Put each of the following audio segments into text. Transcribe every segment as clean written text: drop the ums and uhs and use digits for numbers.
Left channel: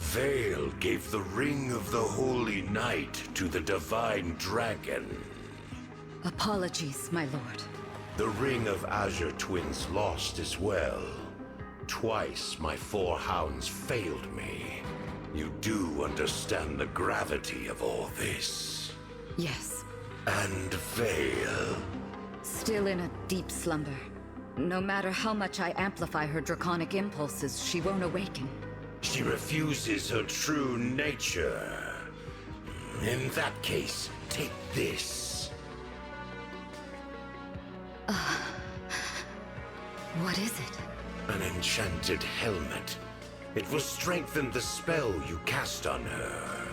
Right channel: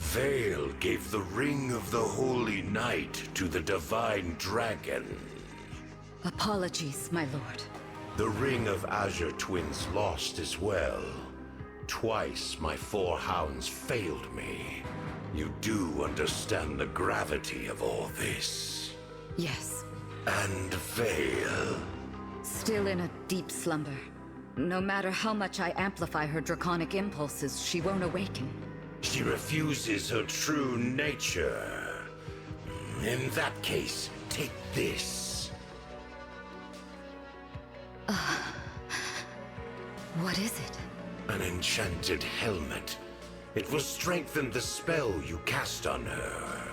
Vale gave the Ring of the Holy Night to the Divine Dragon. Apologies, my lord. The Ring of Azure Twins lost as well. Twice my 4 hounds failed me. You do understand the gravity of all this. Yes. And Vale. Still in a deep slumber. No matter how much I amplify her draconic impulses, she won't awaken. She refuses her true nature. In that case, take this. What is it? An enchanted helmet. It will strengthen the spell you cast on her.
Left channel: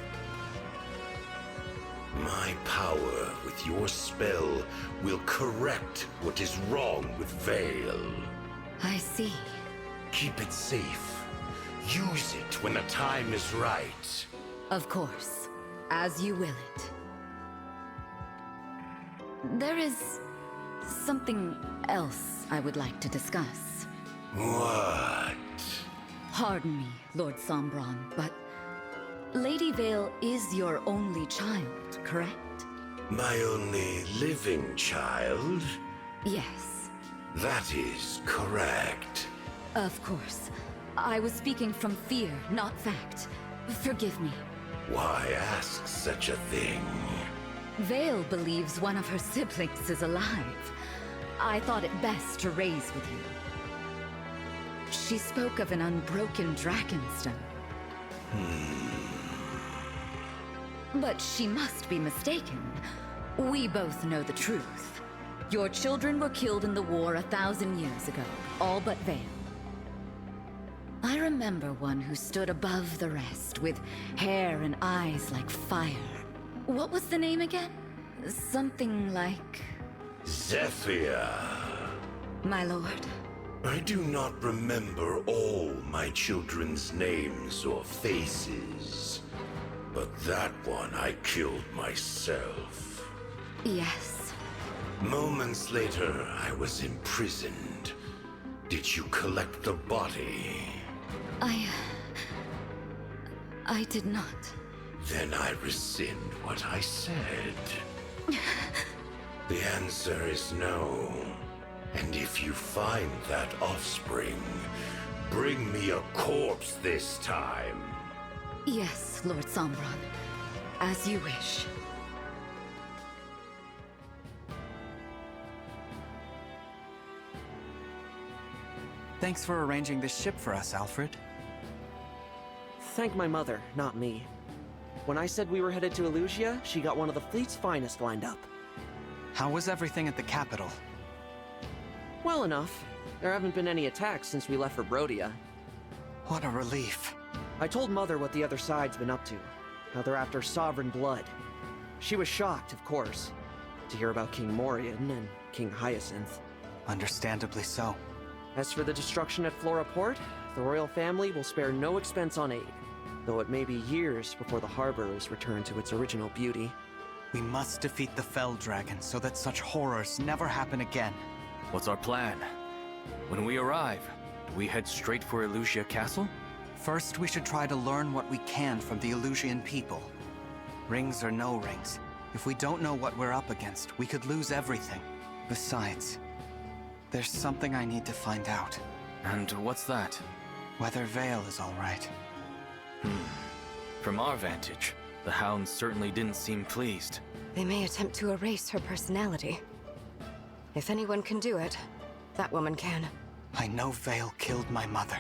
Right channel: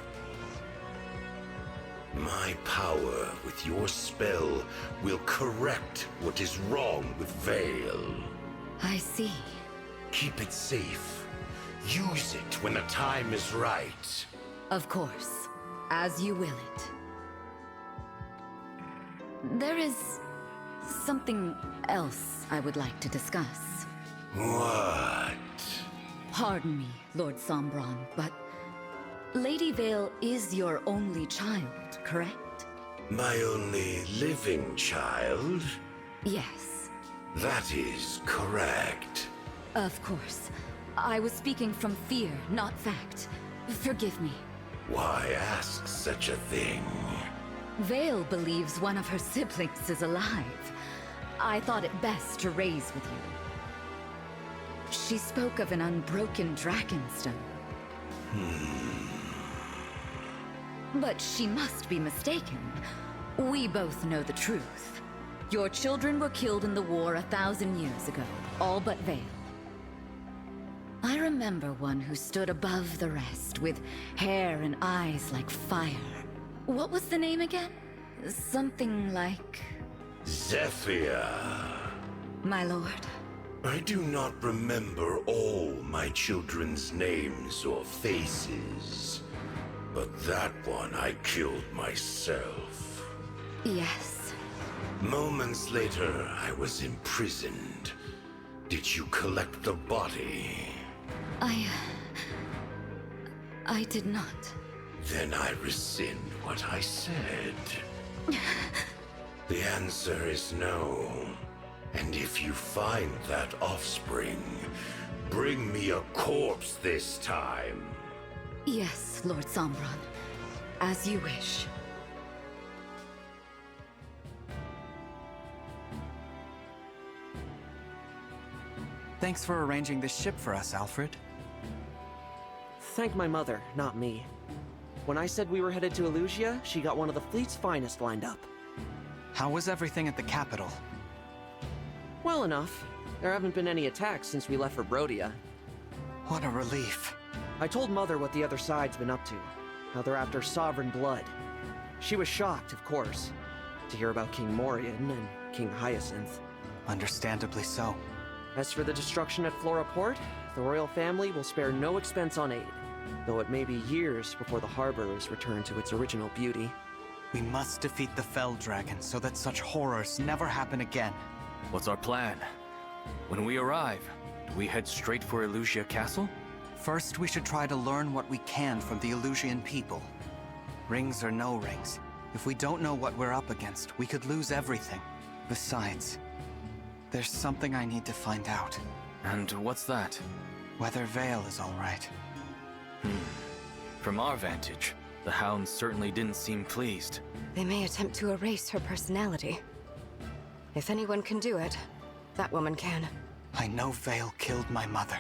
My power with your spell will correct what is wrong with Vale. I see. Keep it safe. Use it when the time is right. Of course. As you will it. There is something else I would like to discuss. What? Pardon me, Lord Sombron, but Lady Vale is your only child, correct? My only living child? Yes. That is correct. Of course. I was speaking from fear, not fact. Forgive me. Why ask such a thing? Vale believes one of her siblings is alive. I thought it best to raise with you. She spoke of an unbroken dragonstone. But she must be mistaken. We both know the truth. Your children were killed in the war 1,000 years ago, all but Vale. I remember one who stood above the rest, with hair and eyes like fire. What was the name again? Something like... Zephyr. My lord. I do not remember all my children's names or faces. But that one I killed myself. Yes. Moments later, I was imprisoned. Did you collect the body? I did not. Then I rescind what I said. The answer is no. And if you find that offspring, bring me a corpse this time. Yes, Lord Sombron. As you wish. Thanks for arranging this ship for us, Alfred. Thank my mother, not me. When I said we were headed to Elusia, she got one of the fleet's finest lined up. How was everything at the capital? Well enough. There haven't been any attacks since we left for Brodia. What a relief. I told Mother what the other side's been up to, how they're after sovereign blood. She was shocked, of course, to hear about King Morian and King Hyacinth. Understandably so. As for the destruction at Flora Port, the royal family will spare no expense on aid, though it may be years before the harbor is returned to its original beauty. We must defeat the Fell Dragon so that such horrors never happen again. What's our plan? When we arrive, do we head straight for Elusia Castle? First, we should try to learn what we can from the Elusian people. Rings or no rings, if we don't know what we're up against, we could lose everything. Besides, there's something I need to find out. And what's that? Whether Vale is all right. From our vantage, the hounds certainly didn't seem pleased. They may attempt to erase her personality. If anyone can do it, that woman can. I know Vale killed my mother.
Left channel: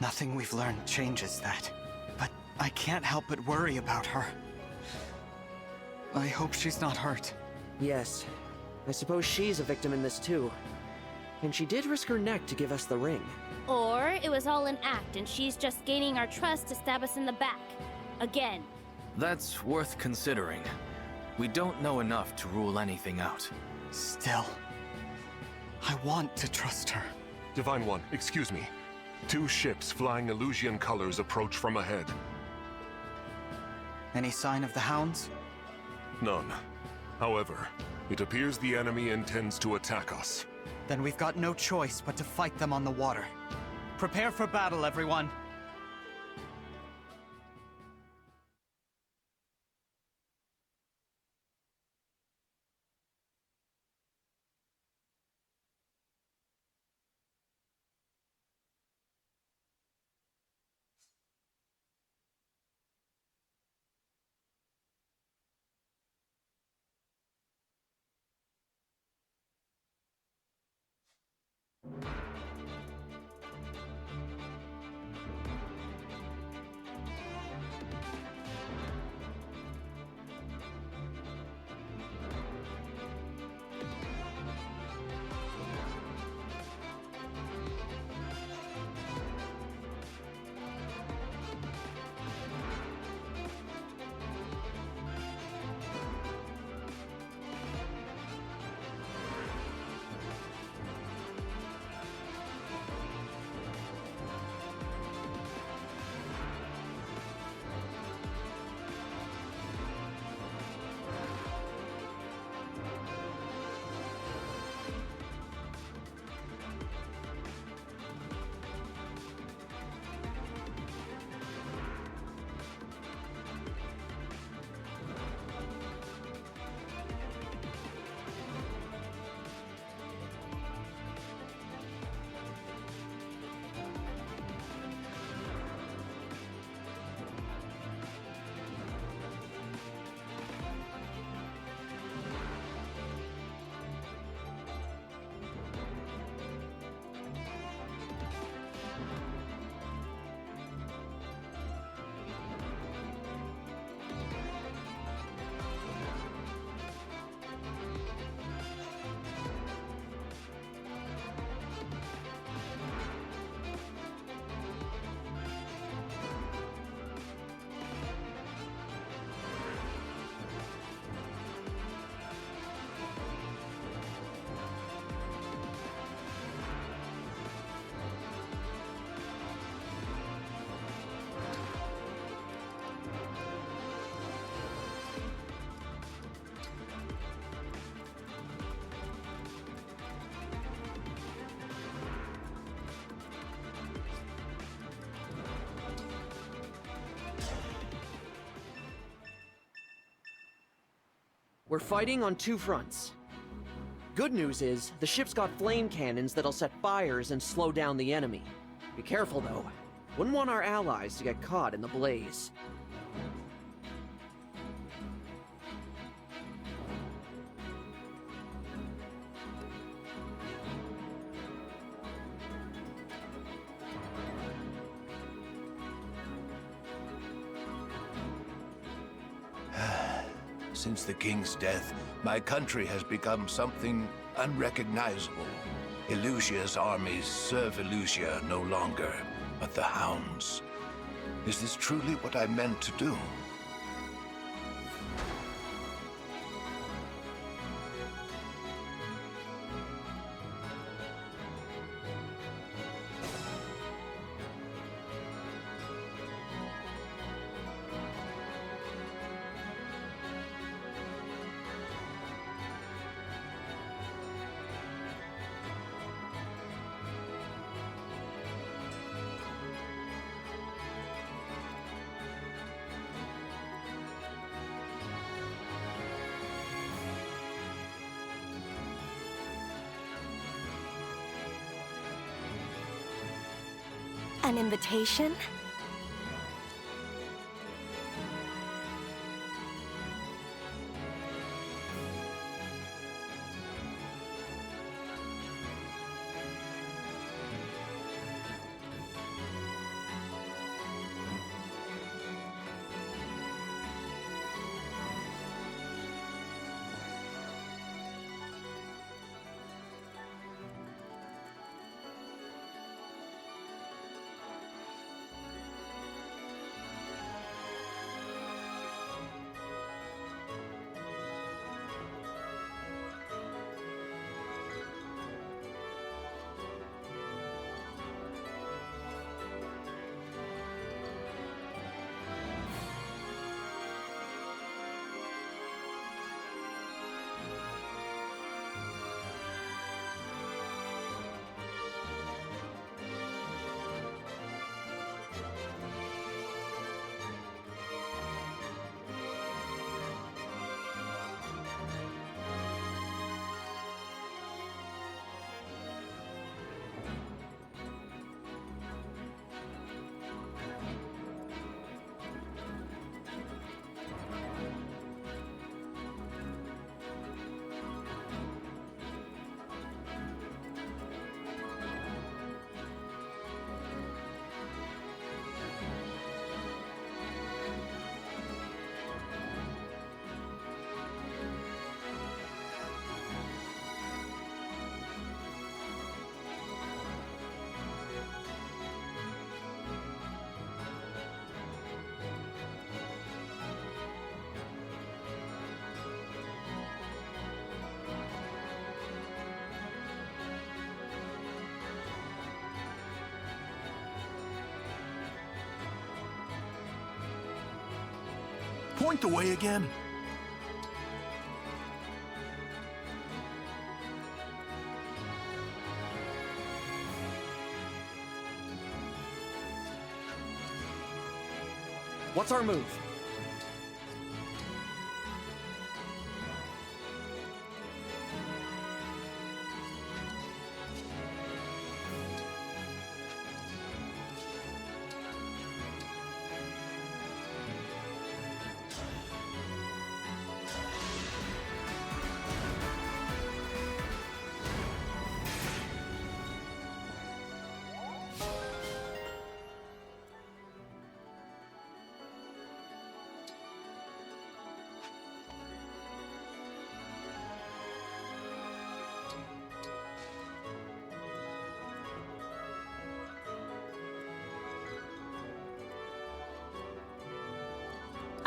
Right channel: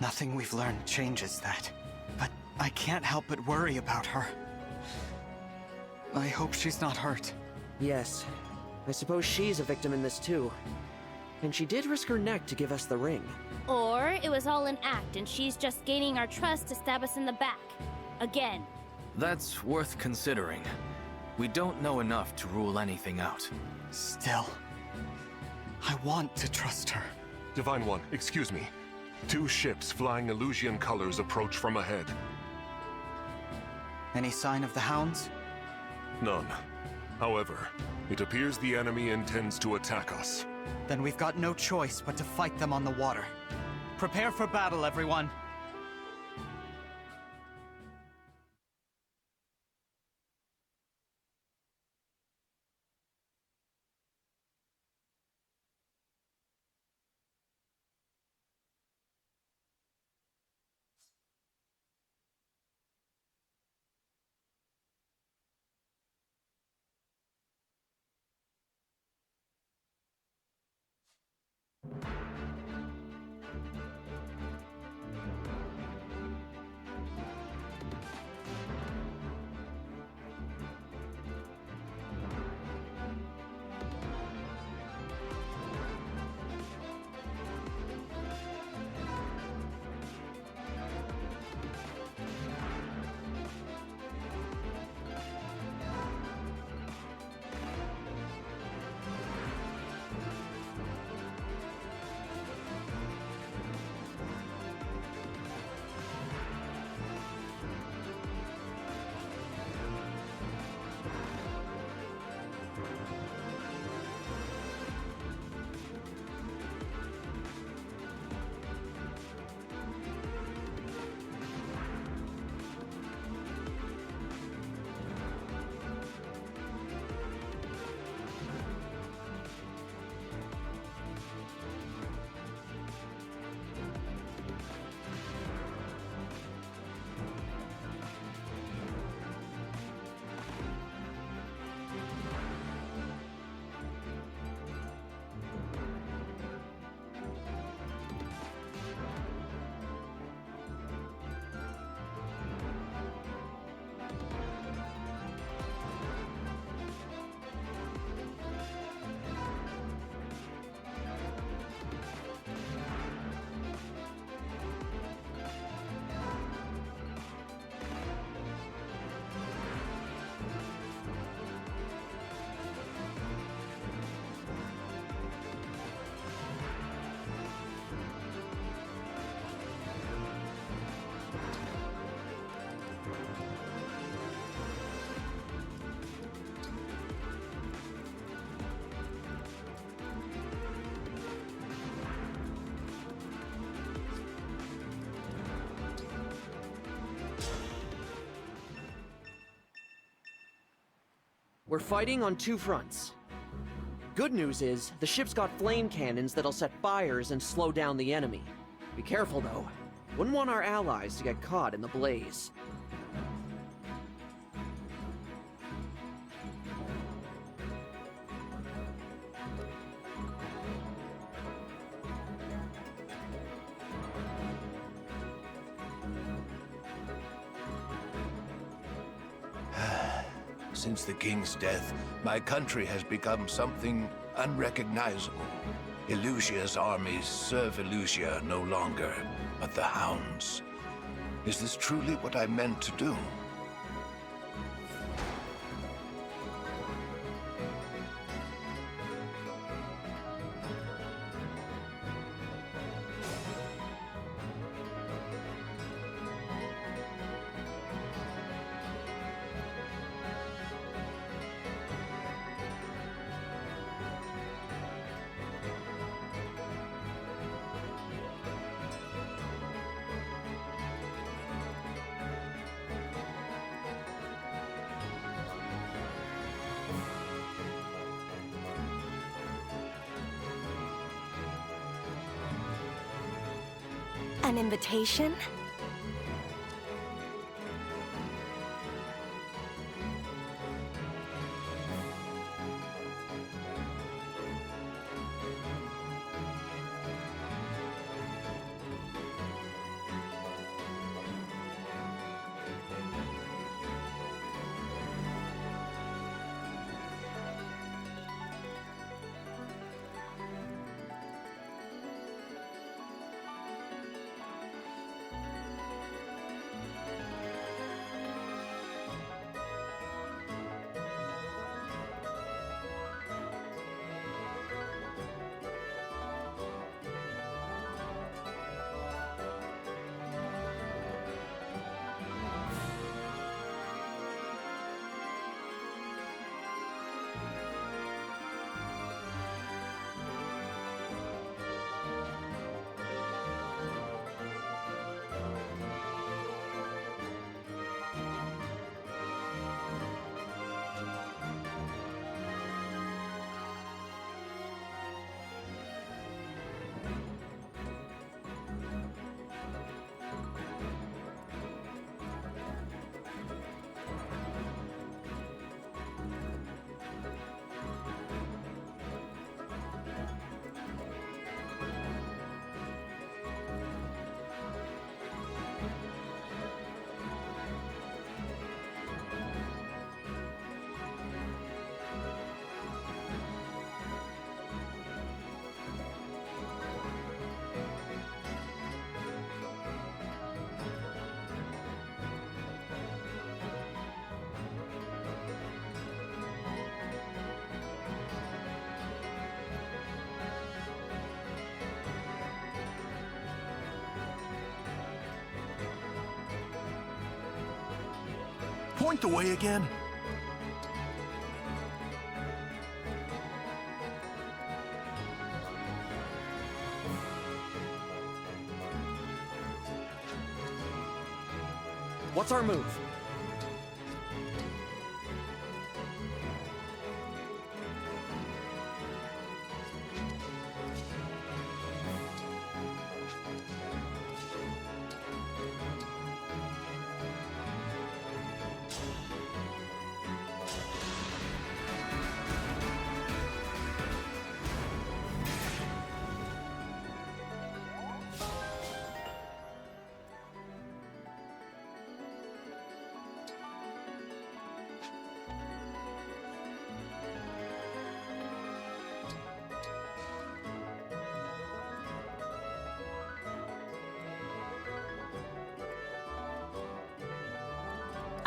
Nothing we've learned changes that. But I can't help but worry about her. I hope she's not hurt. Yes, I suppose she's a victim in this too. And she did risk her neck to give us the ring. Or it was all an act and she's just gaining our trust to stab us in the back. Again. That's worth considering. We don't know enough to rule anything out. Still, I want to trust her. Divine One, excuse me. 2 ships flying Elusian colors approach from ahead. Any sign of the hounds? None. However, it appears the enemy intends to attack us. Then we've got no choice but to fight them on the water. Prepare for battle, everyone. We're fighting on two fronts. Good news is, the ship's got flame cannons that'll set fires and slow down the enemy. Be careful, though. Wouldn't want our allies to get caught in the blaze. Since the king's death, my country has become something unrecognizable. Elusia's armies serve Elusia no longer, but the Hounds. Is this truly what I meant to do? An invitation? Point the way again. What's our move?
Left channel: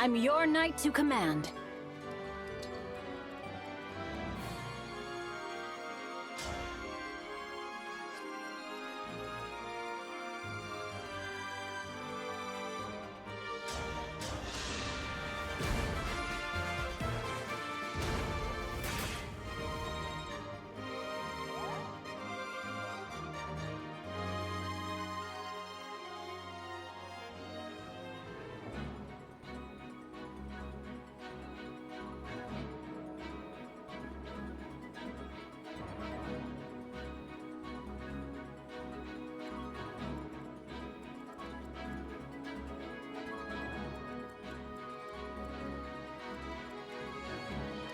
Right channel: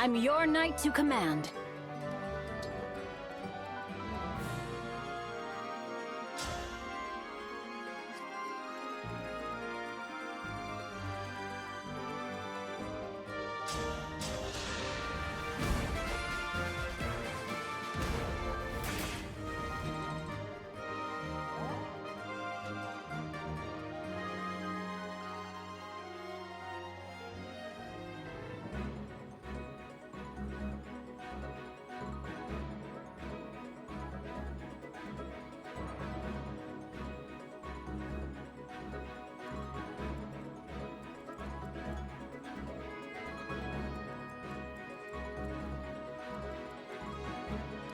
I'm your knight to command.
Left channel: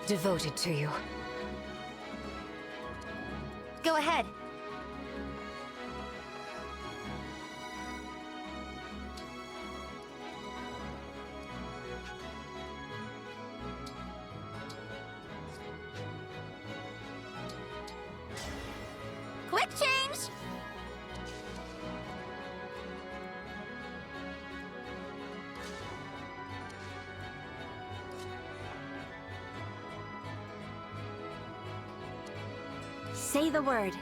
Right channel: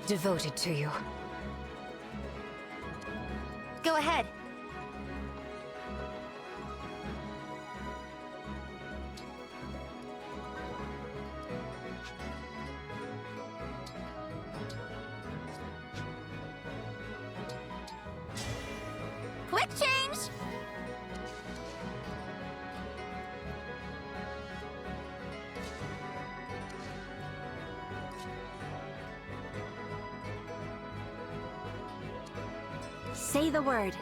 devoted to you. Go ahead. Quick change! Say the word.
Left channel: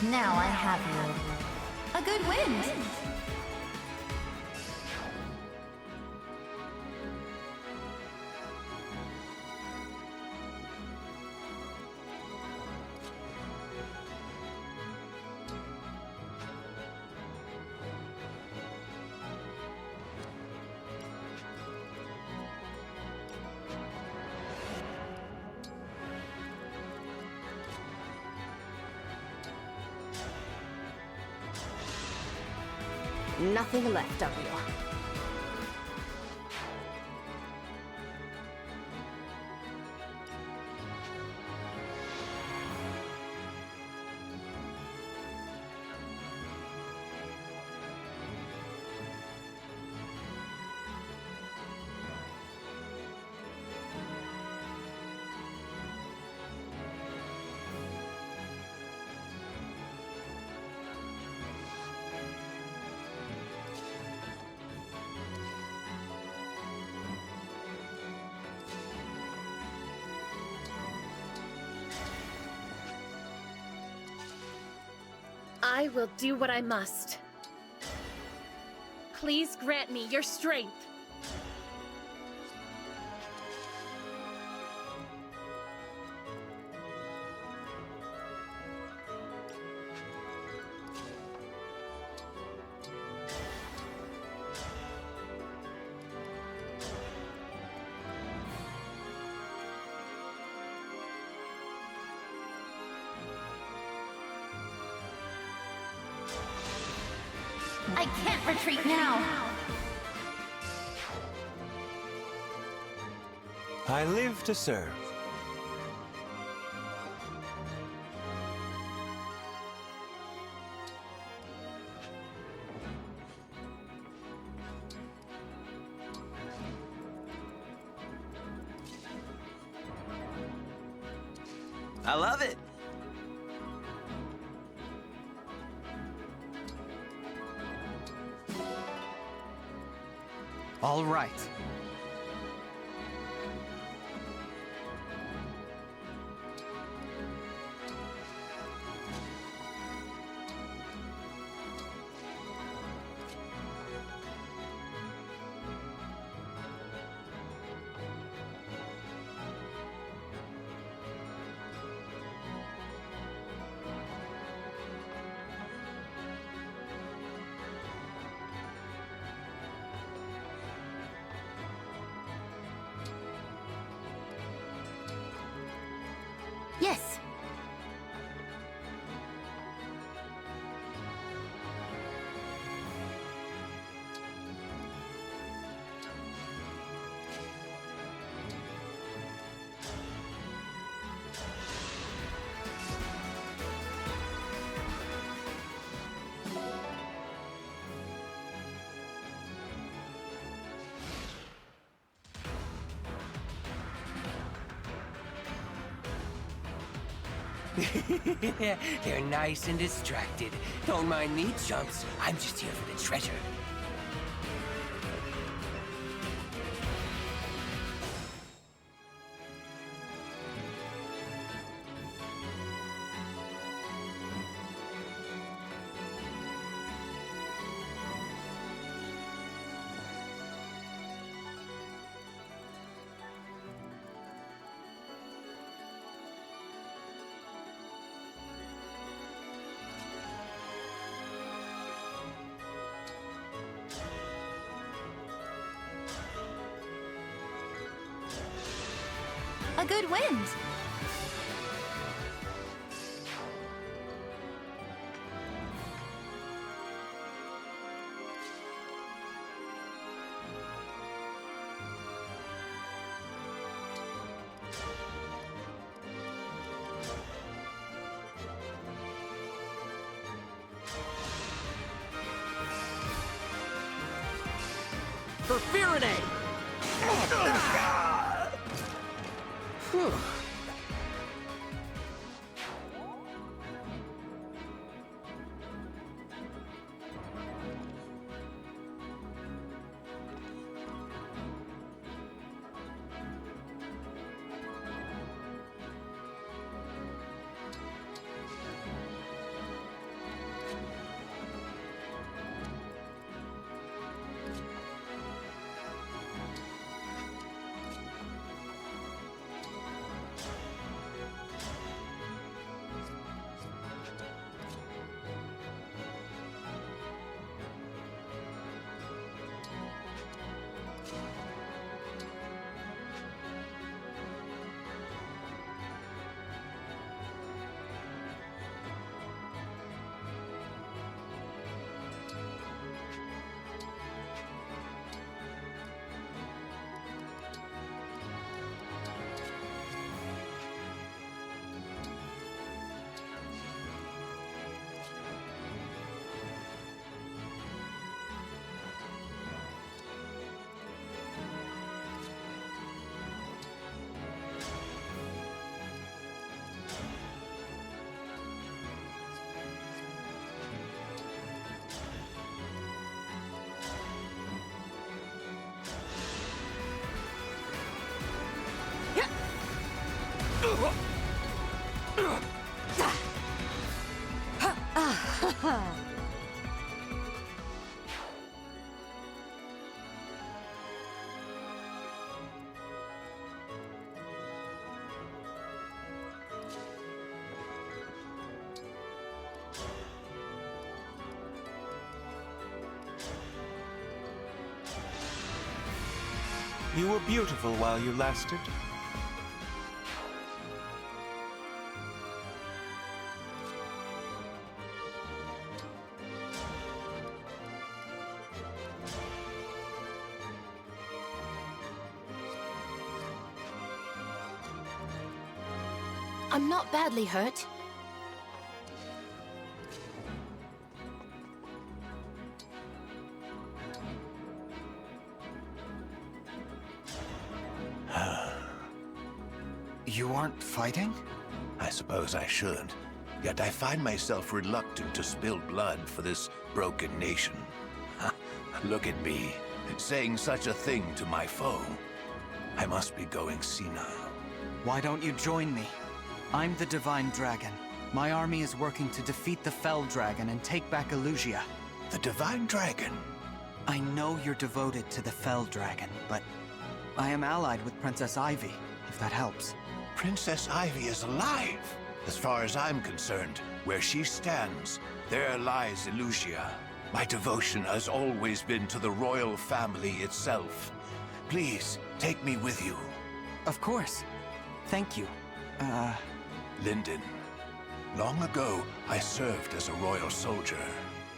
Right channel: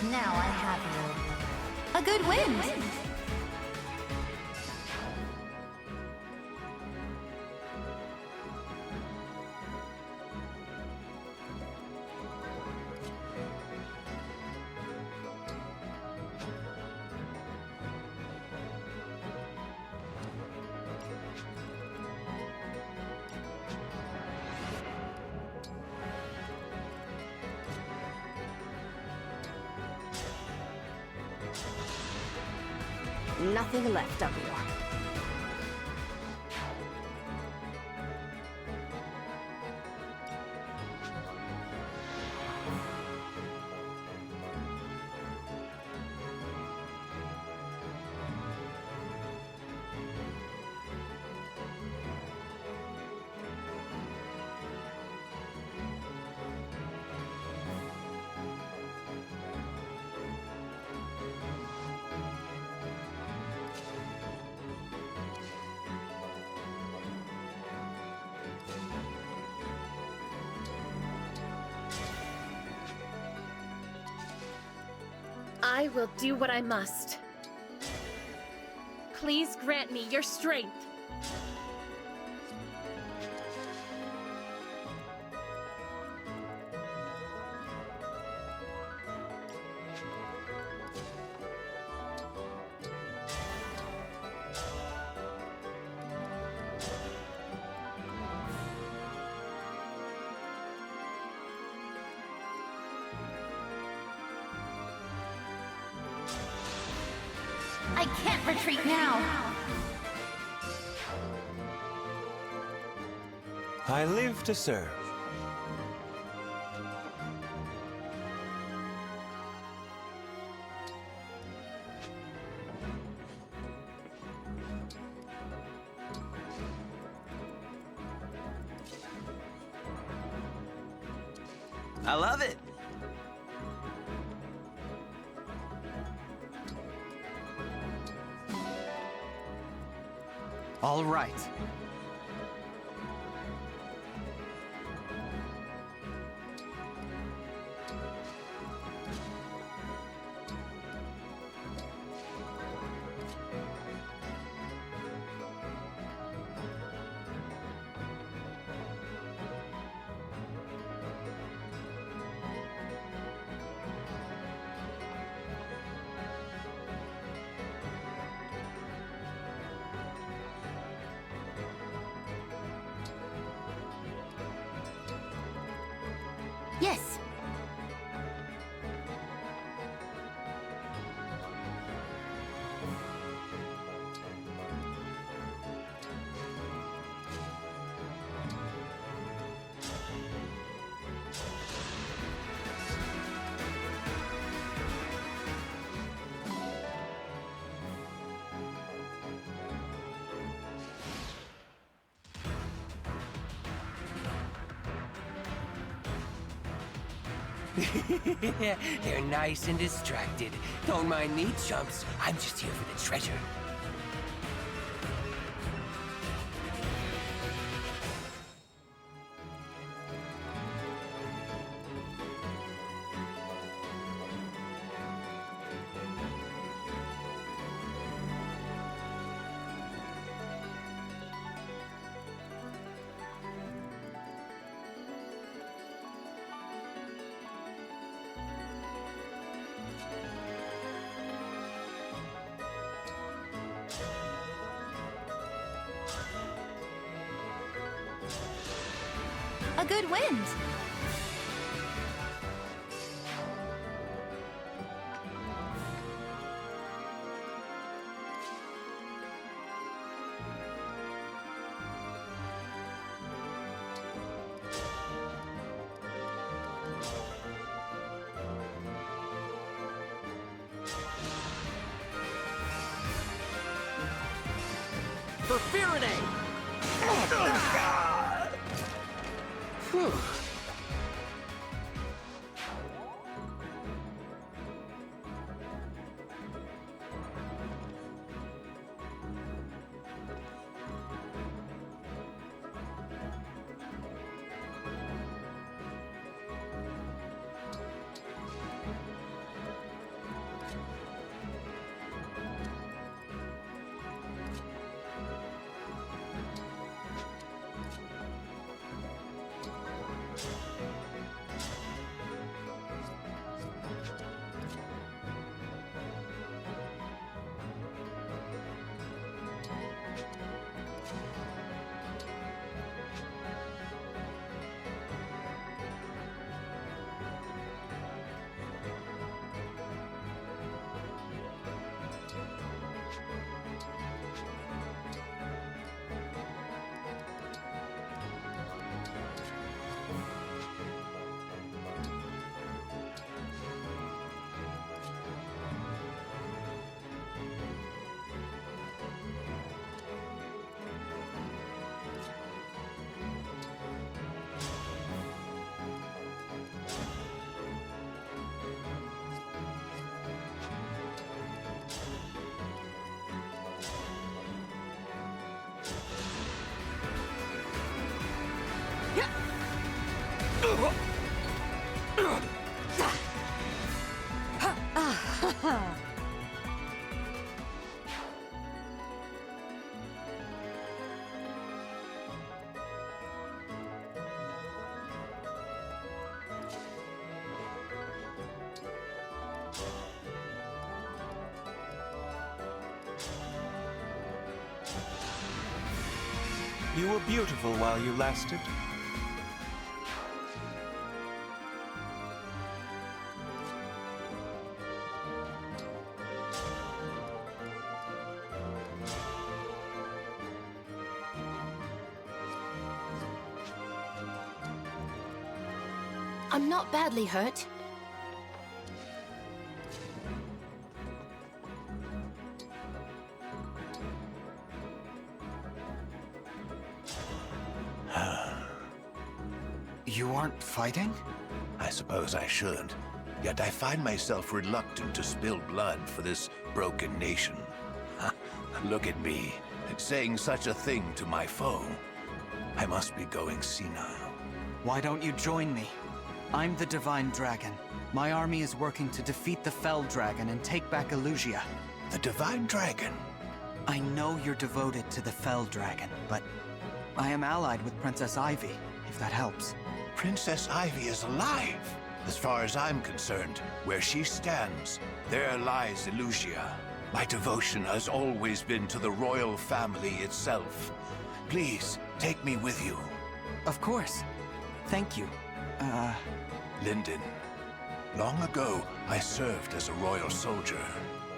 Now I have you. A good wind! Nothing left of you. I will do what I must. Please grant me your strength. I can't retreat now. I live to serve. I love it. All right. Yes. They're nice and distracted. Don't mind me, chumps. I'm just here for the treasure. A good wind. For Faraday! Whew. You were beautiful while you lasted. I'm not badly hurt. You aren't fighting? I suppose I should. Yet I find myself reluctant to spill blood for this broken nation. Look at me, saying such a thing to my foe. I must be going senile. Why don't you join me? I'm the Divine Dragon. My army is working to defeat the Fell Dragon and take back Elusia. The Divine Dragon? I know you're devoted to the Fell Dragon, but I am allied with Princess Ivy, if that helps. Princess Ivy is alive. As far as I'm concerned, where she stands, there lies Elusia. My devotion has always been to the royal family itself. Please, take me with you. Of course. Thank you. Linden. Long ago, I served as a royal soldier.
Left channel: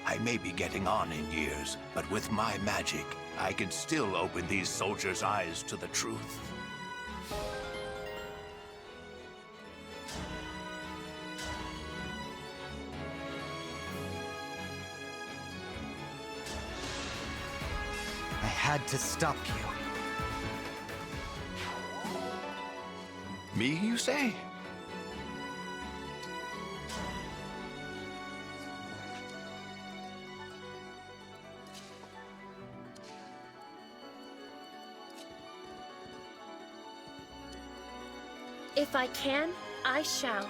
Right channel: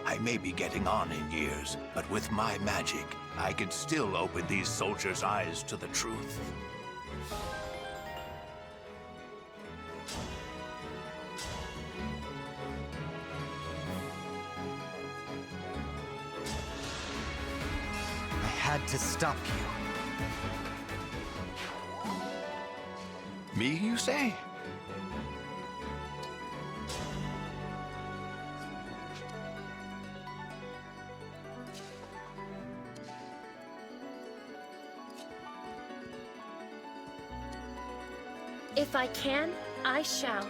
I may be getting on in years, but with my magic, I can still open these soldiers' eyes to the truth. I had to stop you. Me, you say? If I can, I shall.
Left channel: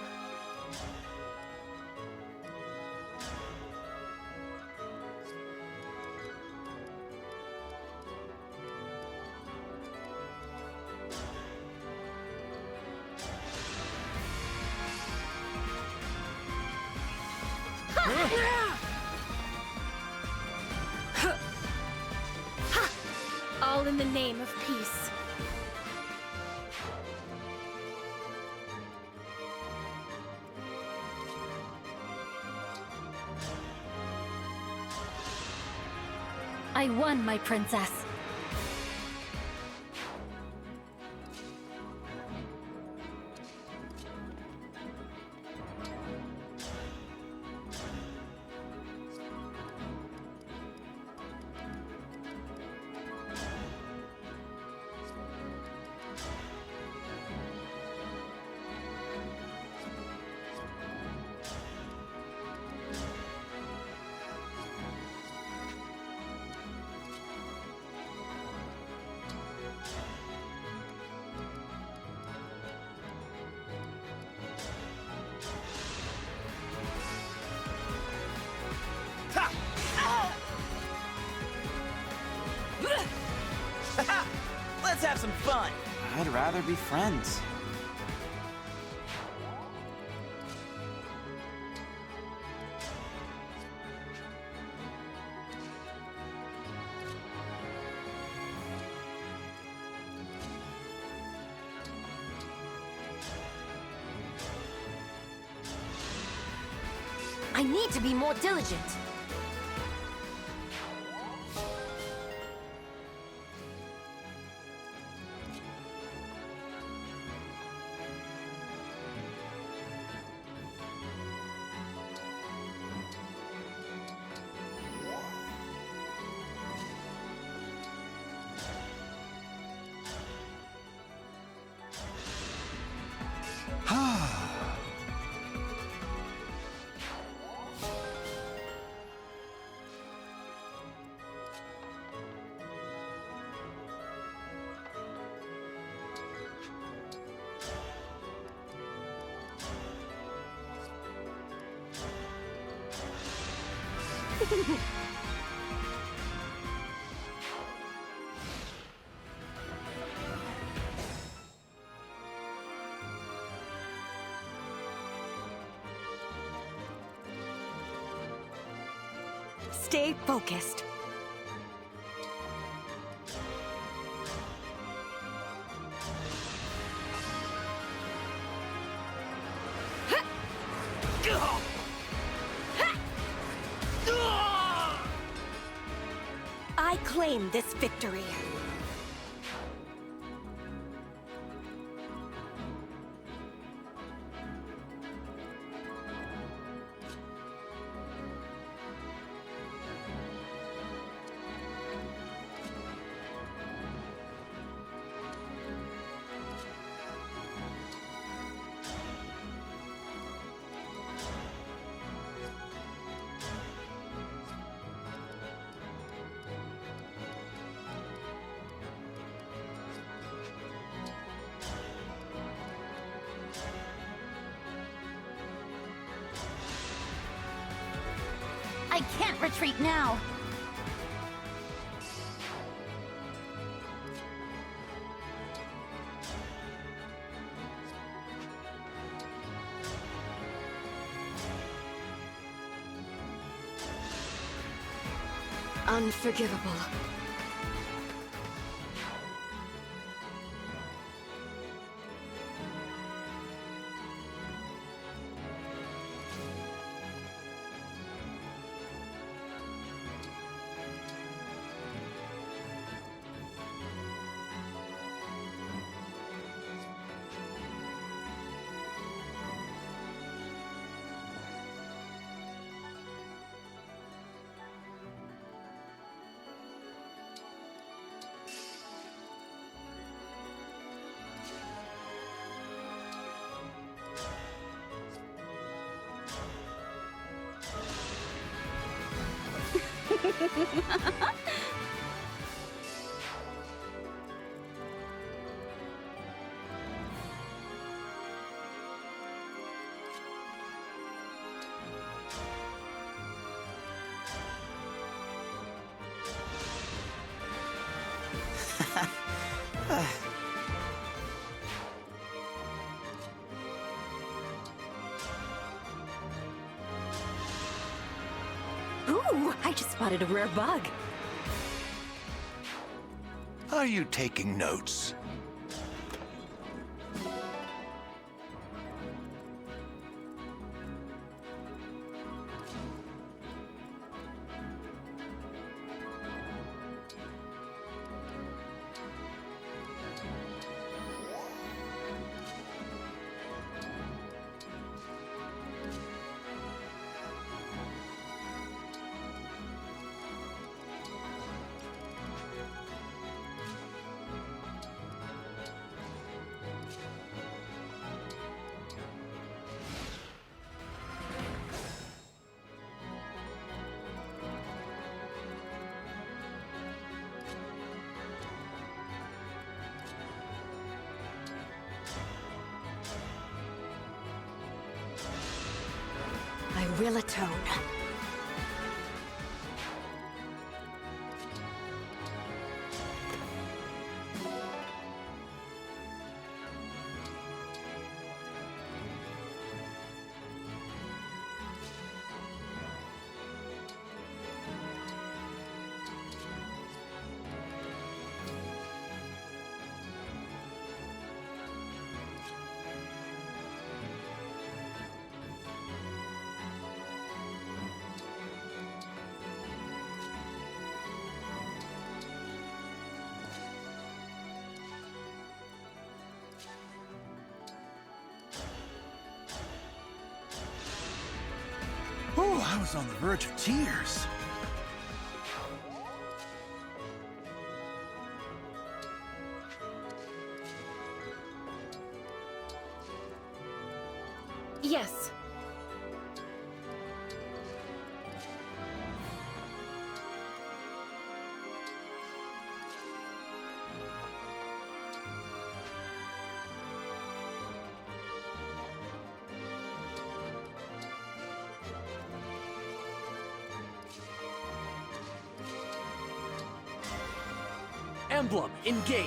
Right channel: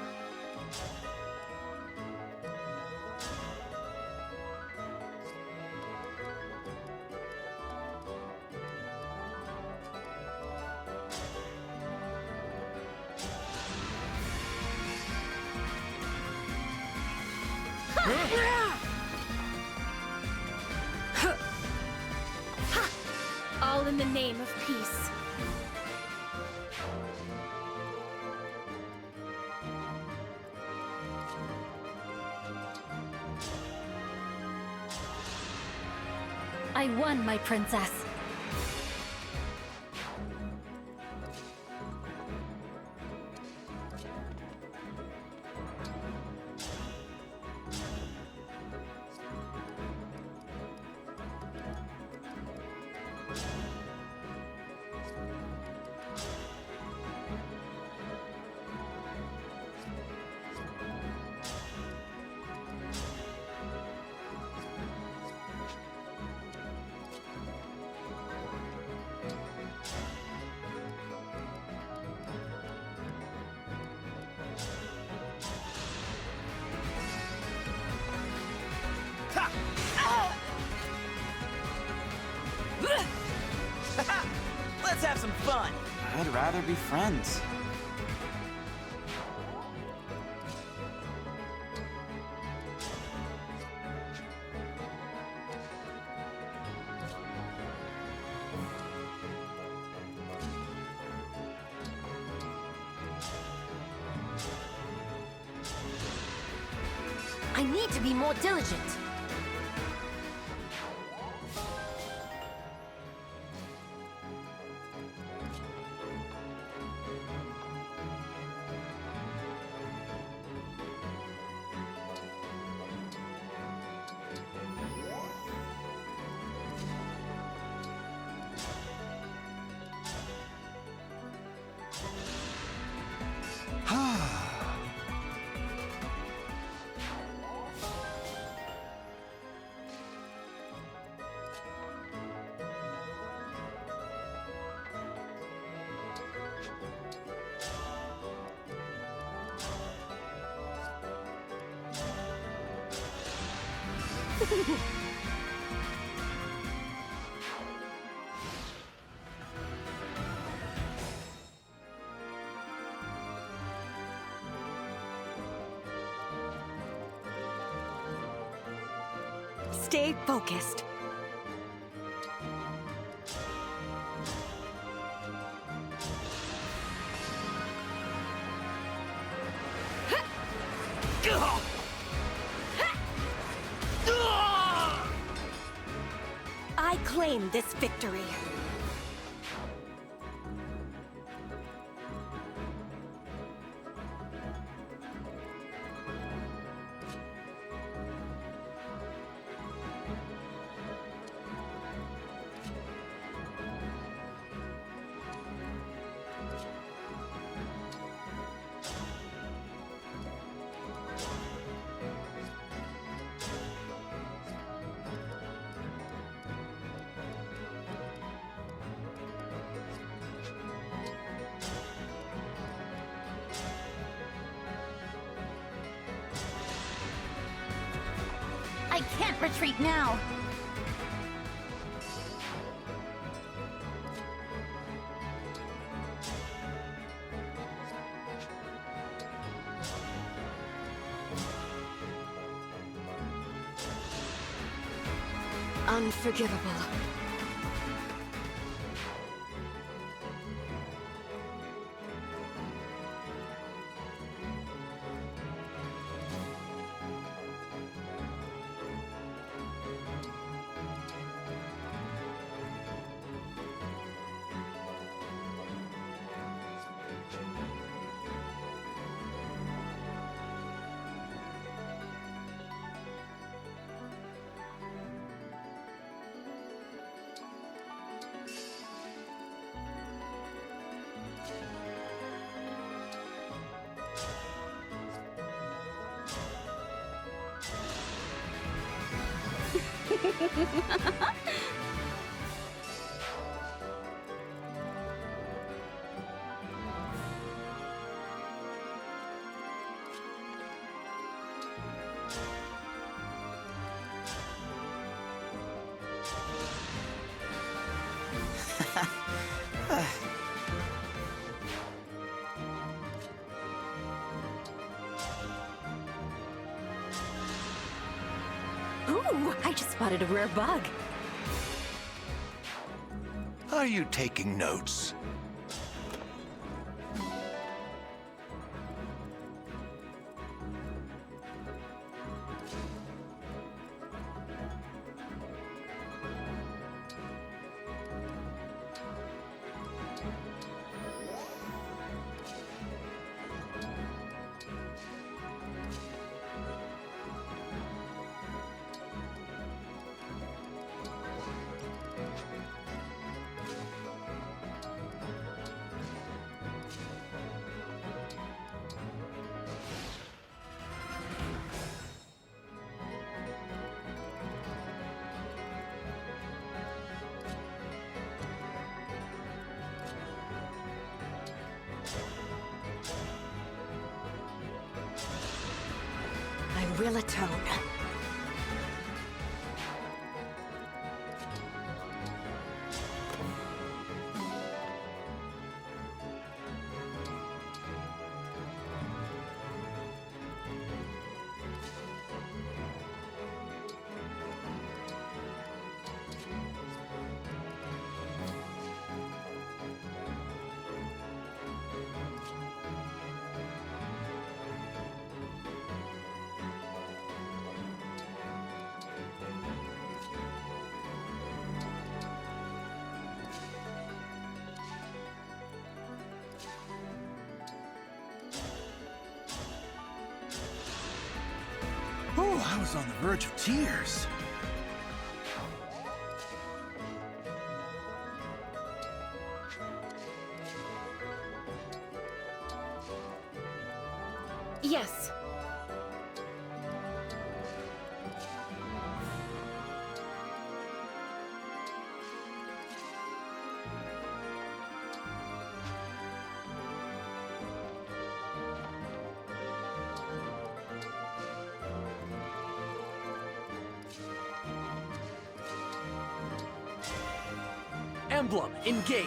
All in the name of peace. I won, my princess. Let's have some fun. I'd rather be friends. I need to be more diligent. Stay focused. I claim this victory. I can't retreat now. Unforgivable. Ooh, I just spotted a rare bug. Are you taking notes? I will atone. Oh, I was on the verge of tears. Yes. Emblem, engage!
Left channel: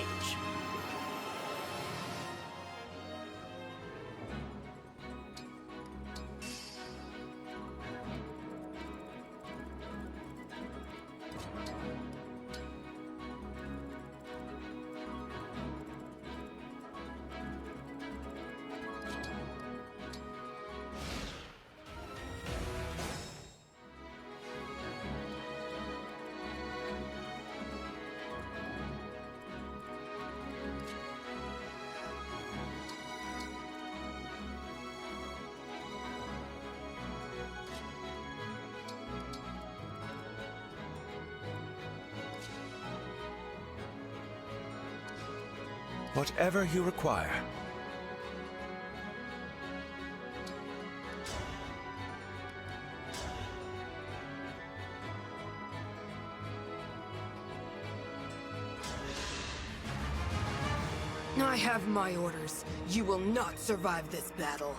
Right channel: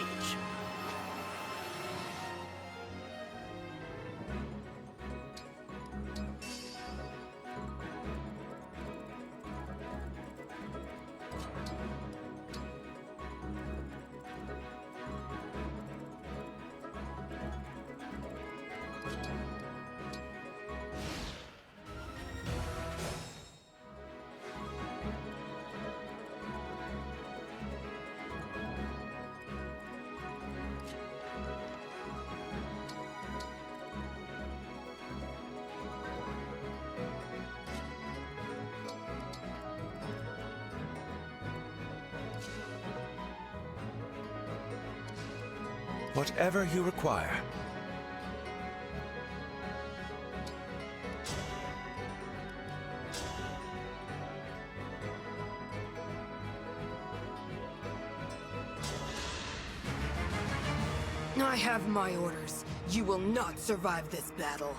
Whatever you require. I have my orders. You will not survive this battle.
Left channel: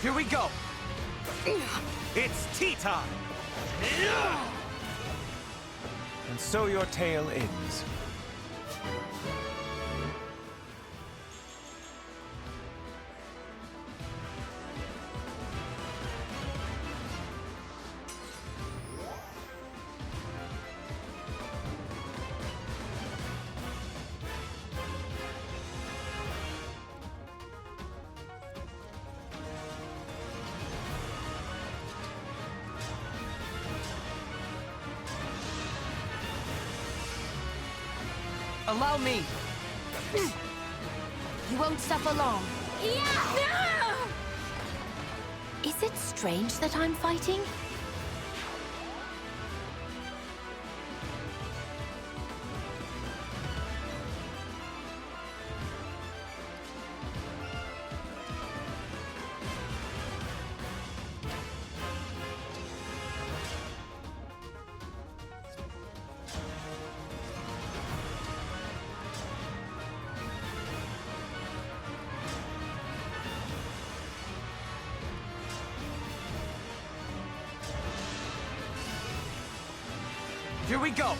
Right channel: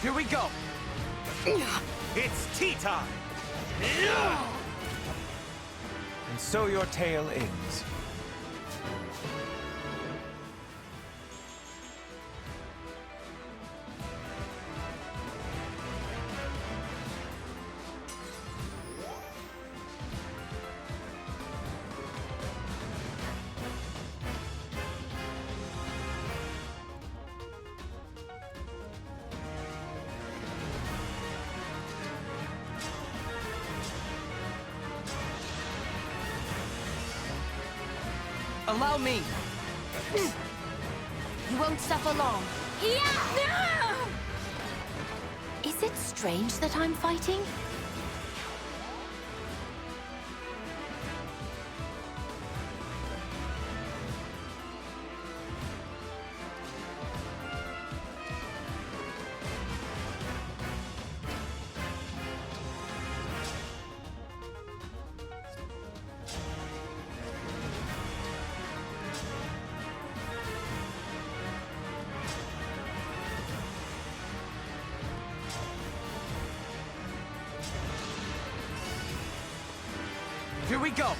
Here we go! It's tea time! And so your tale ends. Allow me! You won't suffer long. Yeah! Is it strange that I'm fighting? Here we go!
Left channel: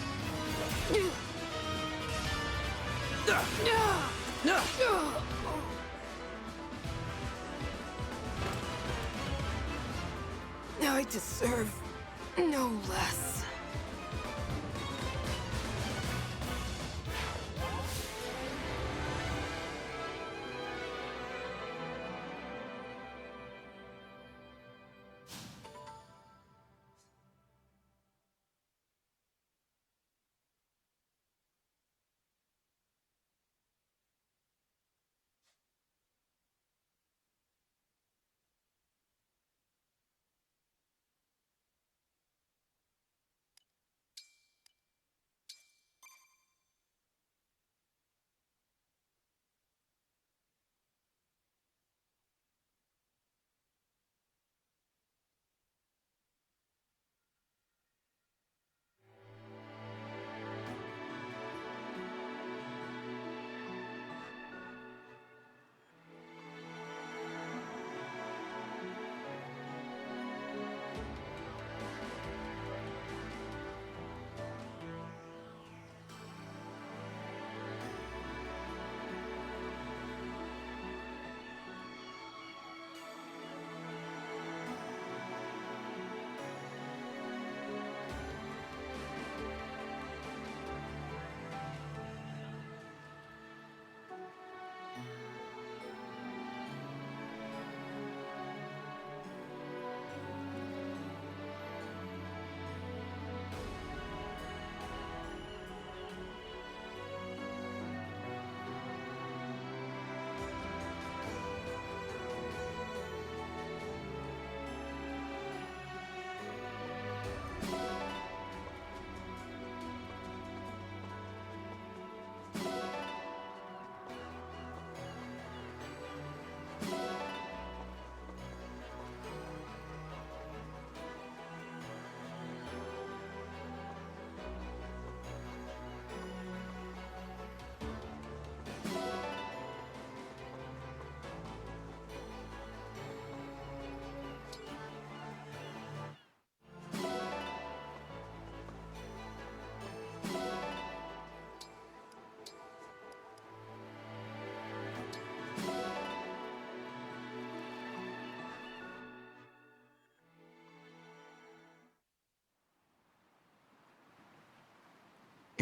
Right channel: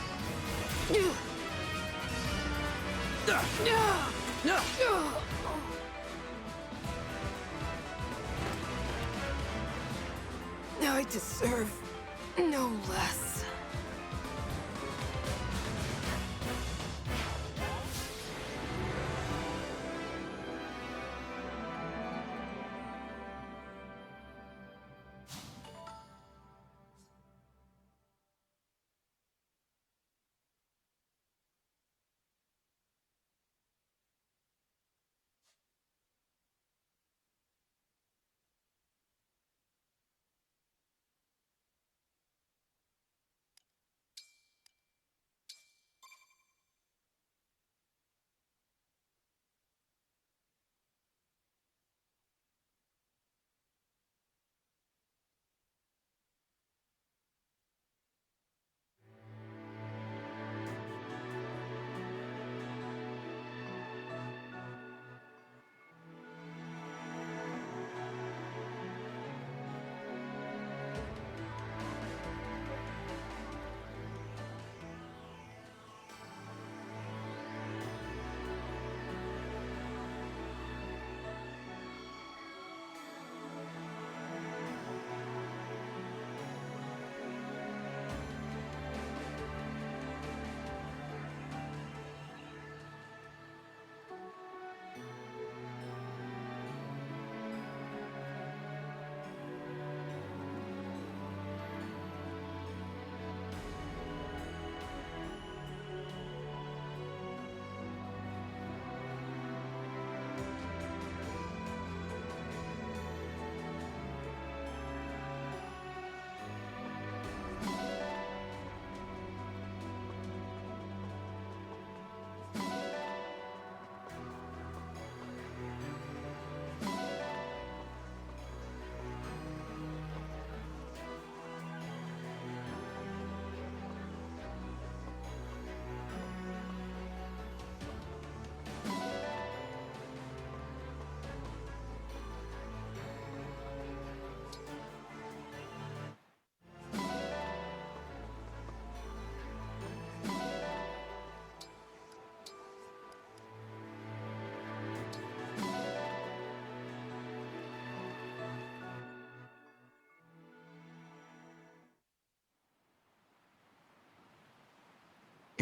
I deserve no less.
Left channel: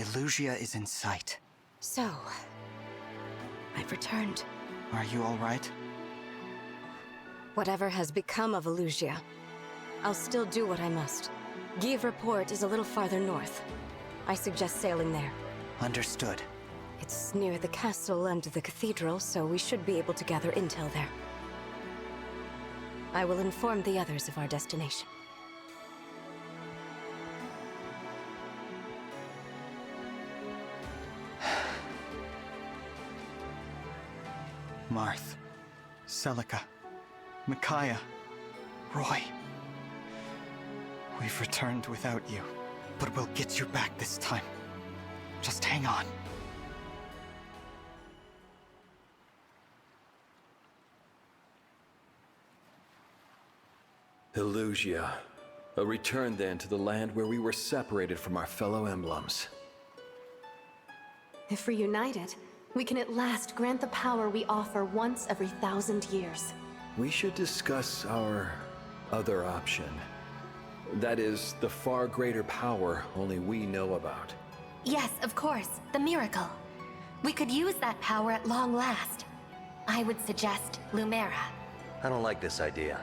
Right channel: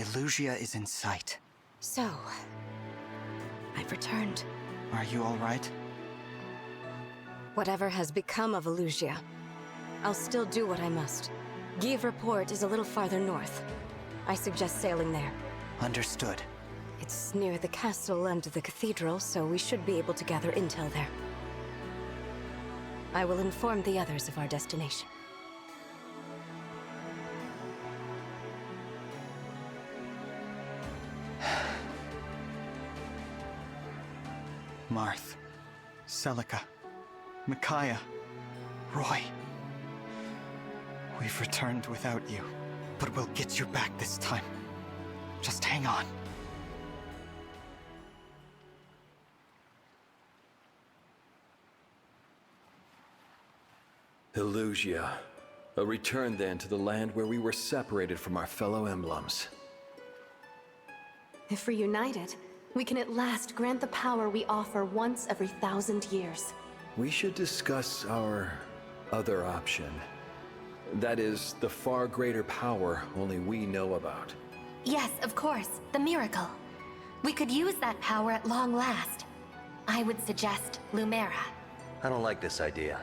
Illusia is in sight. So, I've returned. Are you all right? Whatever has become of Illusia, I'll still do what I must. Give Report is a little farther north. I suggest sailing there. Understood. It's near the castle and the cathedral, so we should be able to gather intel there. I will inform the others of our destination. Marth, Celica, Micaiah, Roy. We've returned without you, but we'll get you back this time. Just hang on. Illusia. A return then to the land where we were separated from our fellow emblems. If reunited, we can at last grant the power we offer once every 1,000 years. We should discuss our other option. That is, the far greater power only we know about. Yes, of course, the miracle. We could use that power at long last. I would suggest Lumera. I don't like this idea.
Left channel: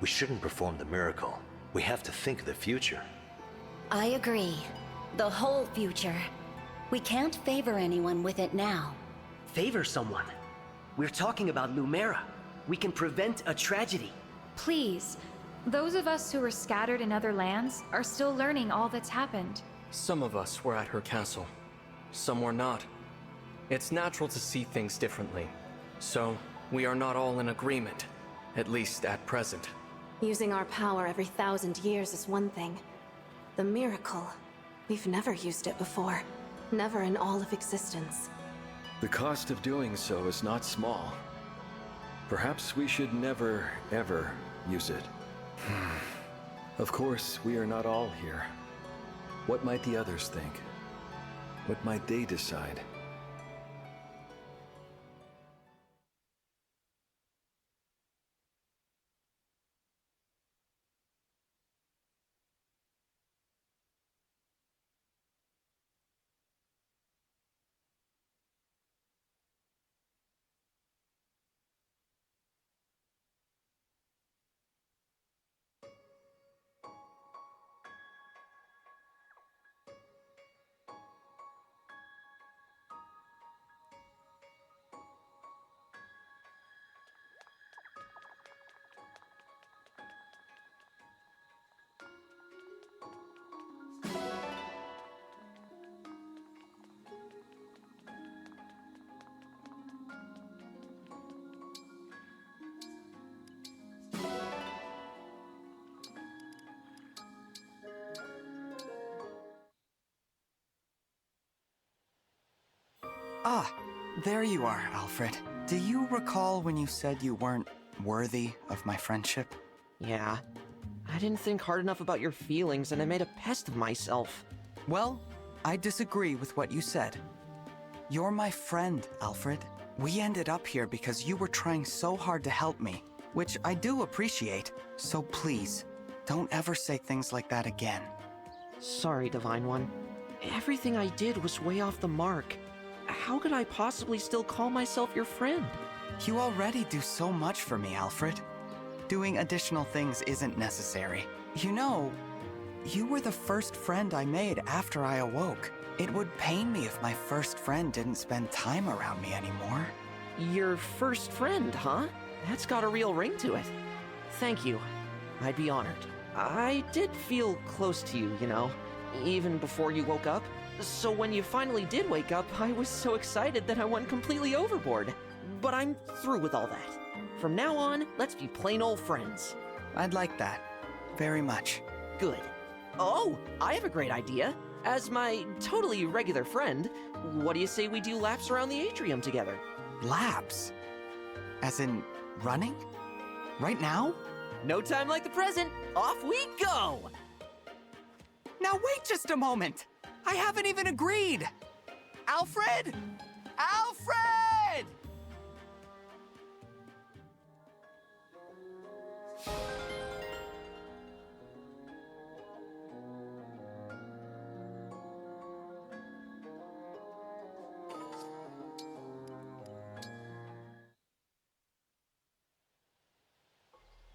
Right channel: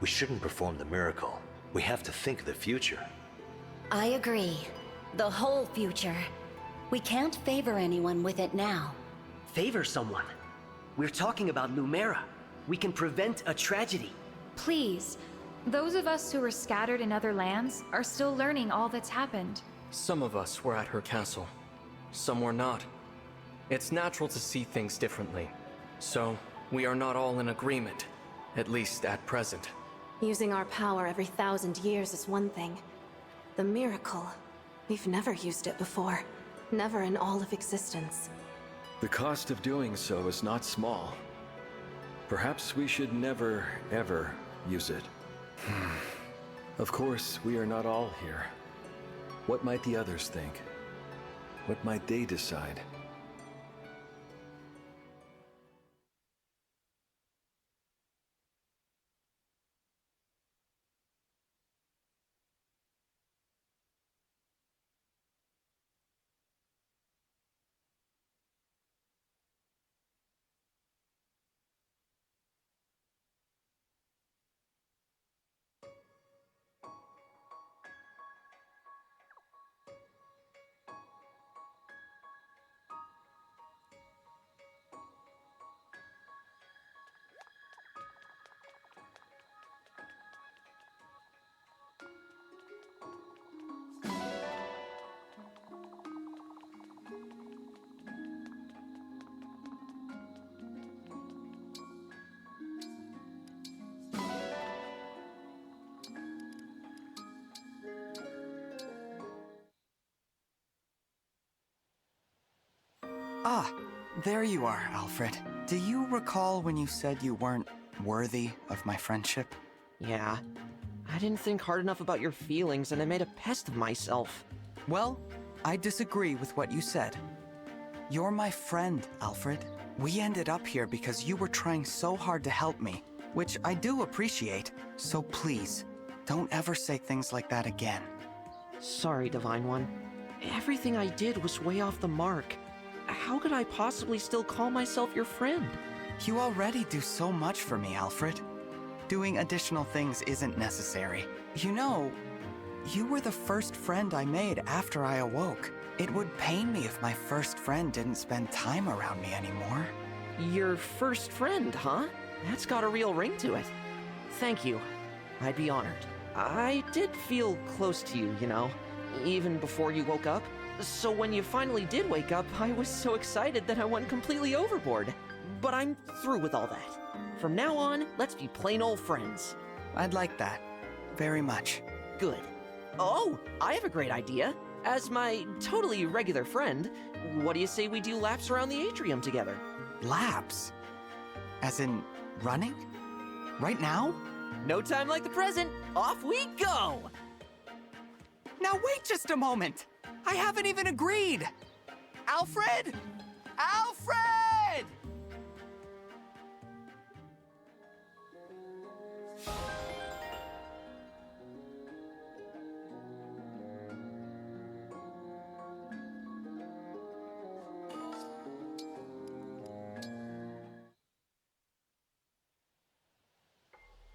We shouldn't perform the miracle. We have to think of the future. I agree. The whole future. We can't favor anyone with it now. Favor someone? We're talking about Lumera. We can prevent a tragedy. Please. Those of us who were scattered in other lands are still learning all that's happened. Some of us were at her castle. Some were not. It's natural to see things differently. So, we are not all in agreement. At least at present. Using our power every 1,000 years is one thing. The miracle, we've never used it before. Never in all of existence. The cost of doing so is not small. Perhaps we should never, ever use it. Of course, we are not all here. What might the others think? What might they decide? Ah, there you are, Alfred. Do you recall when you said you weren't worthy of my friendship? Yeah. I didn't think hard enough about your feelings and I made a pest of myself. Well, I disagree with what you said. You're my friend, Alfred. We ended up here because you were trying so hard to help me, which I do appreciate. So please, don't ever say things like that again. Sorry, Divine One. Everything I did was way off the mark. How could I possibly still call myself your friend? You already do so much for me, Alfred. Doing additional things isn't necessary. You know, you were the first friend I made after I awoke. It would pain me if my first friend didn't spend time around me anymore. Your first friend, huh? That's got a real ring to it. Thank you. I'd be honored. I did feel close to you, you know, even before you woke up. So when you finally did wake up, I was so excited that I went completely overboard. But I'm through with all that. From now on, let's be plain old friends. I'd like that. Very much. Good. Oh, I have a great idea. As my totally regular friend, what do you say we do laps around the atrium together? Laps? As in, running? Right now? No time like the present. Off we go! Now wait just a moment! I haven't even agreed! Alfred? Alfred!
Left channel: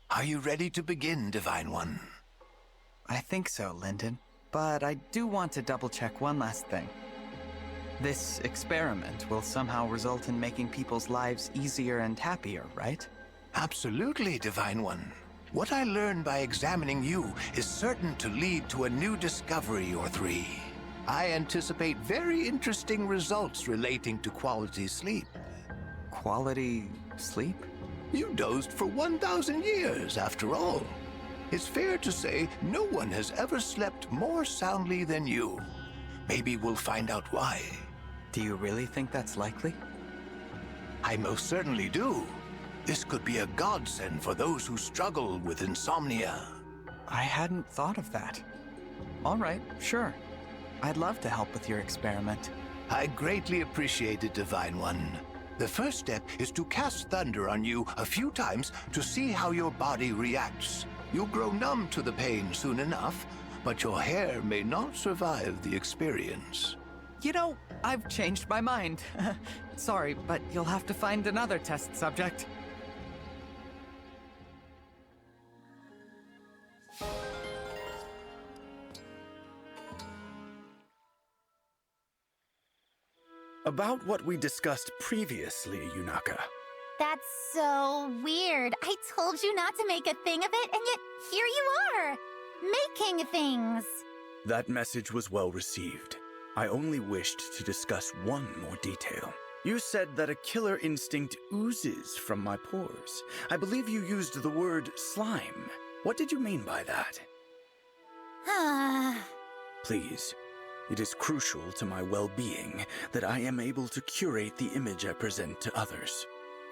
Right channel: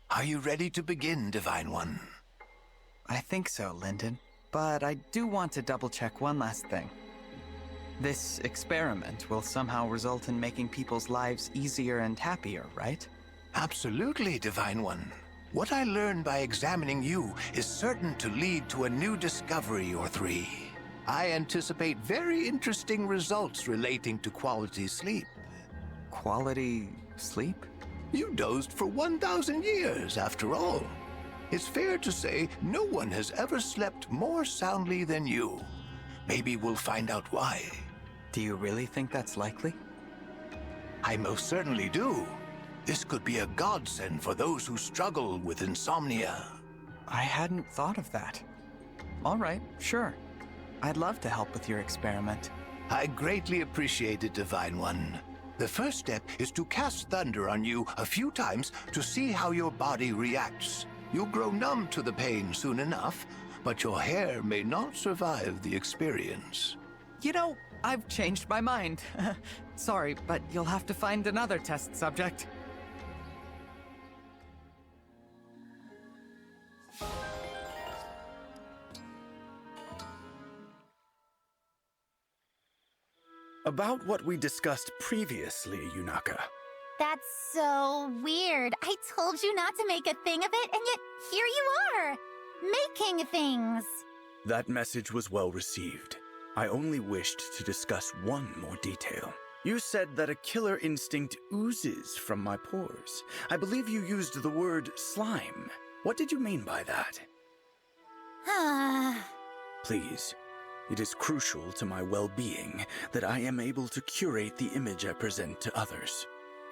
Are you ready to begin, Divine One? I think so, Lyndon. But I do want to double-check one last thing. This experiment will somehow result in making people's lives easier and happier, right? Absolutely, Divine One. What I learned by examining you is certain to lead to a new discovery or three. I anticipate very interesting results relating to quality sleep. Quality sleep? You dozed for 1,000 years, after all. It's fair to say no one has ever slept more soundly than you. Maybe we'll find out why. Do you really think that's likely? I most certainly do. This could be a godsend for those who struggle with insomnia. I hadn't thought of that. All right, sure. I'd love to help with your experiment. I greatly appreciate it, Divine One. The first step is to cast thunder on you a few times to see how your body reacts. You'll grow numb to the pain soon enough, but your hair may not survive the experience. You know, I've changed my mind. Sorry, but you'll have to find another test subject. About what we discussed previously, Yunaka. That's so weird. I told you not to make a thing of it, and yet here you are, making things. That message was well received. I only wished to discuss one more detail. You said that a killer instinct oozes from my pores. I believe you used the word slime. What did you mean by that? Please, it is crucial to my well-being that I am able to curate the image I present to others.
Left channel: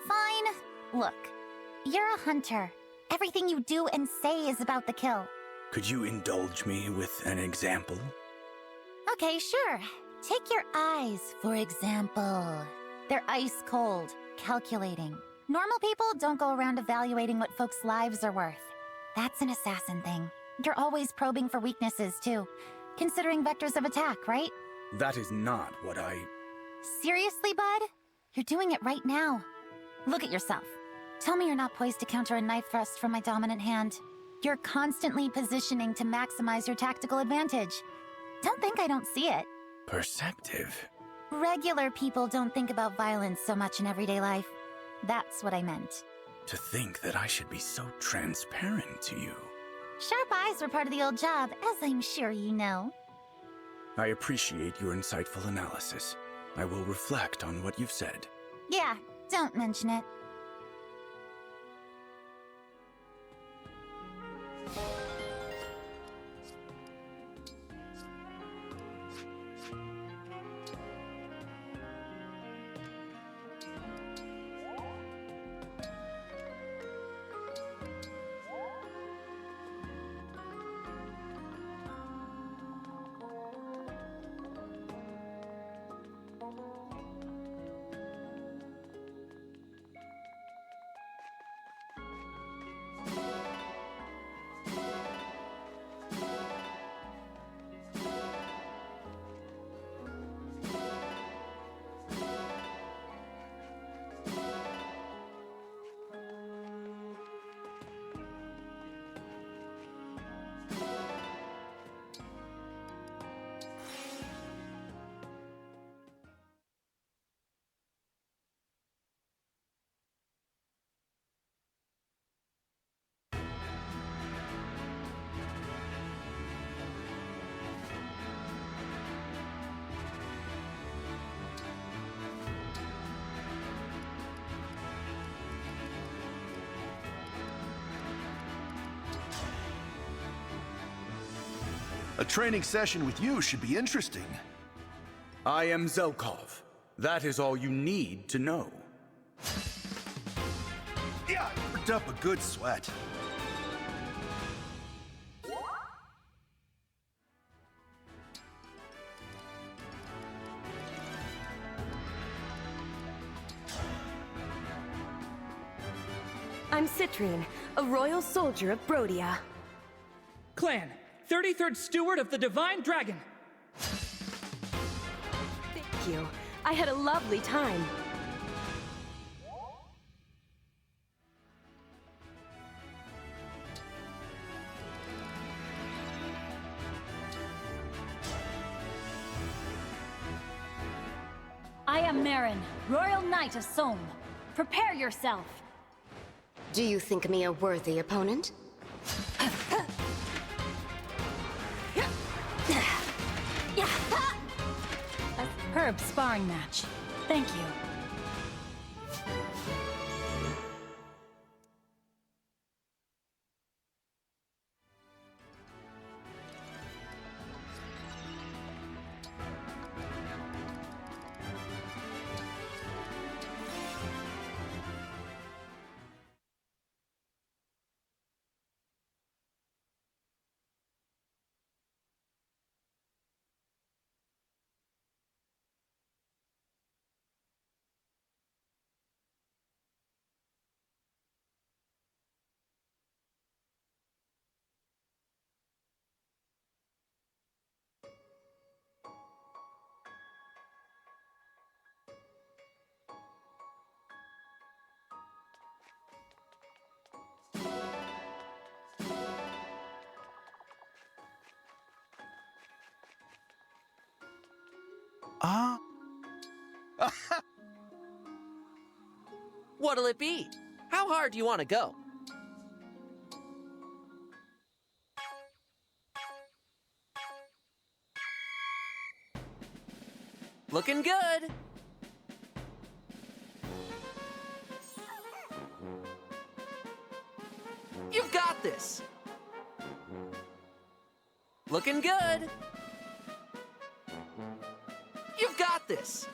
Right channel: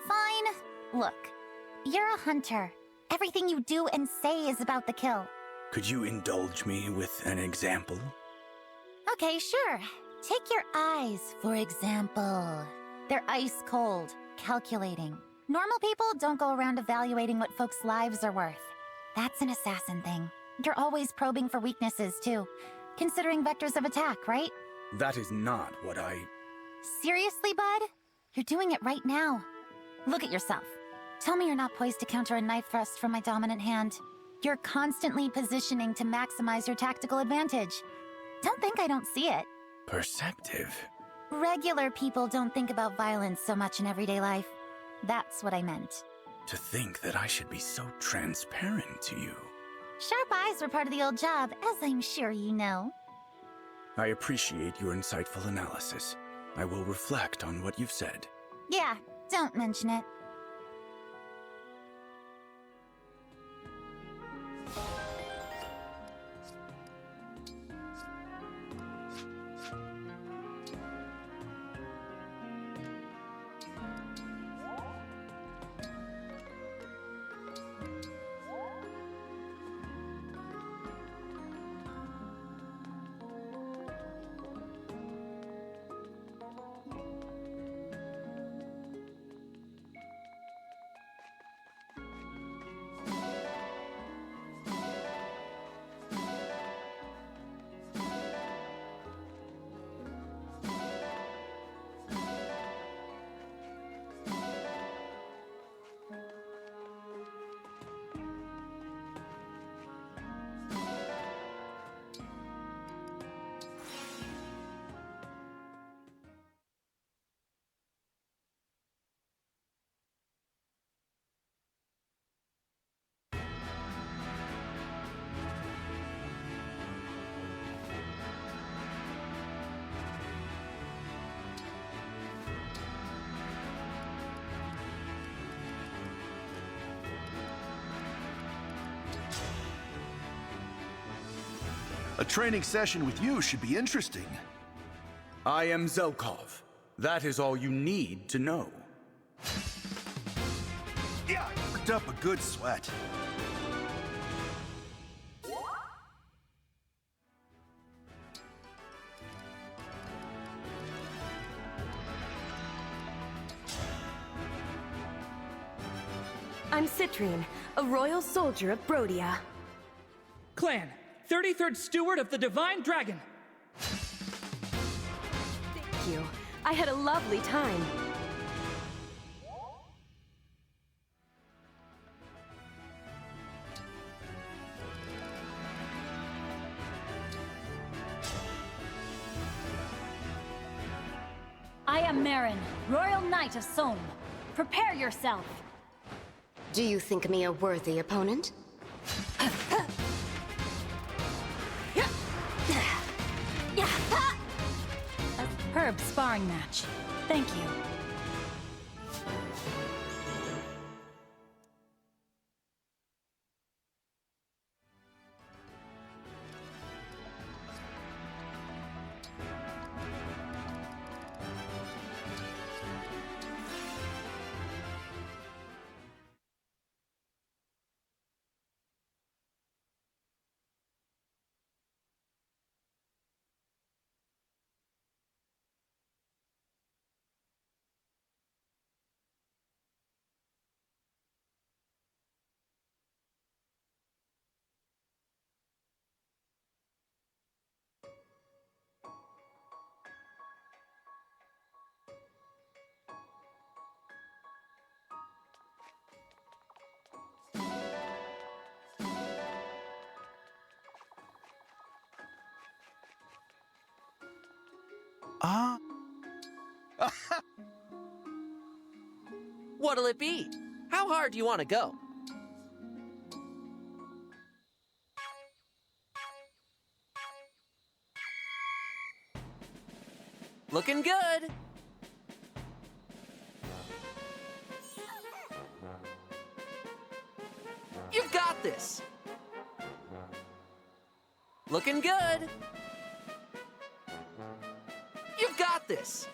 Fine. Look, you're a hunter. Everything you do and say is about the kill. Could you indulge me with an example? Okay, sure. Take your eyes, for example. They're ice cold, calculating. Normal people don't go around evaluating what folks' lives are worth. That's an assassin thing. You're always probing for weaknesses, too. Considering vectors of attack, right? That is not what I... Seriously, bud? You're doing it right now. Look at yourself. Tell me you're not poised to counter a knife thrust from my dominant hand. You're constantly positioning to maximize your tactical advantage. Don't think I don't see it. Perceptive. Regular people don't think about violence so much in everyday life. That's what I meant. To think that I should be so transparent to you. Sharp eyes were part of the old job, as I'm sure you know. I appreciate your insightful analysis. I will reflect on what you've said. Yeah, don't mention it. A training session with you should be interesting. I am Zelkov. That is all you need to know. Yeah, I worked up a good sweat. I'm Citrian, a royal soldier of Brodia. Clan, 33rd Steward of the Divine Dragon. Thank you. I had a lovely time. I am Marin, Royal Knight of Somme. Prepare yourself. Do you think me a worthy opponent? A superb sparring match. Thank you. What'll it be? How hard do you want to go? Looking good. You've got this. Looking good. You've got this.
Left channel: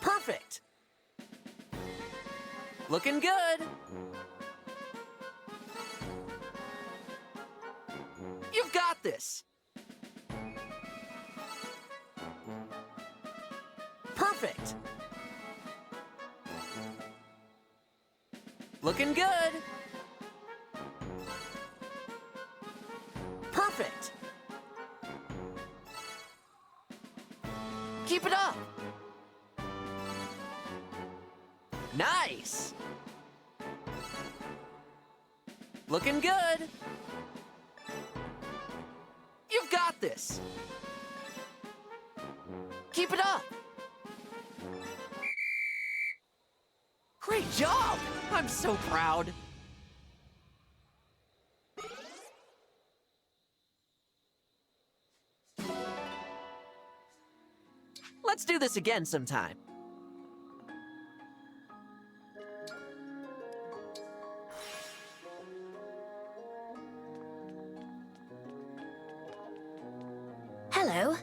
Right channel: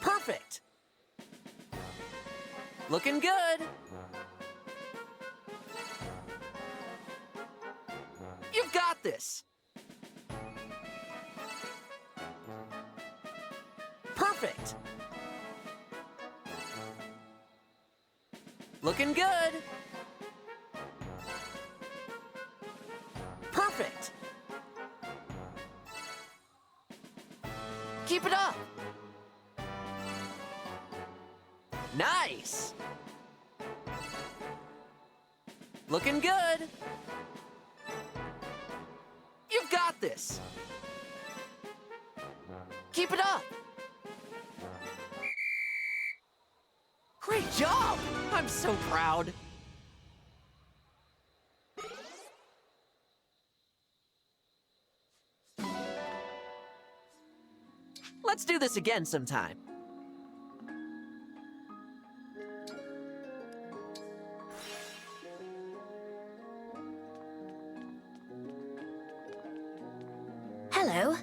Perfect. Looking good. You've got this. Perfect! Looking good! Perfect! Keep it up! Nice! Looking good! You've got this! Keep it up! Great job! I'm so proud! Let's do this again sometime. Hello.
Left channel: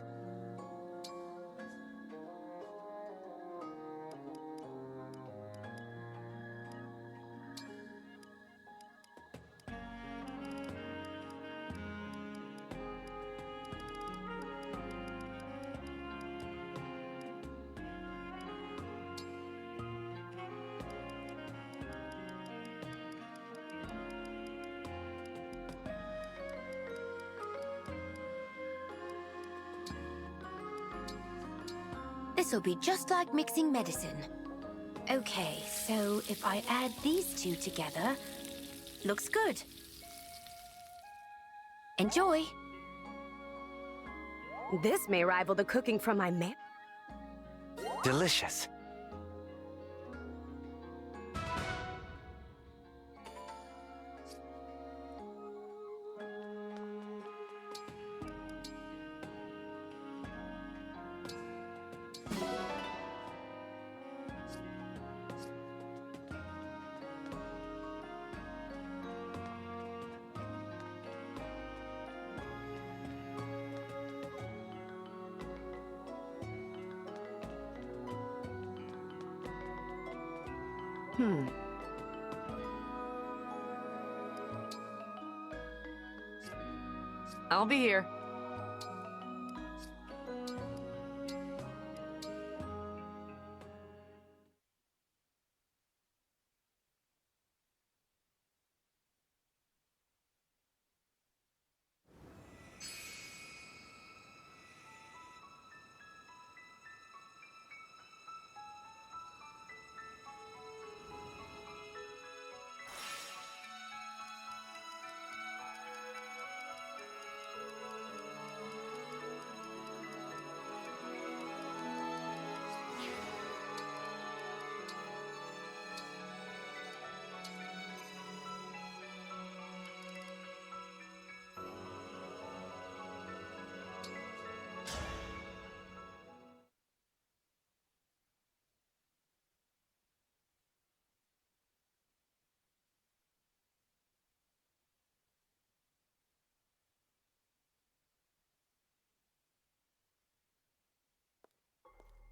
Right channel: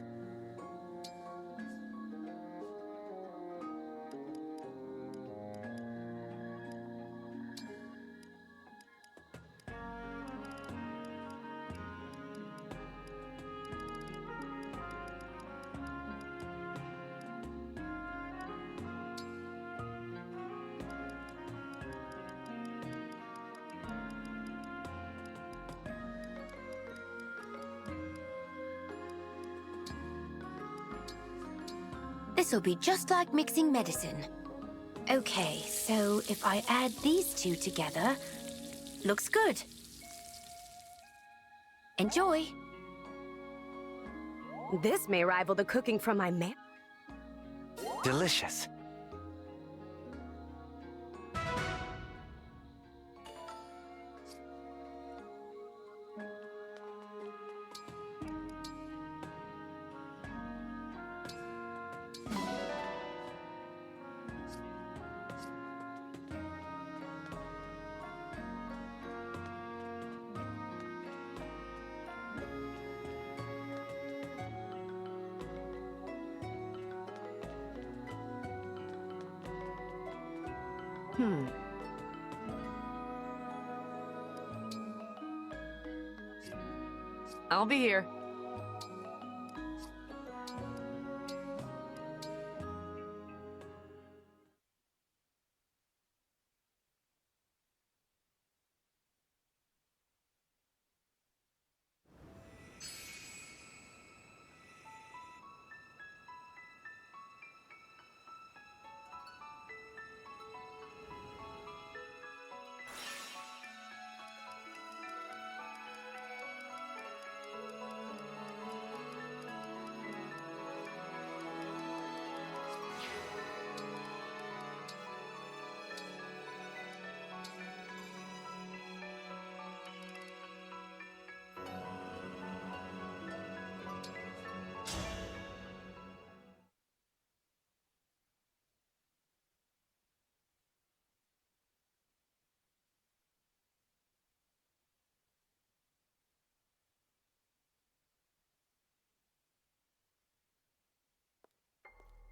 This'll be just like mixing medicine. Okay, so if I add these two together, looks good. Enjoy. This may rival the cooking from my Delicious. I'll be here.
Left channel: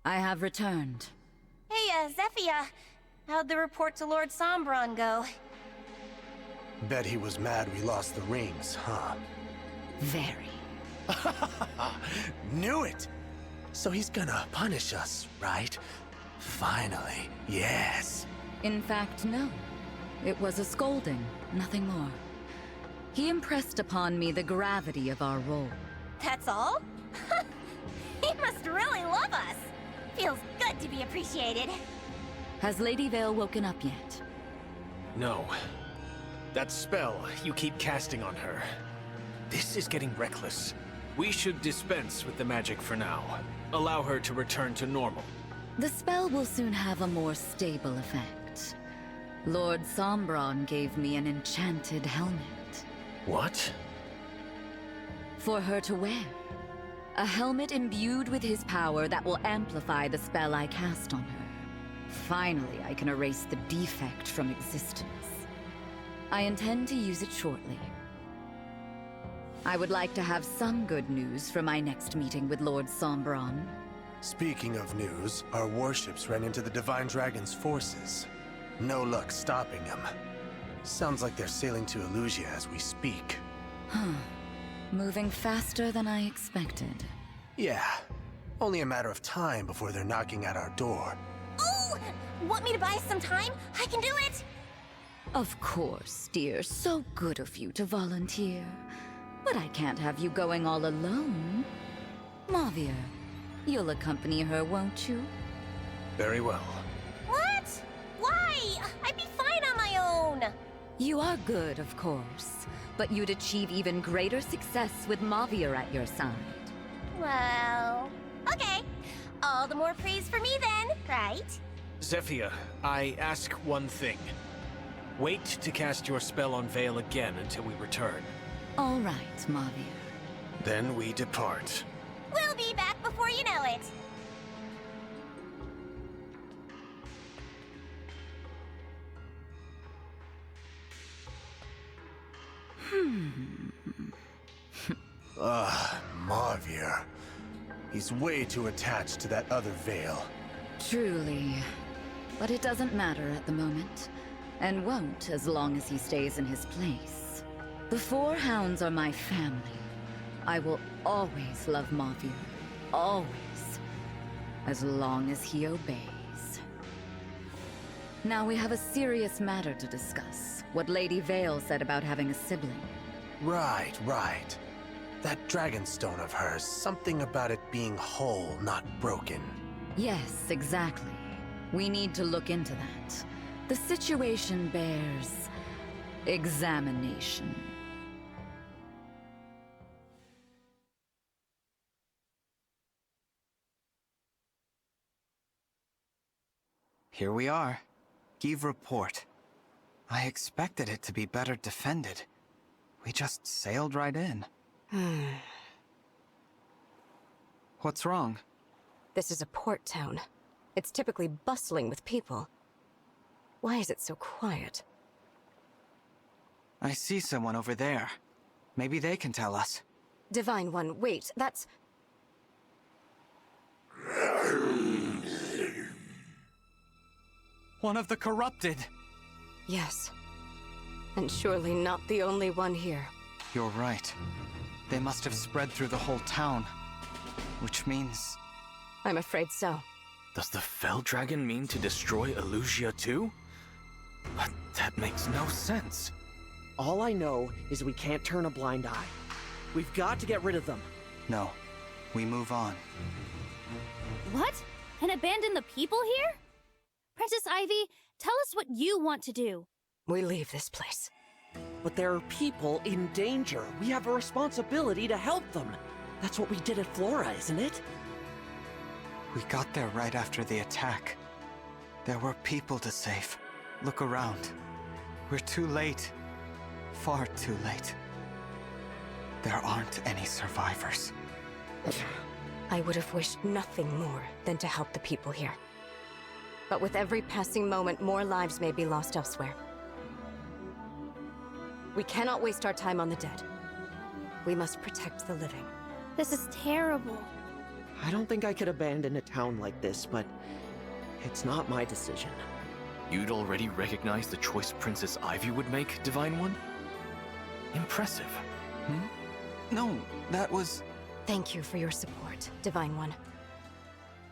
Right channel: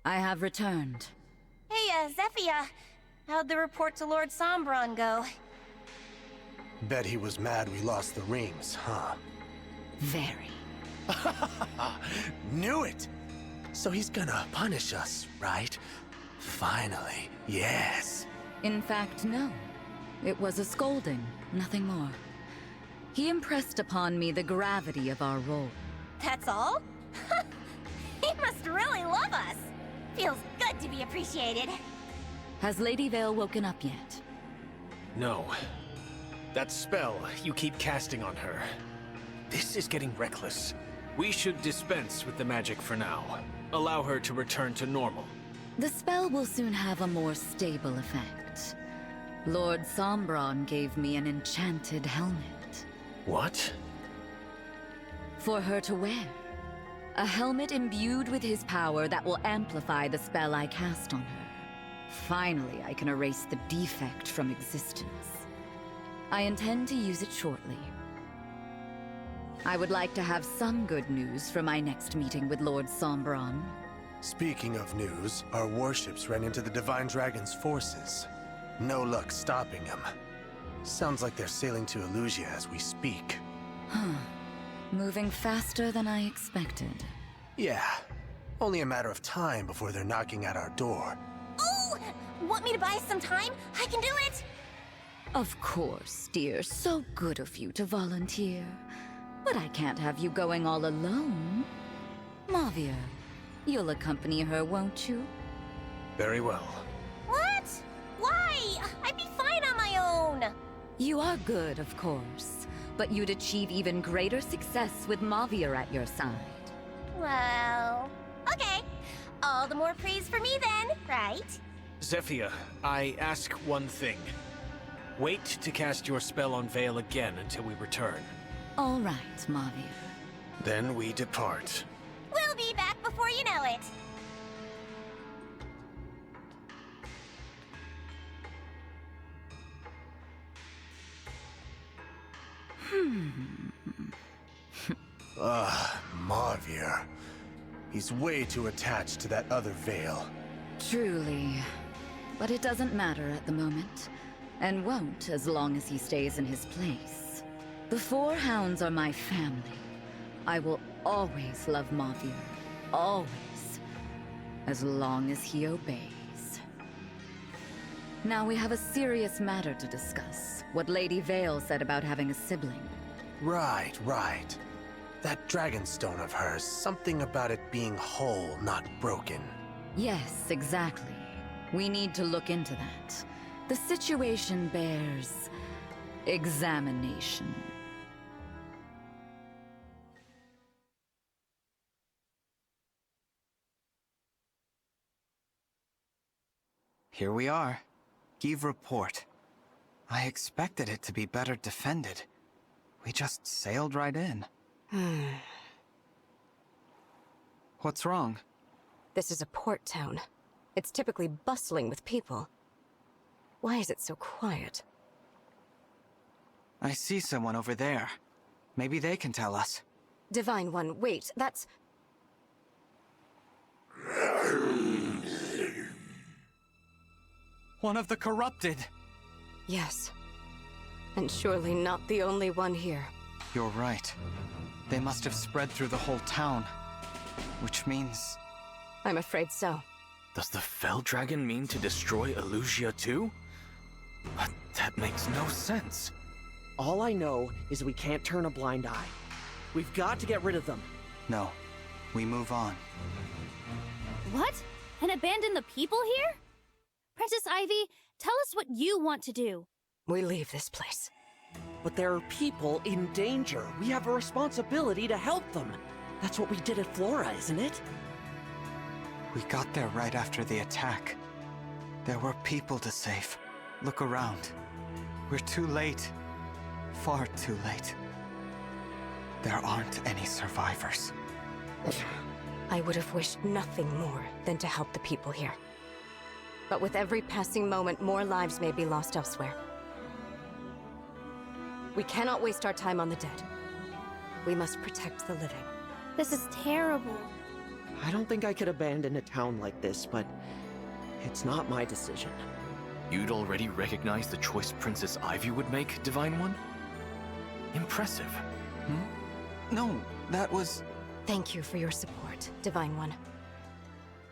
I have returned. Hey, Zephia. How'd the report to Lord Sombron go? Bet he was mad we lost the rings, huh? Very. Knew it! So he's gonna punish us, right? Finally, yes. In fact, no. It was a scolding, nothing more. He impressed upon me the gravity of our role. That's all? He must really love us. Feels good to be appreciated. Has Lady Vale woken up yet? No. That spell you keep casting on her. This is getting reckless. We should dispense with the magic for now. Allow her to return to normal. The spell will soon have a more stable effect. Lord Sombron gave me an enchanted helmet. What? For her to wear. A helmet imbued with his power that will amplify the spell I cast on her. Finally, I can erase the defect from existence. I intend to use it shortly. I would like to have some good news for my next meeting with Lord Sombron. Speaking of news, our warships ran into the Divine Dragon's forces. No luck stopping them. Sounds like they're sailing to Elusia as we speak. Huh. Moving faster than I expected. Yeah. Only a matter of time before they're knocking at our door. Oh! Want me to buy some time? I can do it! Of course, dear. So good of you to volunteer. But I can't have you going all alone. Mavir, you'll accompany her, won't you? Very well. What? Why? I'd be fine on my own. You are good, of course. But you'd achieve even greater success with Mavir at your side. Well... okay. All the more praise for me then, right? Zephyr, I ask one thing. Wait to cast your spell on Vale again until we return. All right, Mavir. Then we depart. We'll be back before you know it. Mavir. He's way too attached to that other Vale. Truly. But it doesn't matter at the moment. And won't as long as he stays in his place. The Four Hounds are my family. I will always love Mavir. Always. As long as he obeys. Now we have a serious matter to discuss. What Lady Vale said about having a sibling. Right. That dragonstone of hers, something about it being whole, not broken. Yes, exactly. We need to look into that. The situation bears examination. Here we are. Give report. I expected it to be better defended. We just sailed right in. What's wrong? This is a port town. It's typically bustling with people. Why is it so quiet? I see someone over there. Maybe they can tell us. Divine One, wait, that's... One of the corrupted! Yes. And surely not the only one here. You're right. They must have spread through the whole town. Which means... I'm afraid so. Does the Fell Dragon mean to destroy Elusia too? But that makes no sense. All I know is we can't turn a blind eye. We've got to get rid of them. No. We move on. What? And abandon the people here? Princess Ivy, tell us what you want to do. We leave this place. But there are people in danger. We have a responsibility to help them. That's what we did at Flora, isn't it? We got there right after the attack. There were people to save. Look around. We're too late. Far too late. There aren't any survivors. I would have wished nothing more than to help the people here. But with every passing moment, more lives may be lost elsewhere. We cannot waste our time on the dead. We must protect the living. This is terrible. I don't think I could abandon a town like this, but it's not my decision. You'd already recognized the choice Princess Ivy would make, Divine One? Impressive. No, that was... Thank you for your support, Divine One.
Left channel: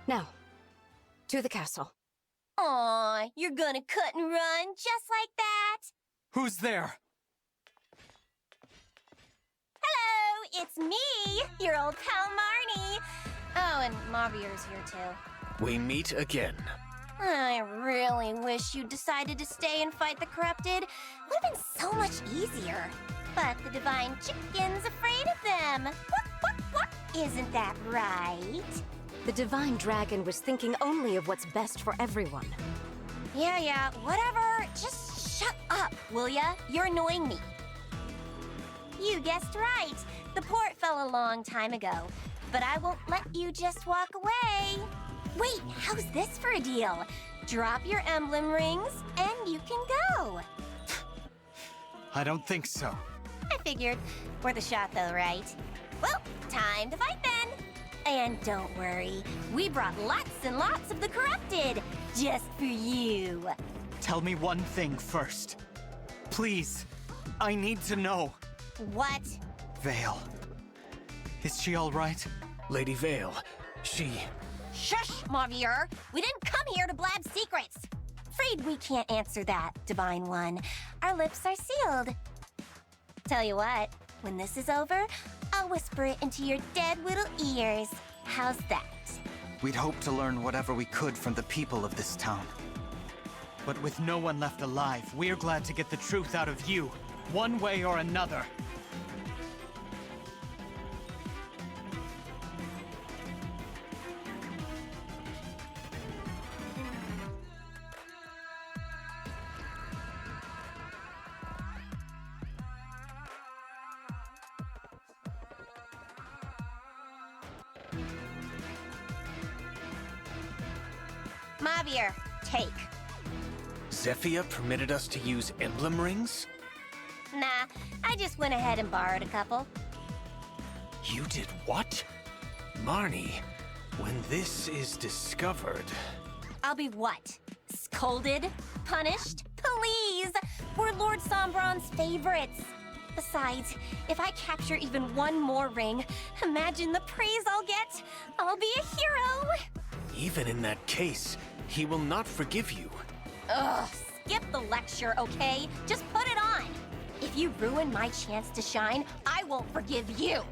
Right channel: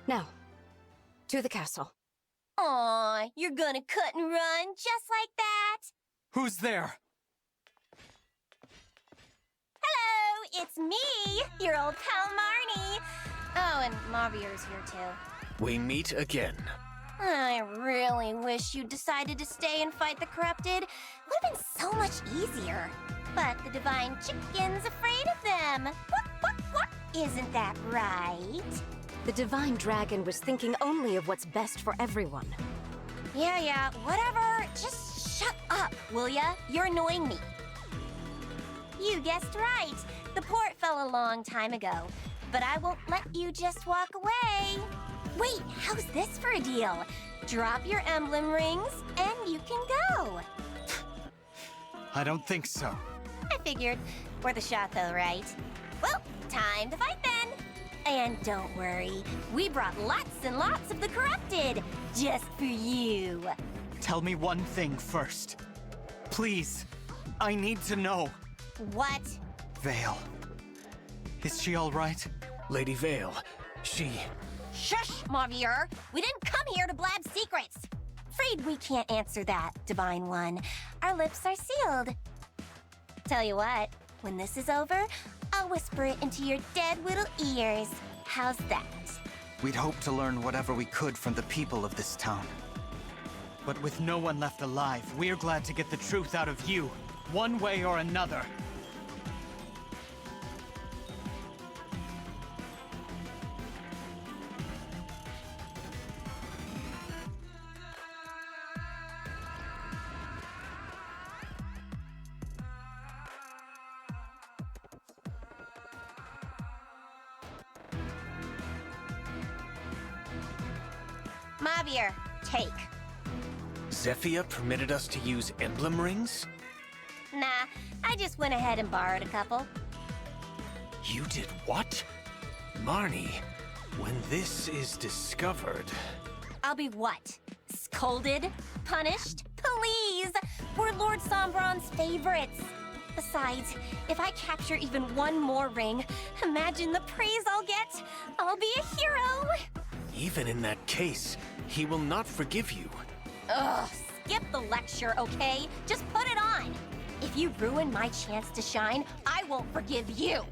Now, to the castle. Aw, you're gonna cut and run just like that? Who's there? Hello, it's me, your old pal Marnie. Oh, and Mavir's here too. We meet again. I really wish you decided to stay and fight the corrupted. Would have been so much easier. But the divine chicken's afraid of them. What? Isn't that right? The divine dragon was thinking only of what's best for everyone. Yeah, whatever. Just shut up, will ya? You're annoying me. You guessed right. The port fell a long time ago. But I won't let you just walk away. Wait, how's this for a deal? Drop your emblem rings, and you can go. I don't think so. I figured. Worth a shot, though, right? Well, time to fight then. And don't worry, we brought lots and lots of the corrupted, just for you. Tell me one thing first. Please, I need to know. What? Vale. Is she all right? Lady Vale, Shush, Mavier! We didn't come here to blab secrets! Afraid we can't answer that, Divine One. Our lips are sealed. Tell you what, when this is over, I'll whisper it into your dead little ears. How's that? We'd hoped to learn whatever we could from the people of this town. But with no one left alive, we're glad to get the truth out of you, one way or another. Mavier, take. Zephyia permitted us to use emblem rings? Nah, I just went ahead and borrowed a couple. You did what? Marnie, when this is discovered... I'll be what? Scolded? Punished? Please! We're Lord Sombron's favorites. Besides, if I capture even one more ring, imagine the praise I'll get. I'll be a hero! Even in that case, he will not forgive you. Ugh, skip the lecture, okay? Just put it on! If you ruin my chance to shine, I won't forgive you!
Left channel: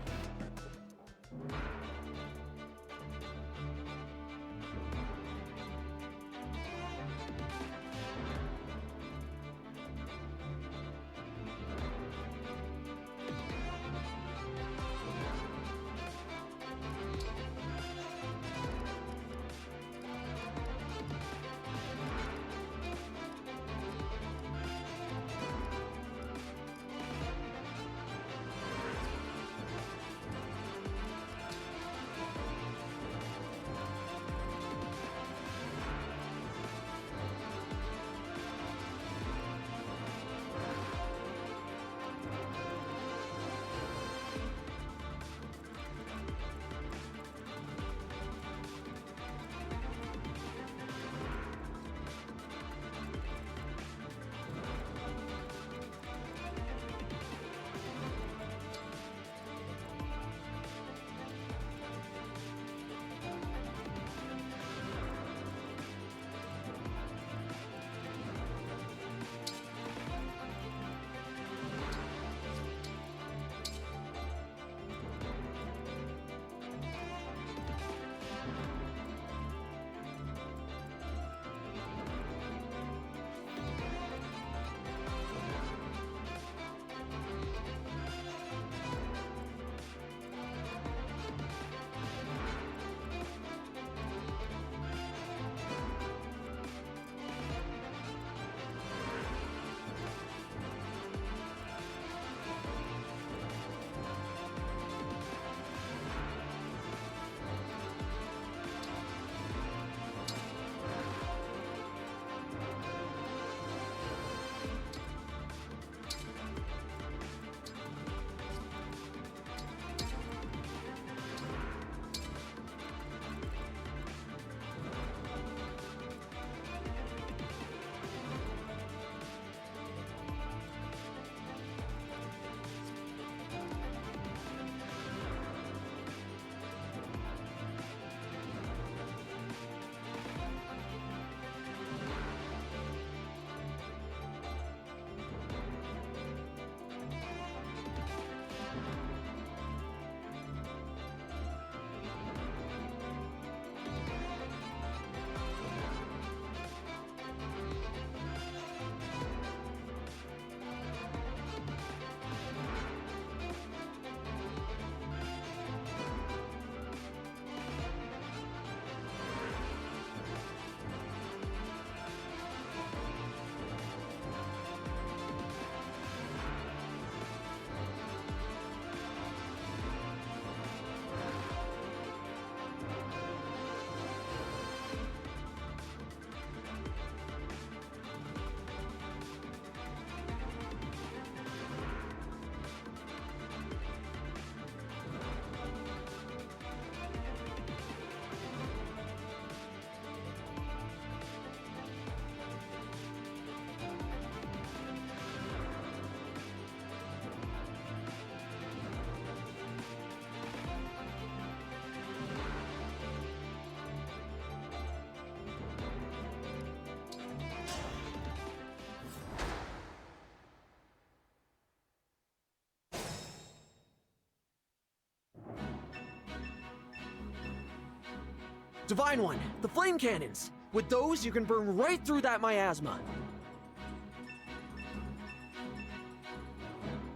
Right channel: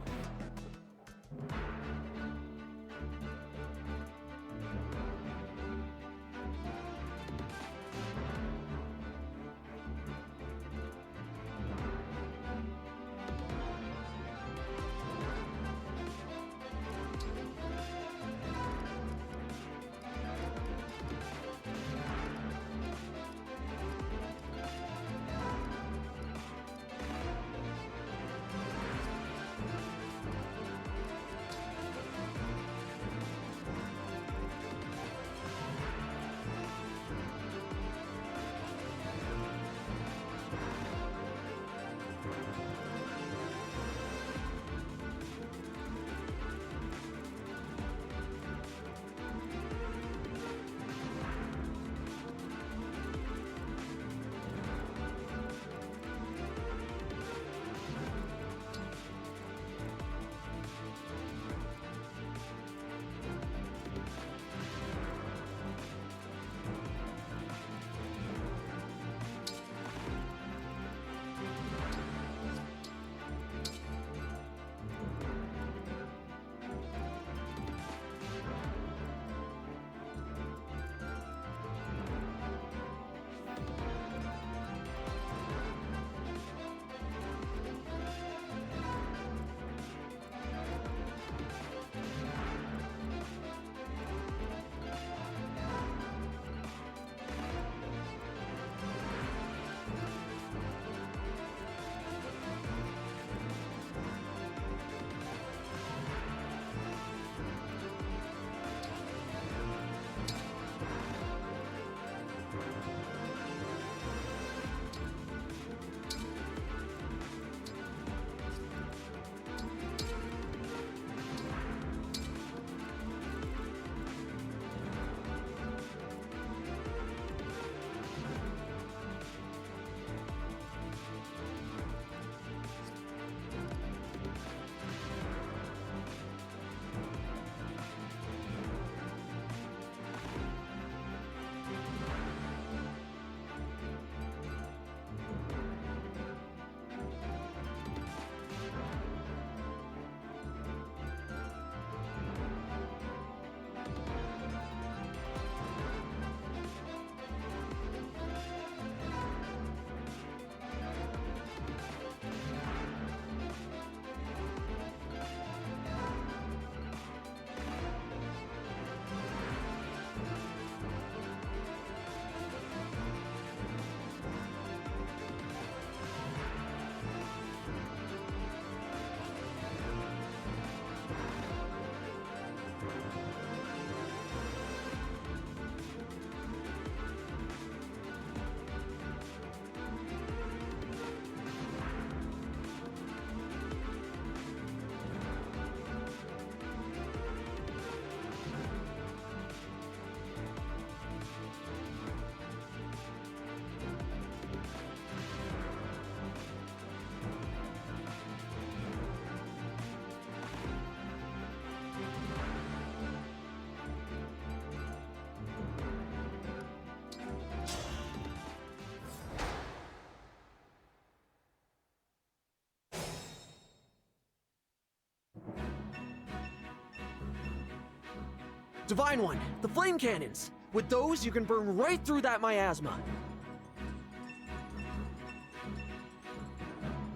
Divine One, the flame cannons! With those, you can burn right through that miasma.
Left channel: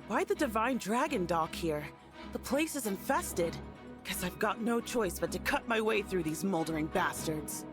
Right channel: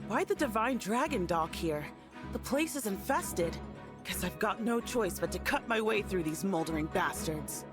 Why the Divine Dragon dock here? The place is infested. Guess I've got no choice but to cut my way through these moldering bastards.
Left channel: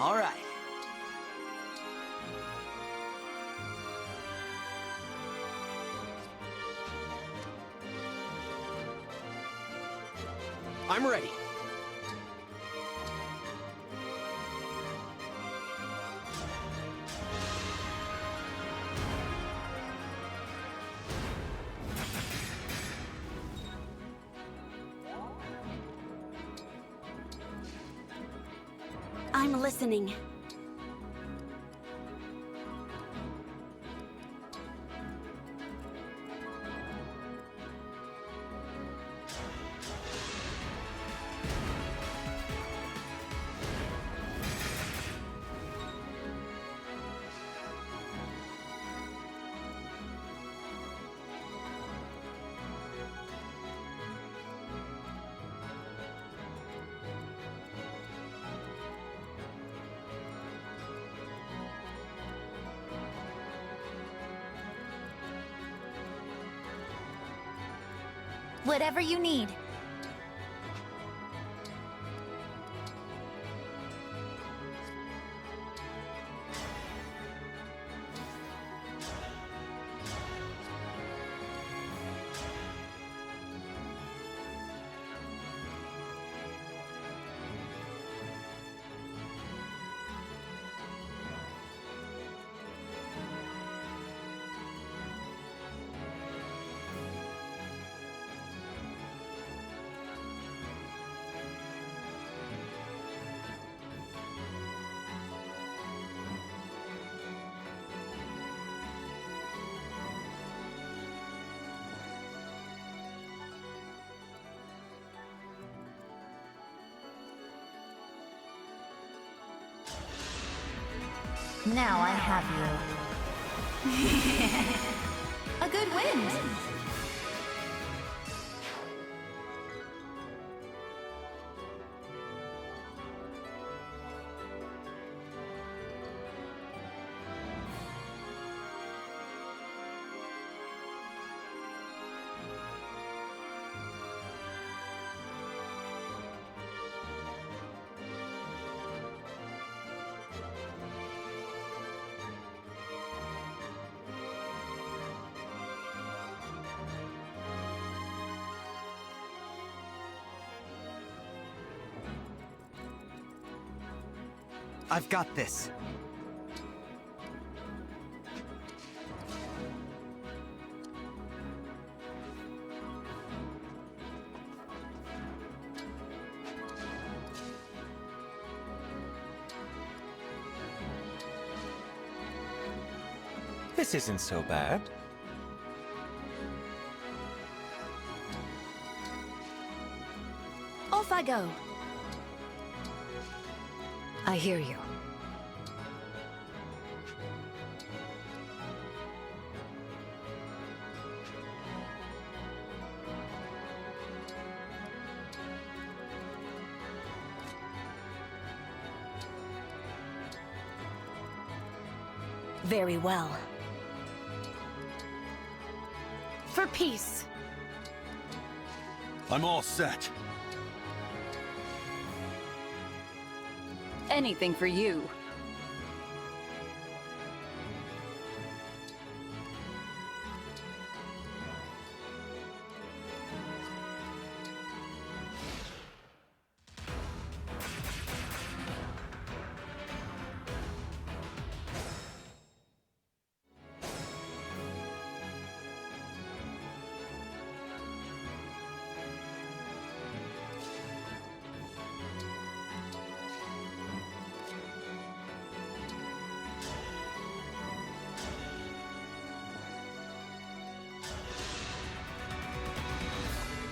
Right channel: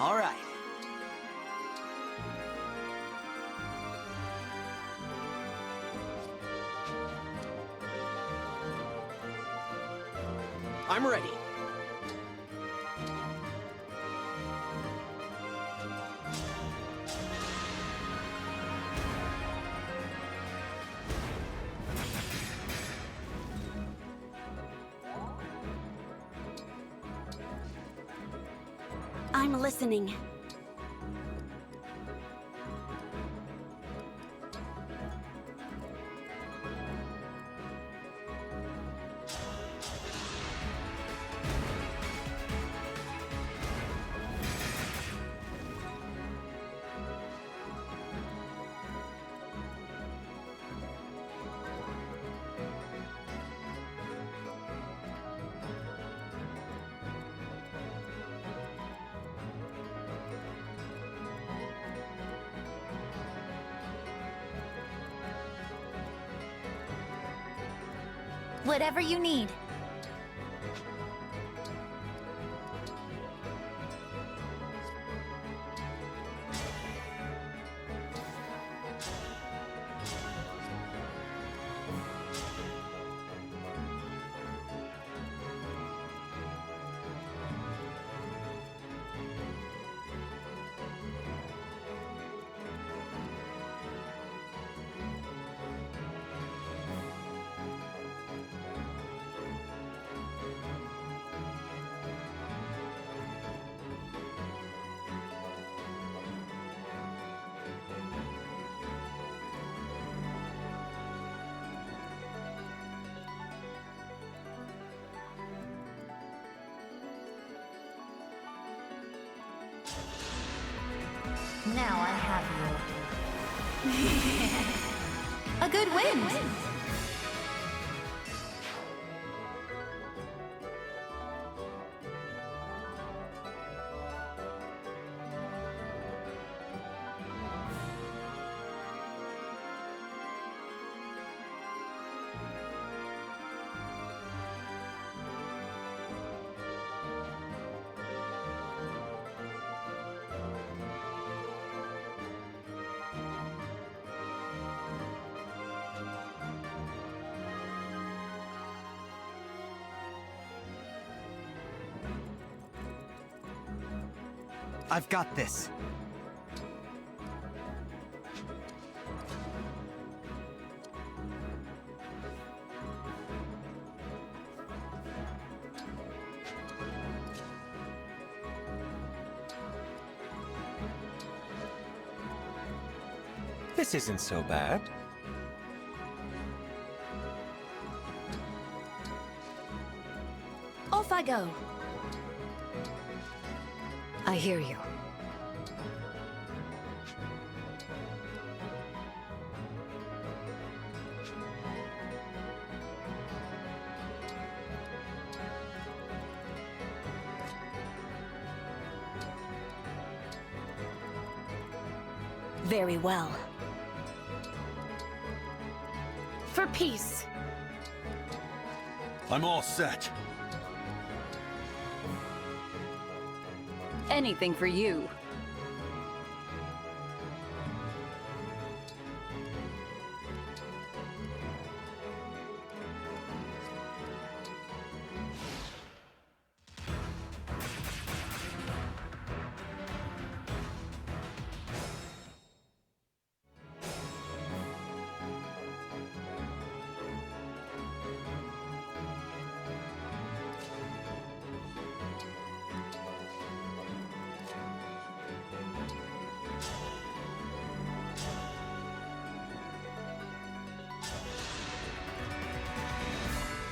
All right. I'm ready. I'm listening. Whatever you need. Now I have you. A good wind. I've got this. This isn't so bad. Off I go. I hear you. Very well. For peace. I'm all set. Anything for you.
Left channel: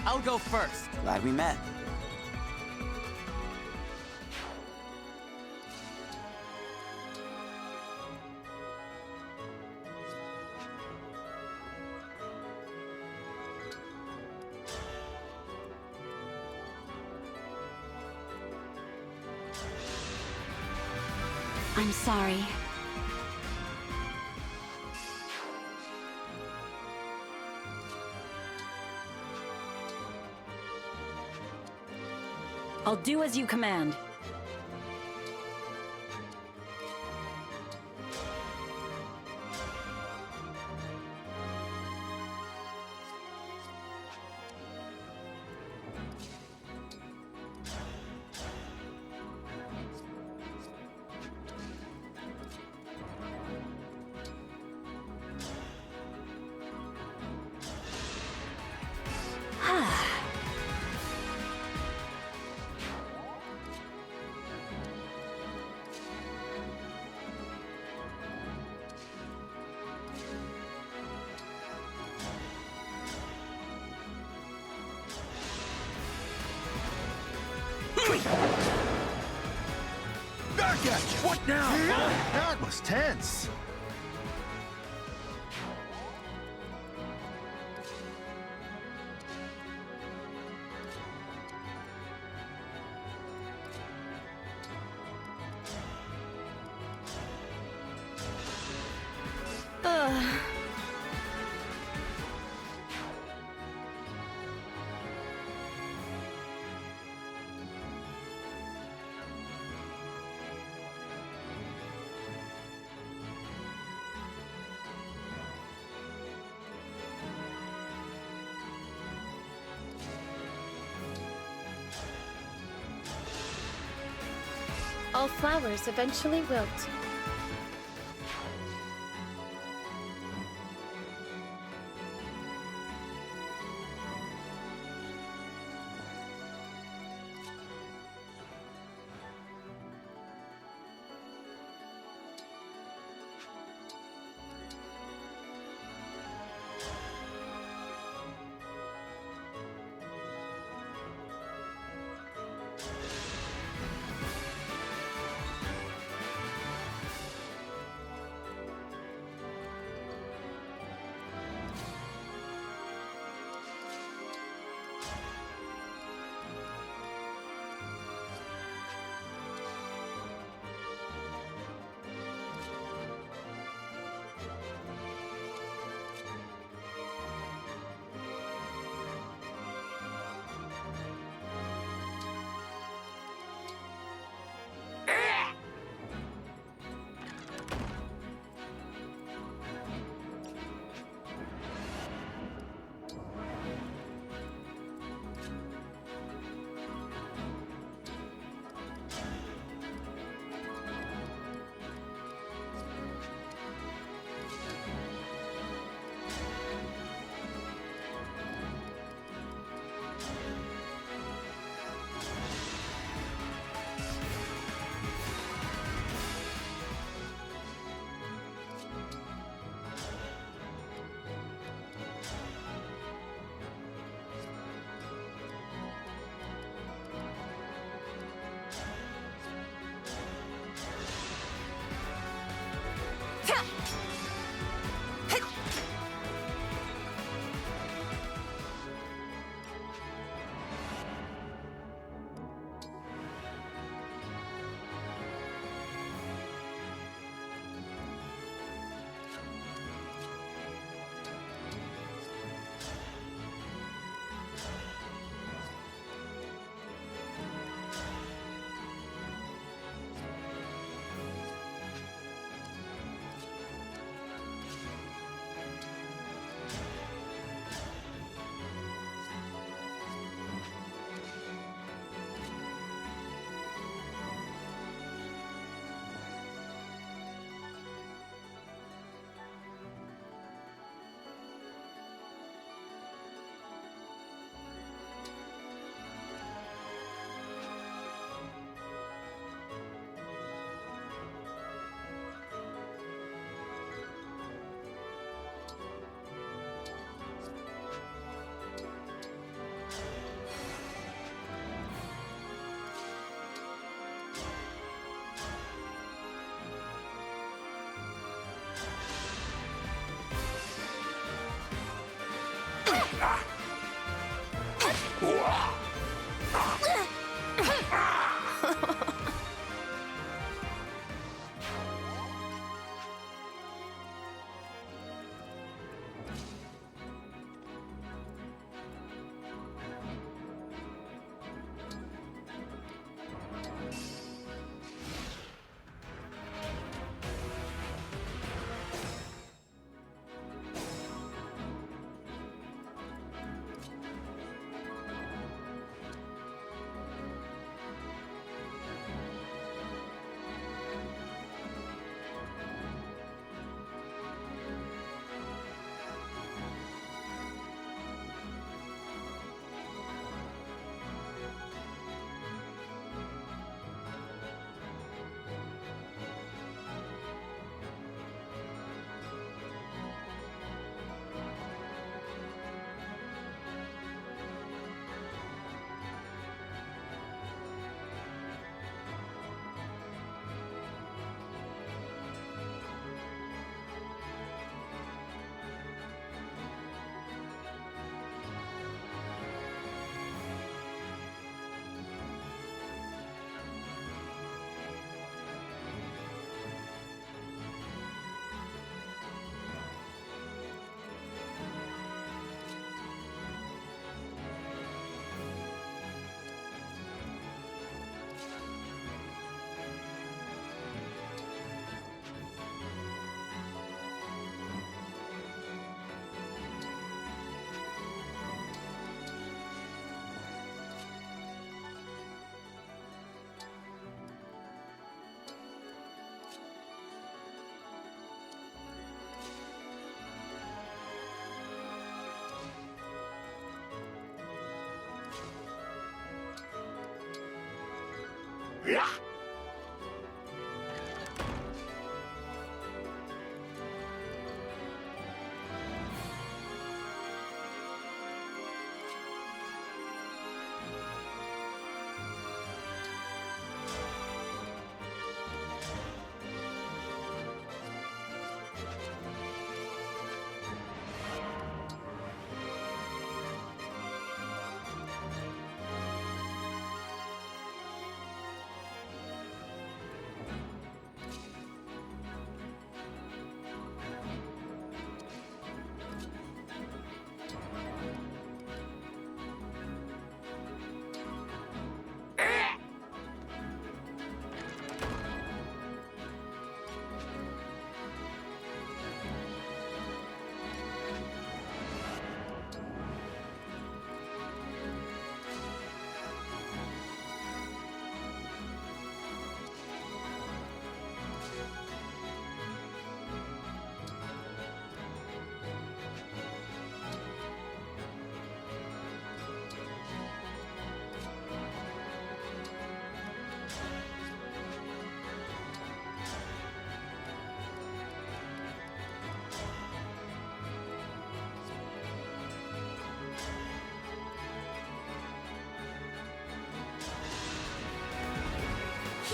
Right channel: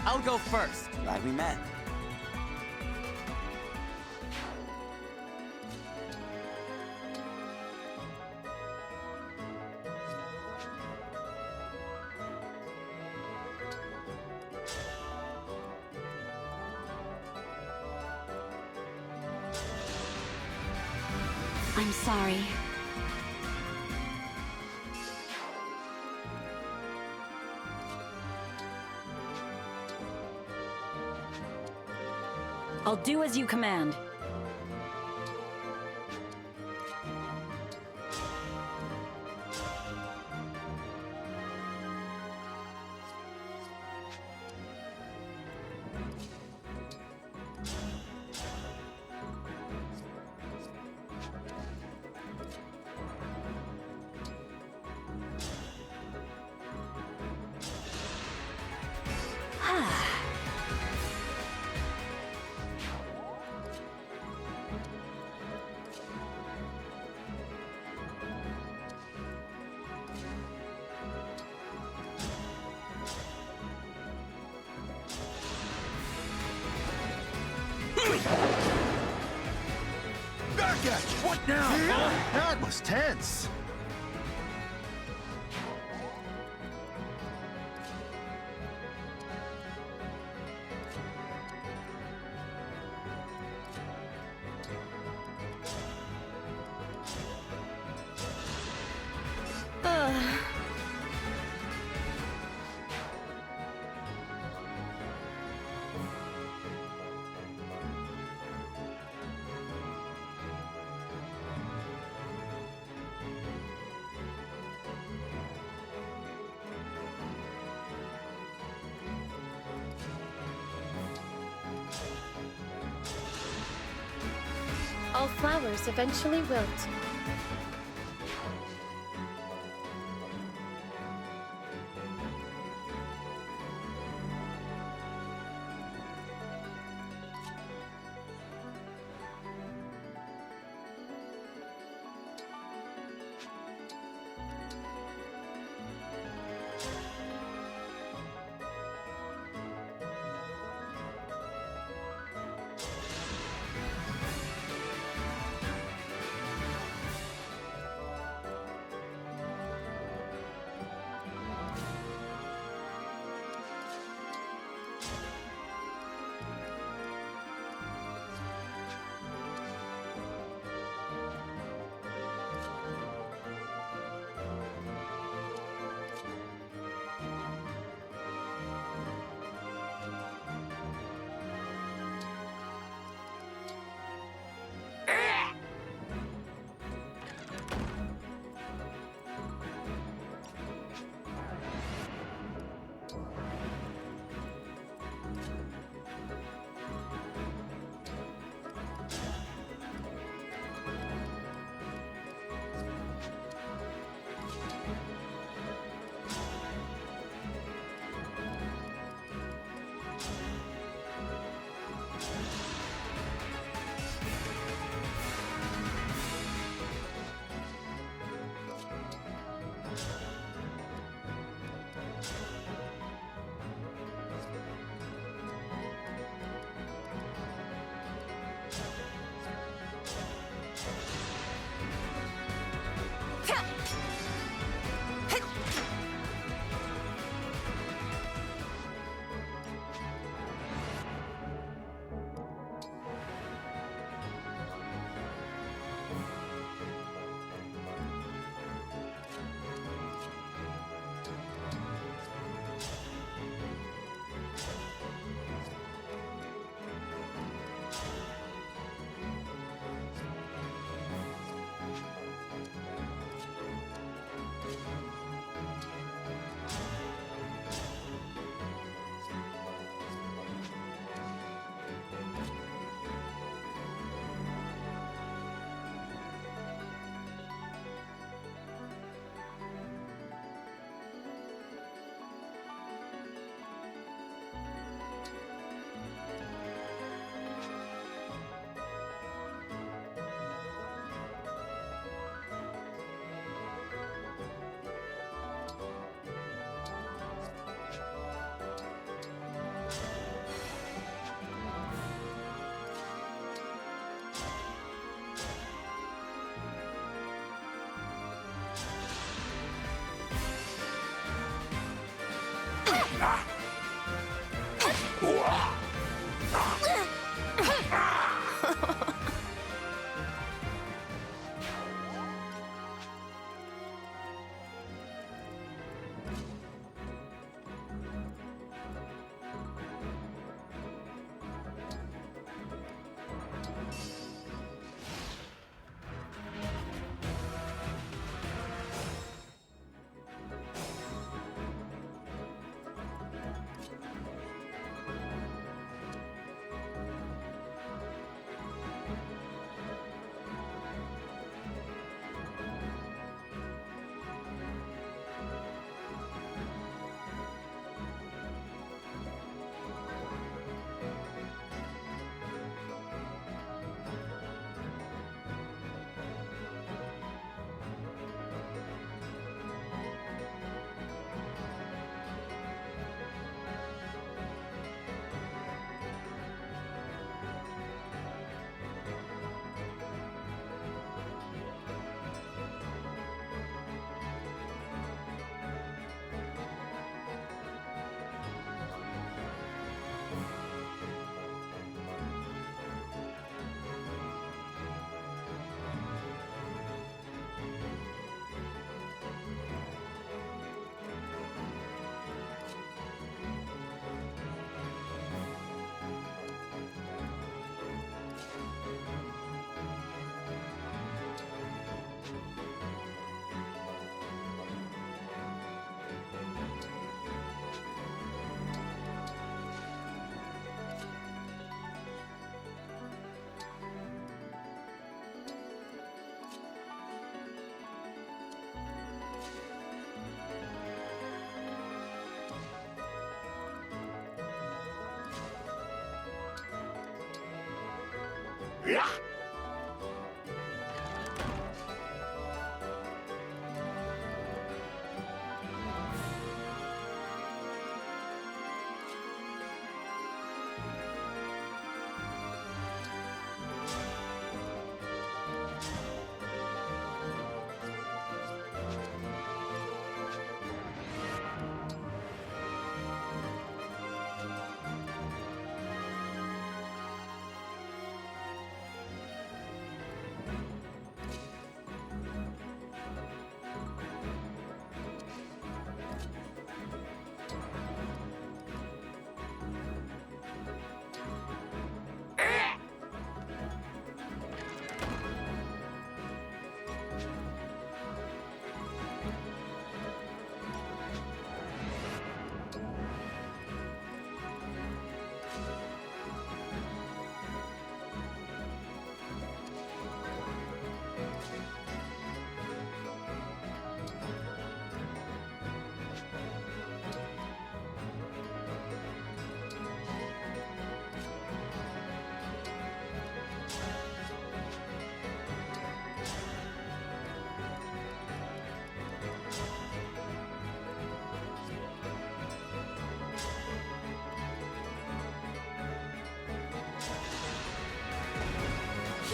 I'll go first. Glad we met. I'm sorry. I'll do as you command. Back at you! What now? That was tense. All flowers eventually wilt.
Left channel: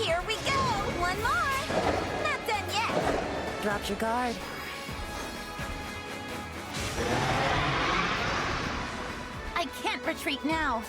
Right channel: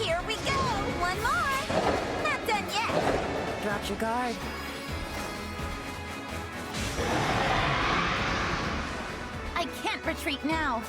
Here we go! One more! Not done yet! dropped your guard. I can't retreat now.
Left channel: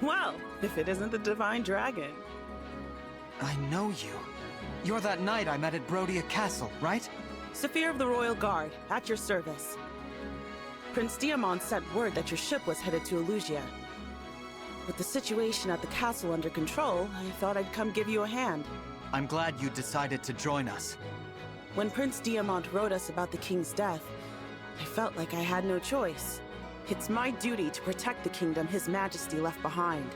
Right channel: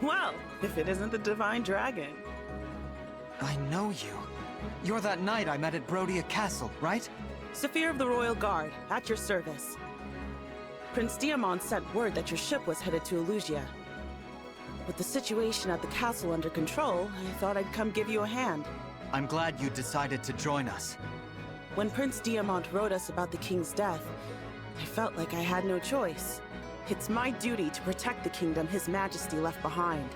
Well, if it isn't the Divine Dragon. I know you. You're that knight I met at Brodia Castle, right? Saphir of the Royal Guard, at your service. Prince Diamond sent word that your ship was headed to Elusia. With the situation at the castle under control, I thought I'd come give you a hand. I'm glad you decided to join us. When Prince Diamond wrote us about the king's death, I felt like I had no choice. It's my duty to protect the kingdom His Majesty left behind.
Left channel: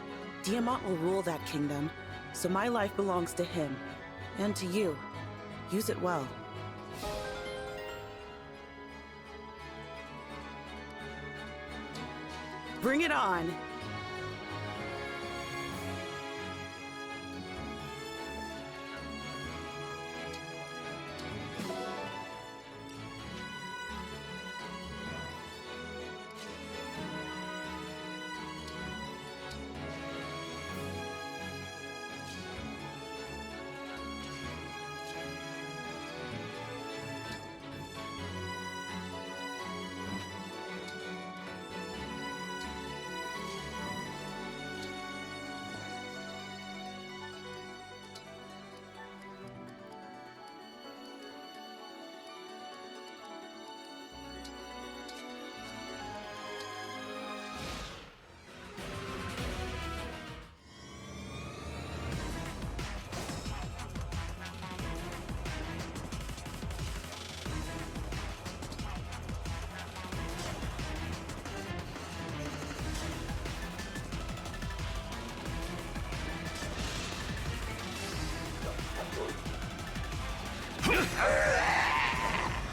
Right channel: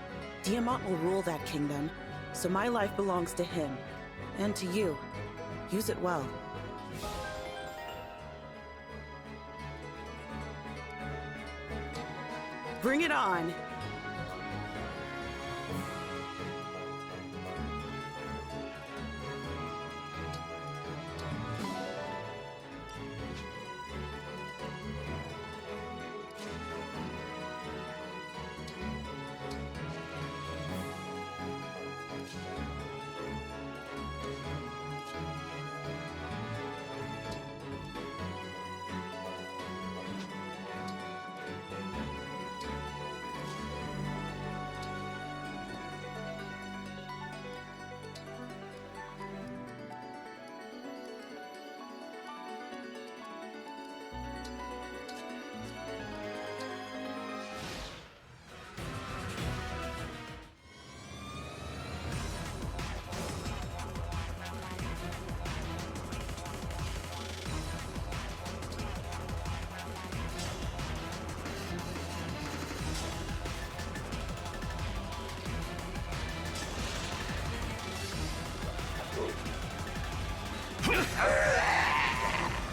Diamond will rule that kingdom, so my life belongs to him. And to you. Use it well. Bring it on!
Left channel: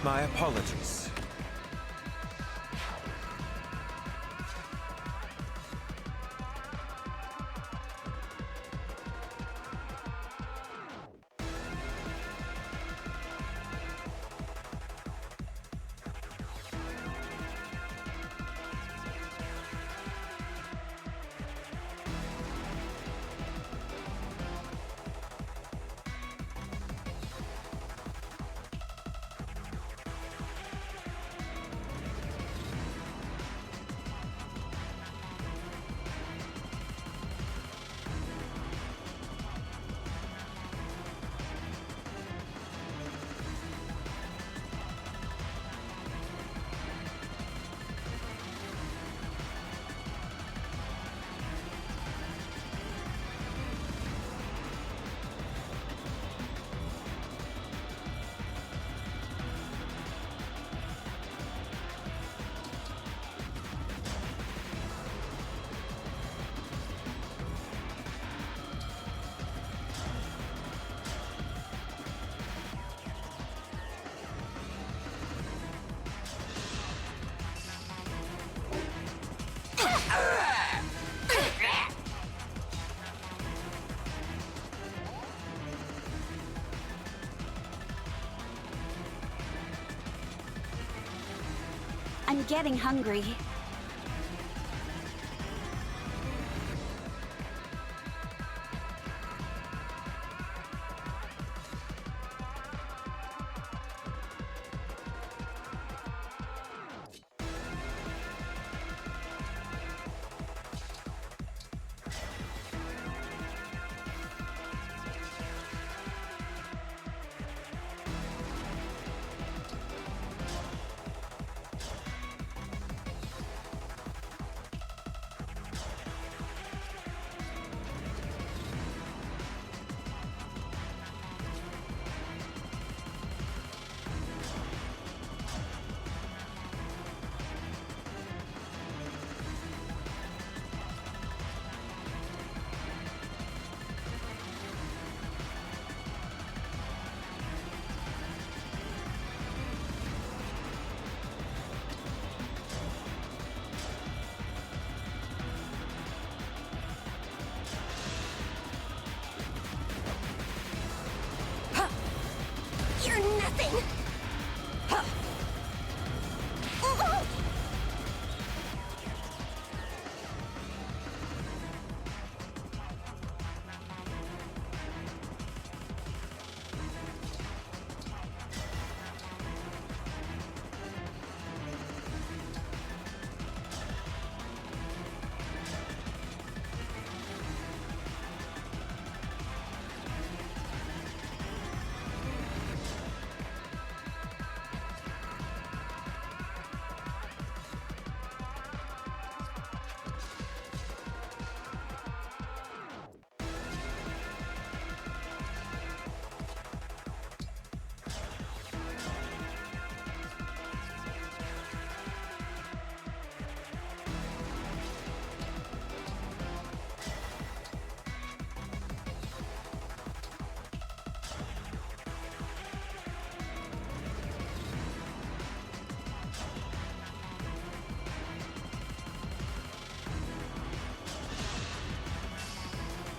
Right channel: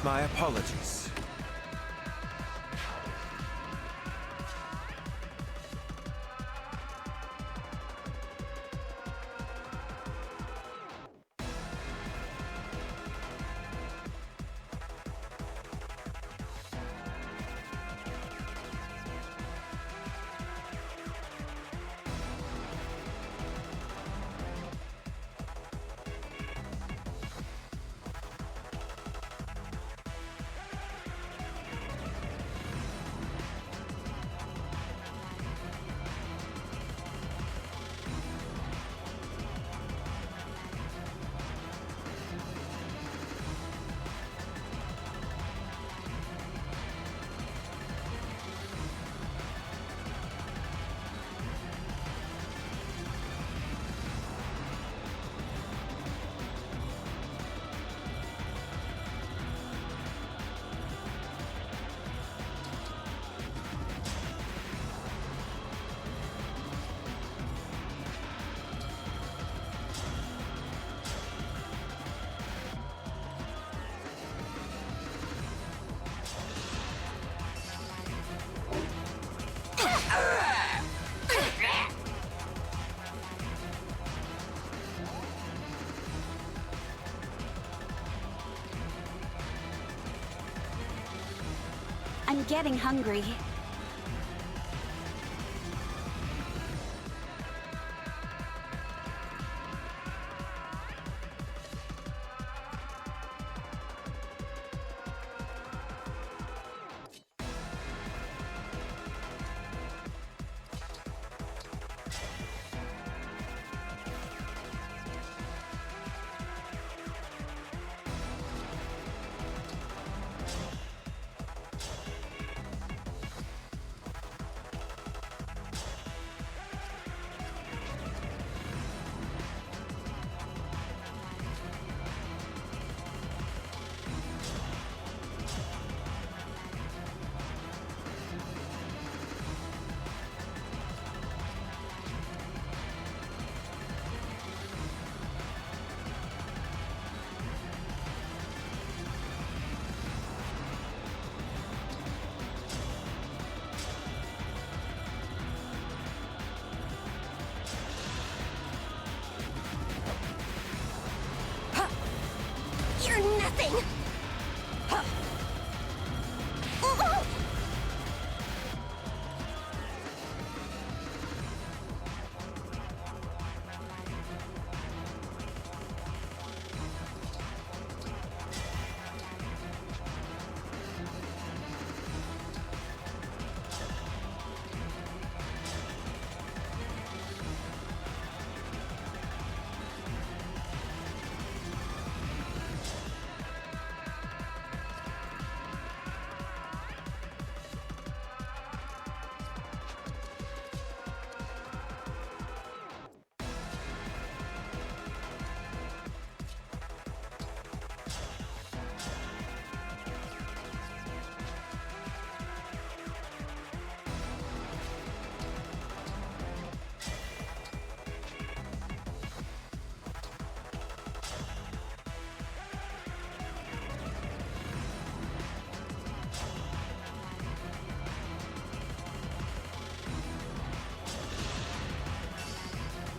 My apologies. I'm getting hungry.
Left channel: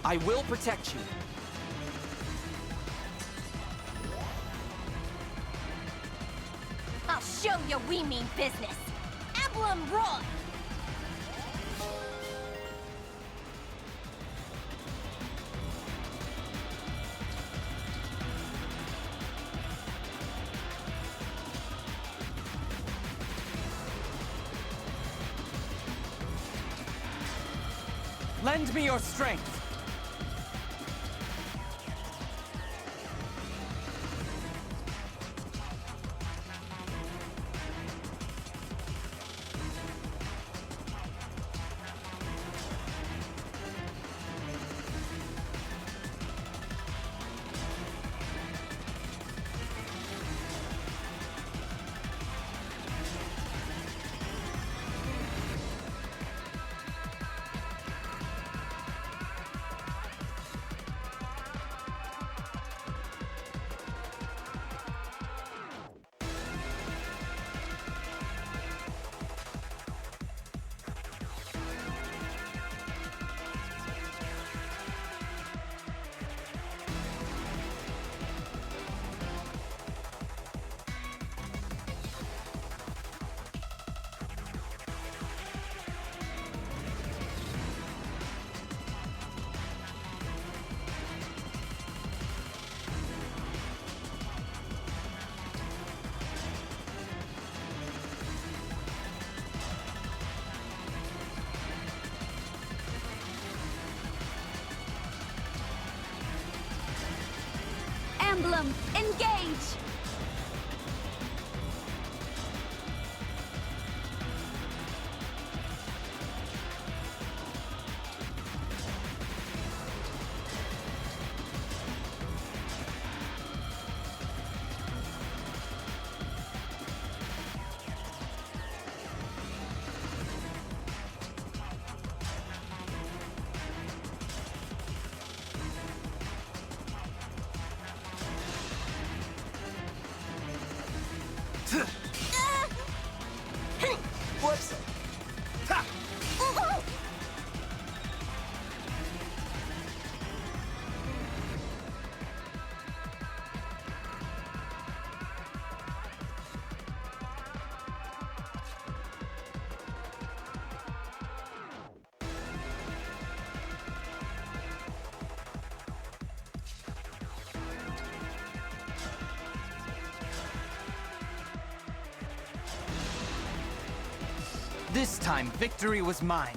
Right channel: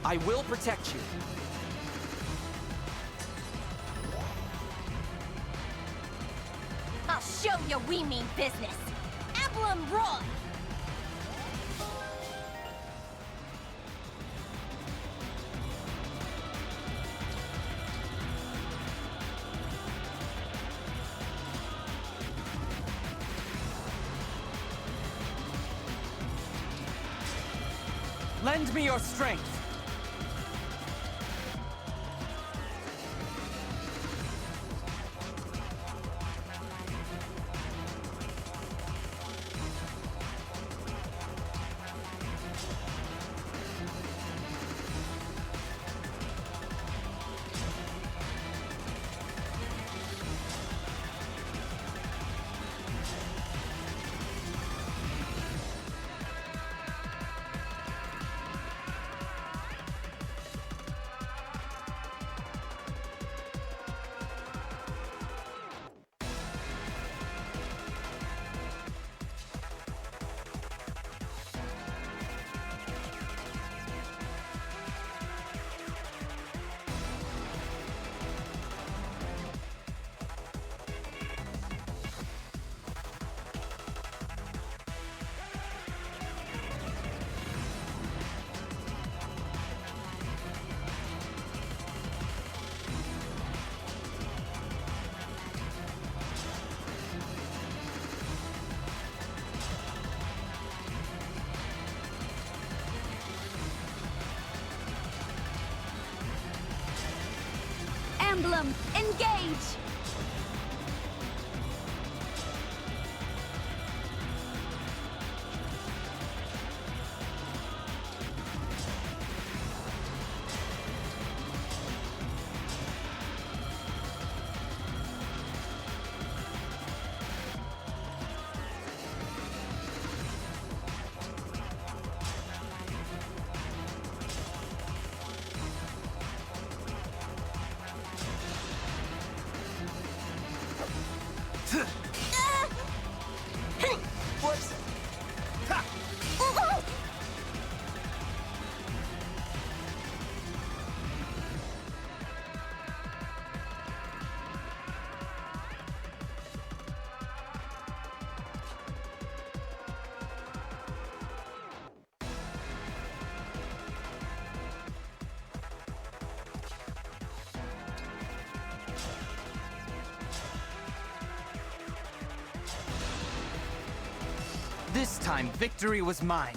I will protect you. I'll show you we mean business. Emblem Roy! Lend me your strength. Emblem, engage! Whoops! Ha! This time, victory was mine.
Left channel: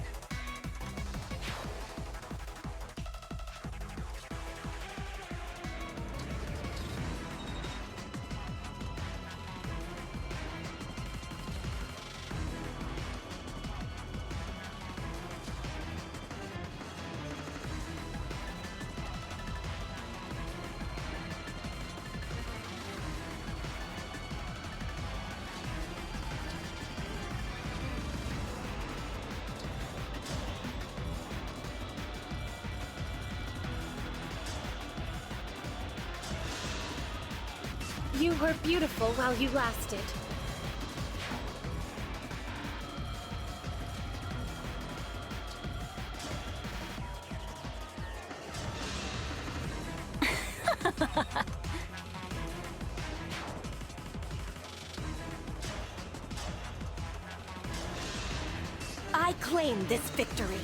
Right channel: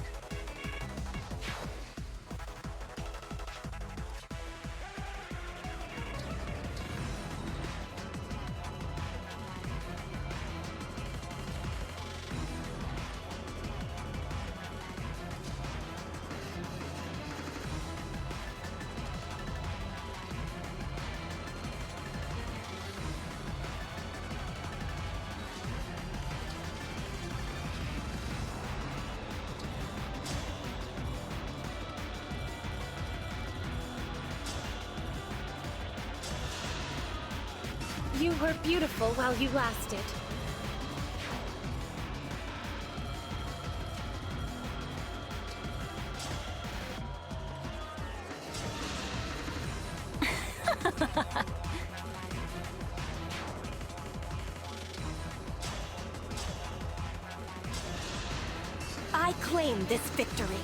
You were beautiful while you lasted. I claim this victory.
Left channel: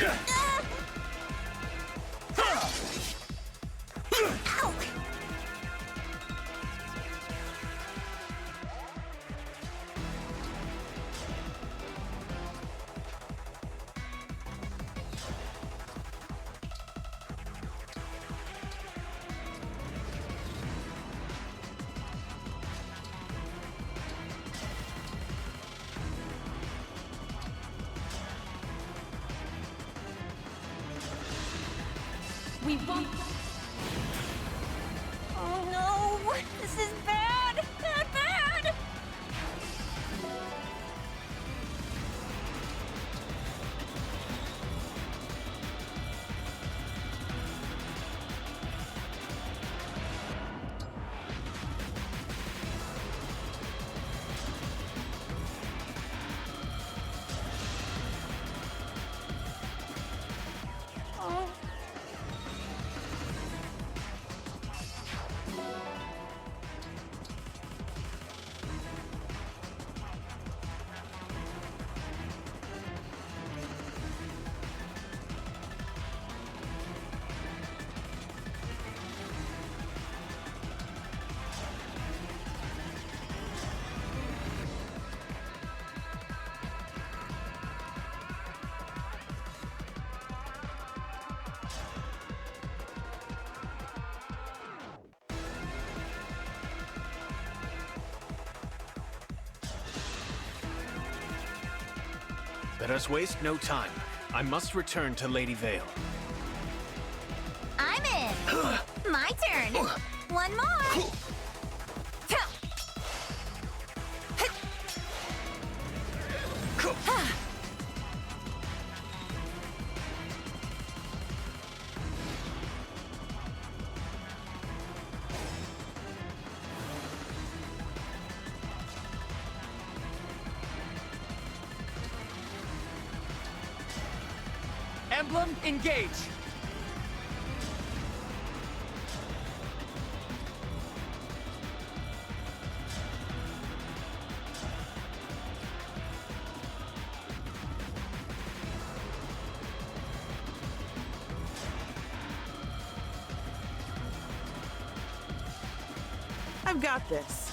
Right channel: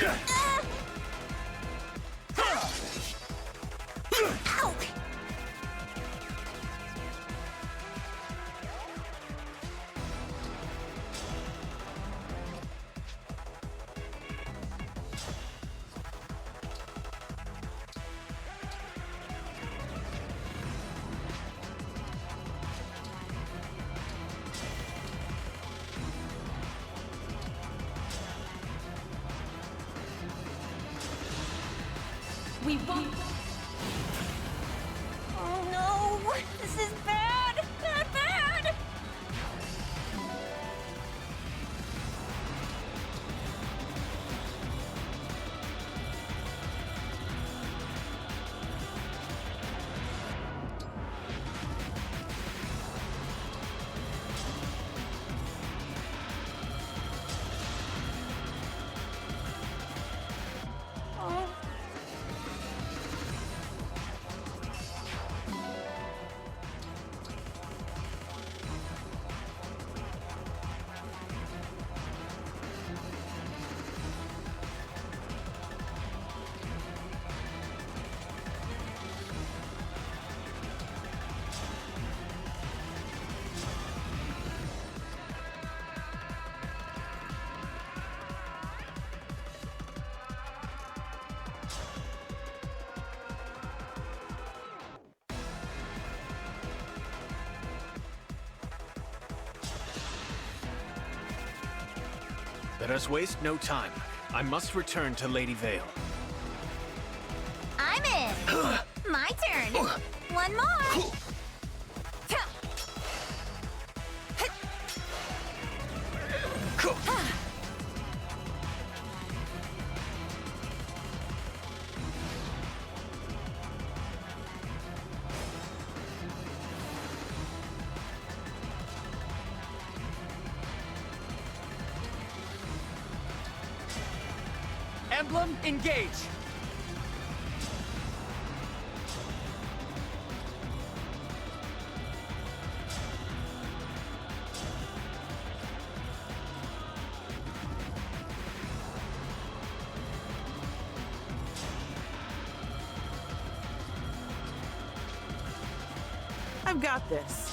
Ow! We won't. Oh no! This is bad! Bad, bad! Oh. Let us waste no time. I must return to Lady Vale. I'm in. My turn. One more. Emblem, engage! I've got this.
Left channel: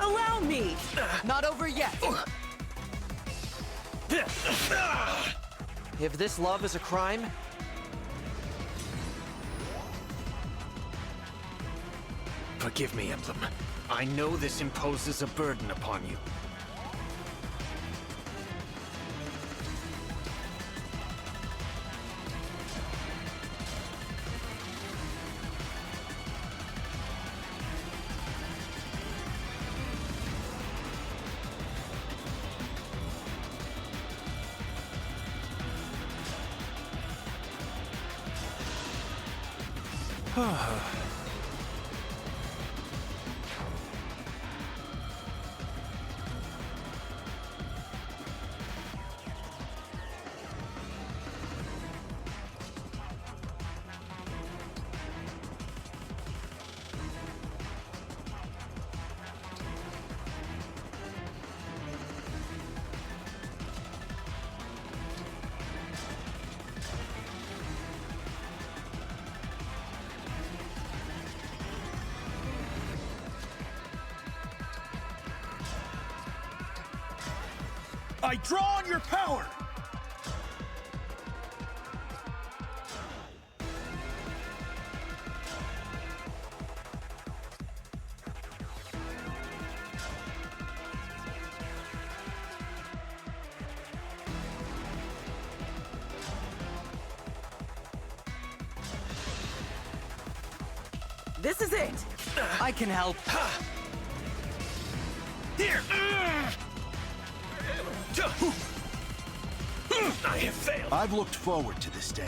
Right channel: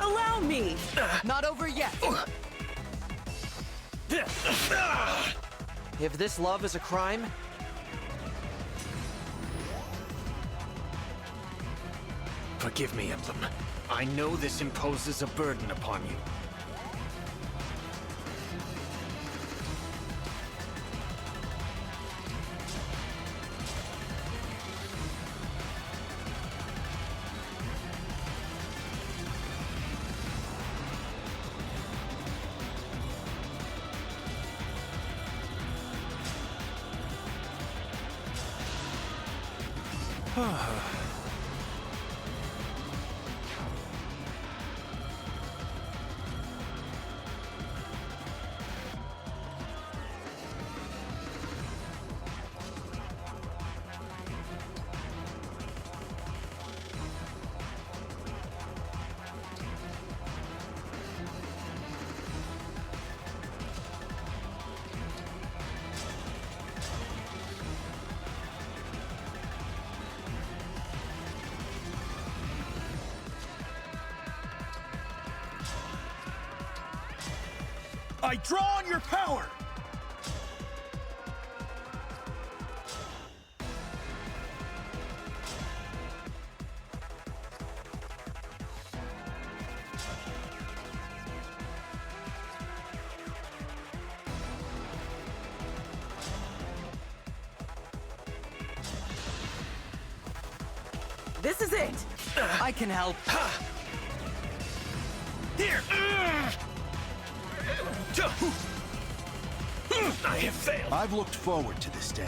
Allow me! Not over yet! If this love is a crime... Forgive me, Emblem. I know this imposes a burden upon you. I draw on your power! This is it! I can help. Here! I have failed. I've looked forward to this day.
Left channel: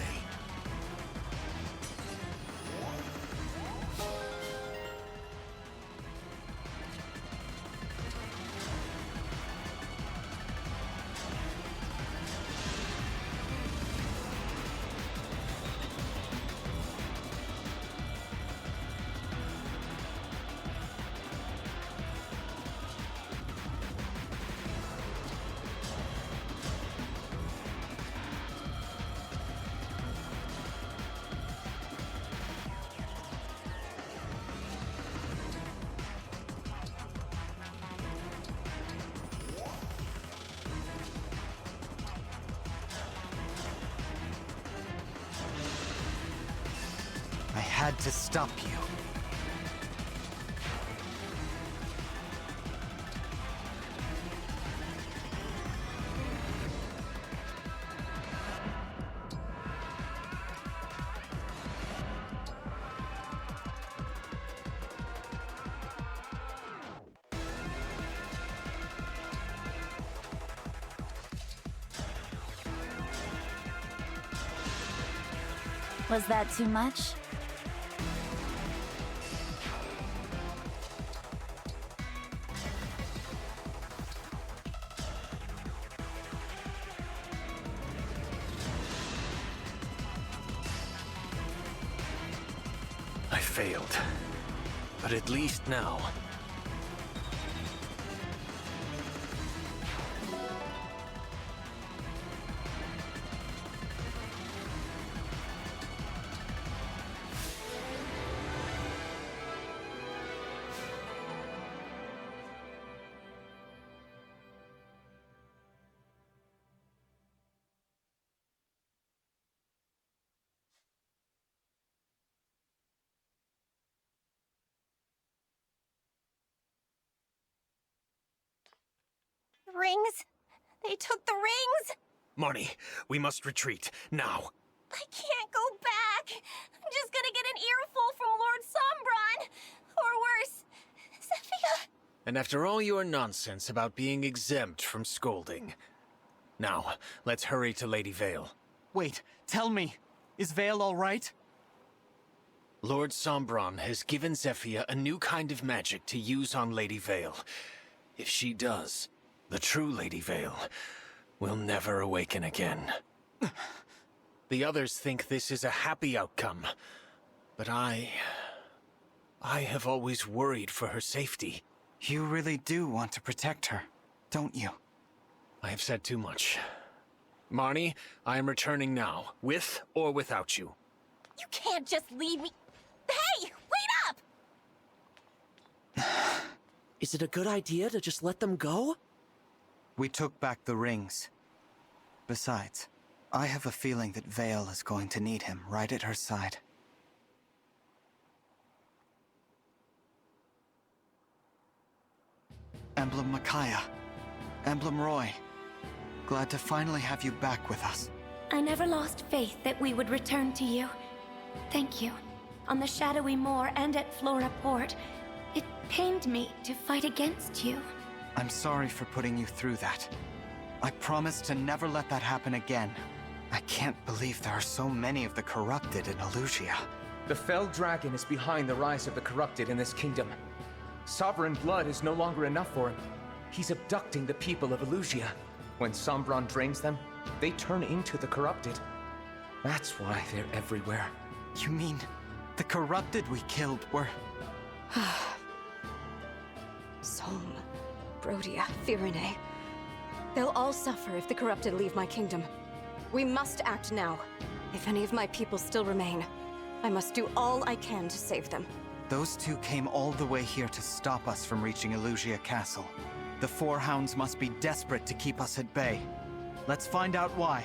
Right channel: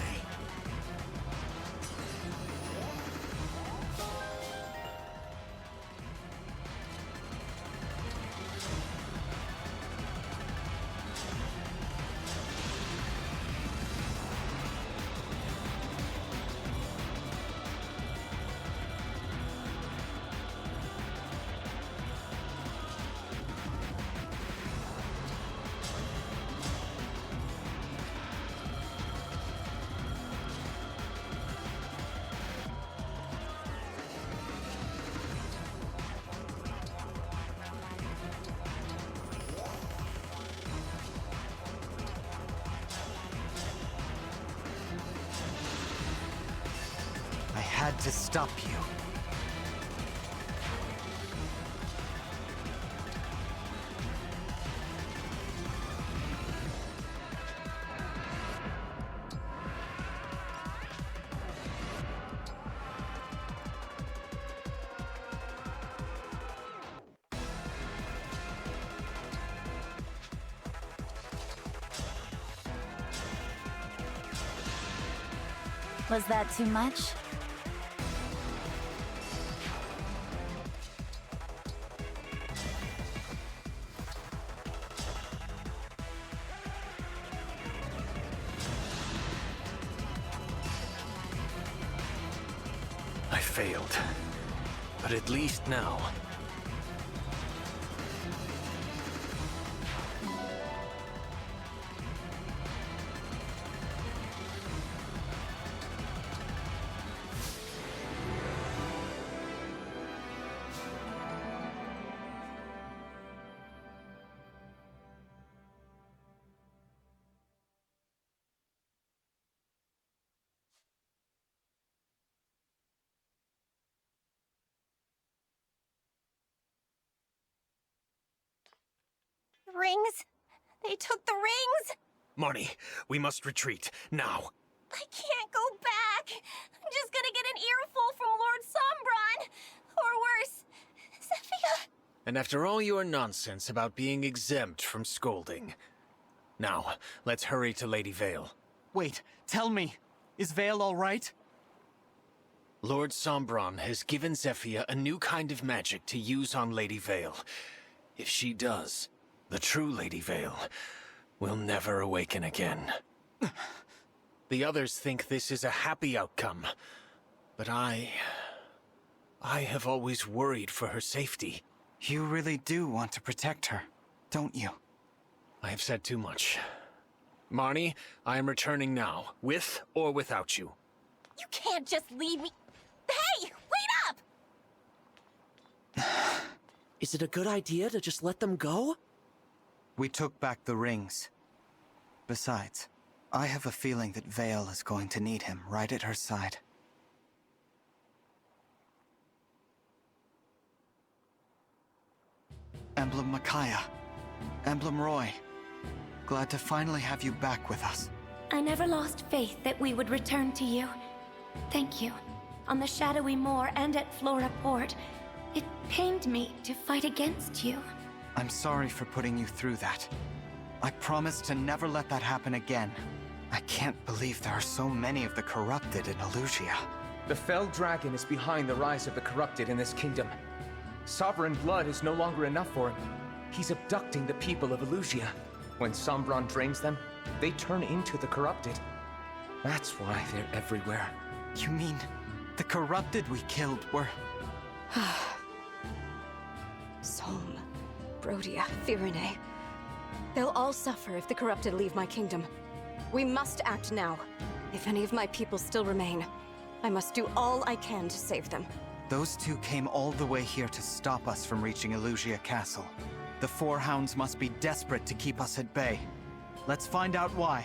I had to stop you. Was that too much? I failed. But at least now... Rings? They took the rings? Marnie, we must retreat, now. I can't go back. I'm just gonna get an earful from Lord Sombron. Or worse, Zephyr. And after all your nonsense about being exempt from scolding. Now, let's hurry to Lady Vale. Wait, tell me, is Vale all right? Lord Sombron has given Zephyr a new kind of magic to use on Lady Vale. If she does, the true Lady Vale will never awaken again. The others think this is a happy outcome, but I have always worried for her safety. You really do want to protect her, don't you? I have said too much. Marnie, I am returning now, with or without you. You can't just leave me. Hey, wait up! Is it a good idea to just let them go? We took back the rings. Besides, I have a feeling that Vale is going to need him right at her side. Emblem Micaiah. Emblem Roy. Glad to finally have you back with us. I never lost faith that we would return to you. Thank you. On the Shadowy Moor and at Flora Port, it pained me to fight against you. I'm sorry for putting you through that. I promise to never let that happen again. I can't believe there are so many of the corrupted in Elusia. The fell dragon is behind the rise of the corrupted in this kingdom. Sovereign blood is no longer enough for him. He's abducting the people of Elusia. When Sombron drains them, they turn into the corrupted. That's why they're everywhere. You mean the corrupted we killed were... Solm, Brodia, Firene. They'll all suffer if the corrupted leave my kingdom. We must act now. If any of my people still remain, I must do all I can to save them. Those two came all the way here to stop us from reaching Elusia Castle. The Four Hounds must be desperate to keep us at bay. Let's find out why.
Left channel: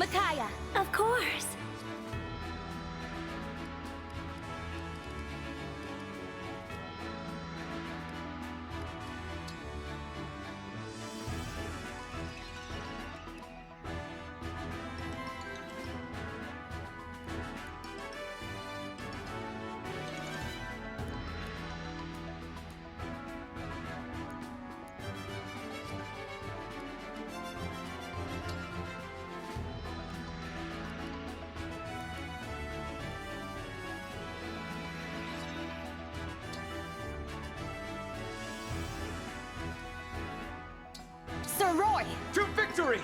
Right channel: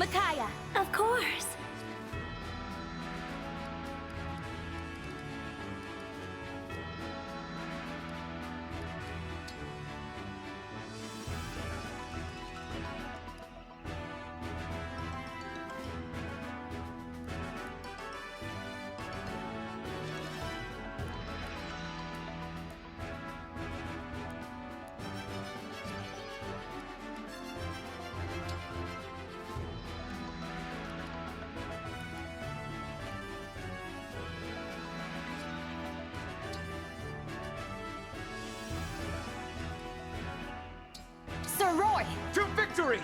Micaiah! Of course! Sir Roy! To victory!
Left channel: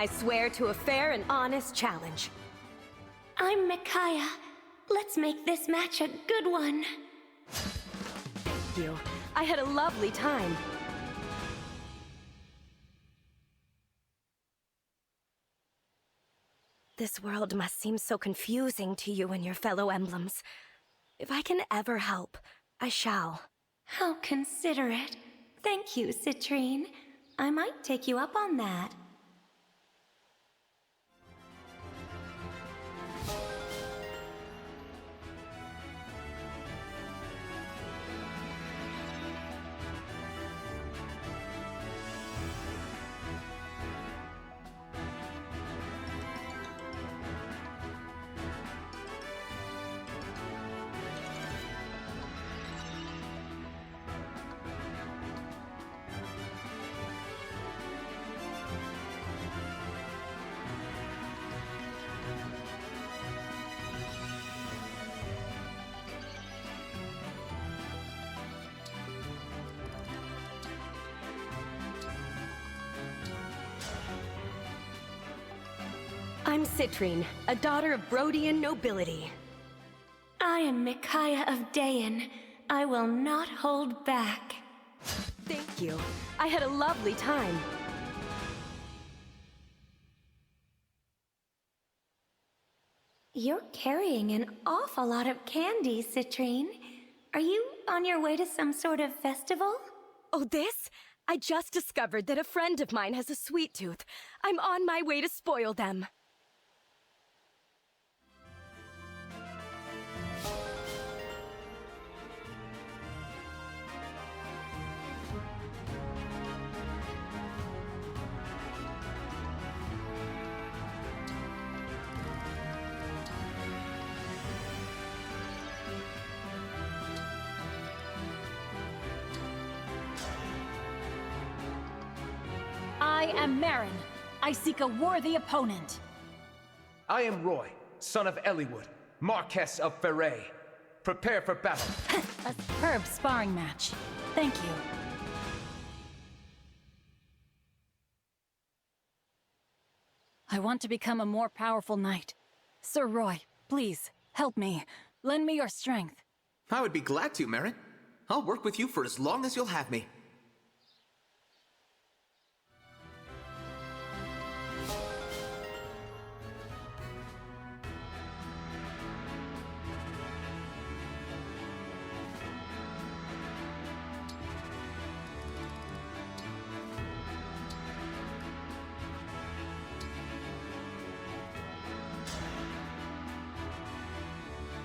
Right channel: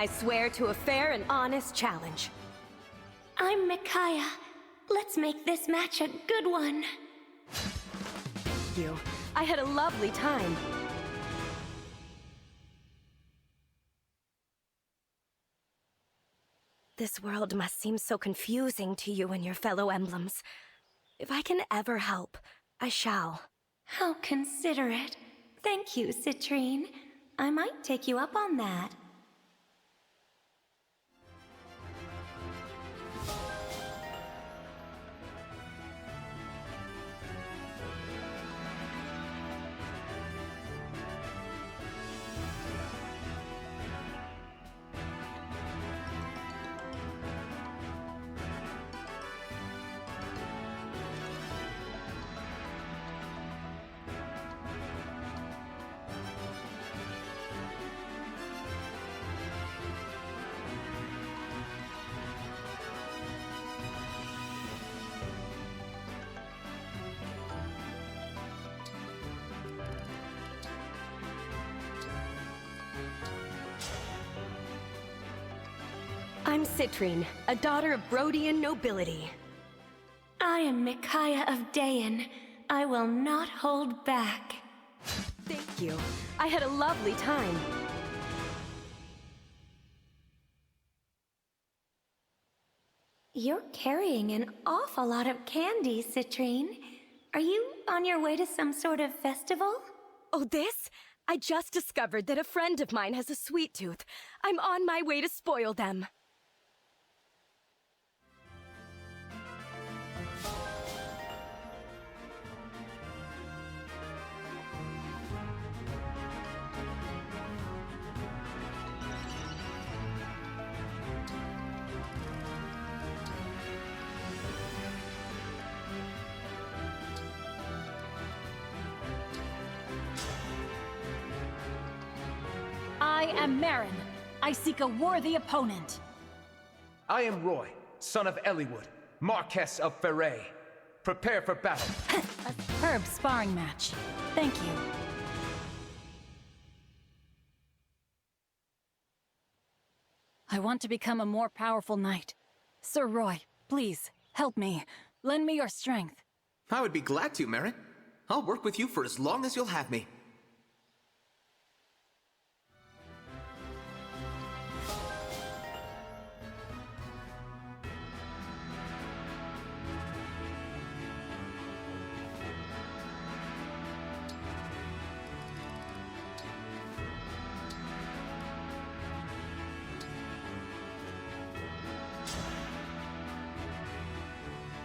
I swear to a fair and honest challenge. I'm Micaiah. Let's make this match a good one. Thank you. I had a lovely time. This world must seem so confusing to you and your fellow emblems. If I can ever help, I shall. How considerate. Thank you, Citrine. I might take you up on that. I'm Citrine, a daughter of Brodian nobility. I am Micaiah of Dayan. I will not hold back. Thank you. I had a lovely time. You're carrying an awful lot of candy, Citrine. Are you on your way to some sort of festival? Oh, this? I just discovered that a friend of mine has a sweet tooth. I'm on my way to spoil them. I am Marin. I seek a worthy opponent. I am Roy, son of Eliwood, Marquess of Ferre. Prepare for battle. A superb sparring match. Thank you. I want to become a more powerful knight. Sir Roy, please, help me. Lend me your strength. I would be glad to, Marin. I'll work with you for as long as you'll have me.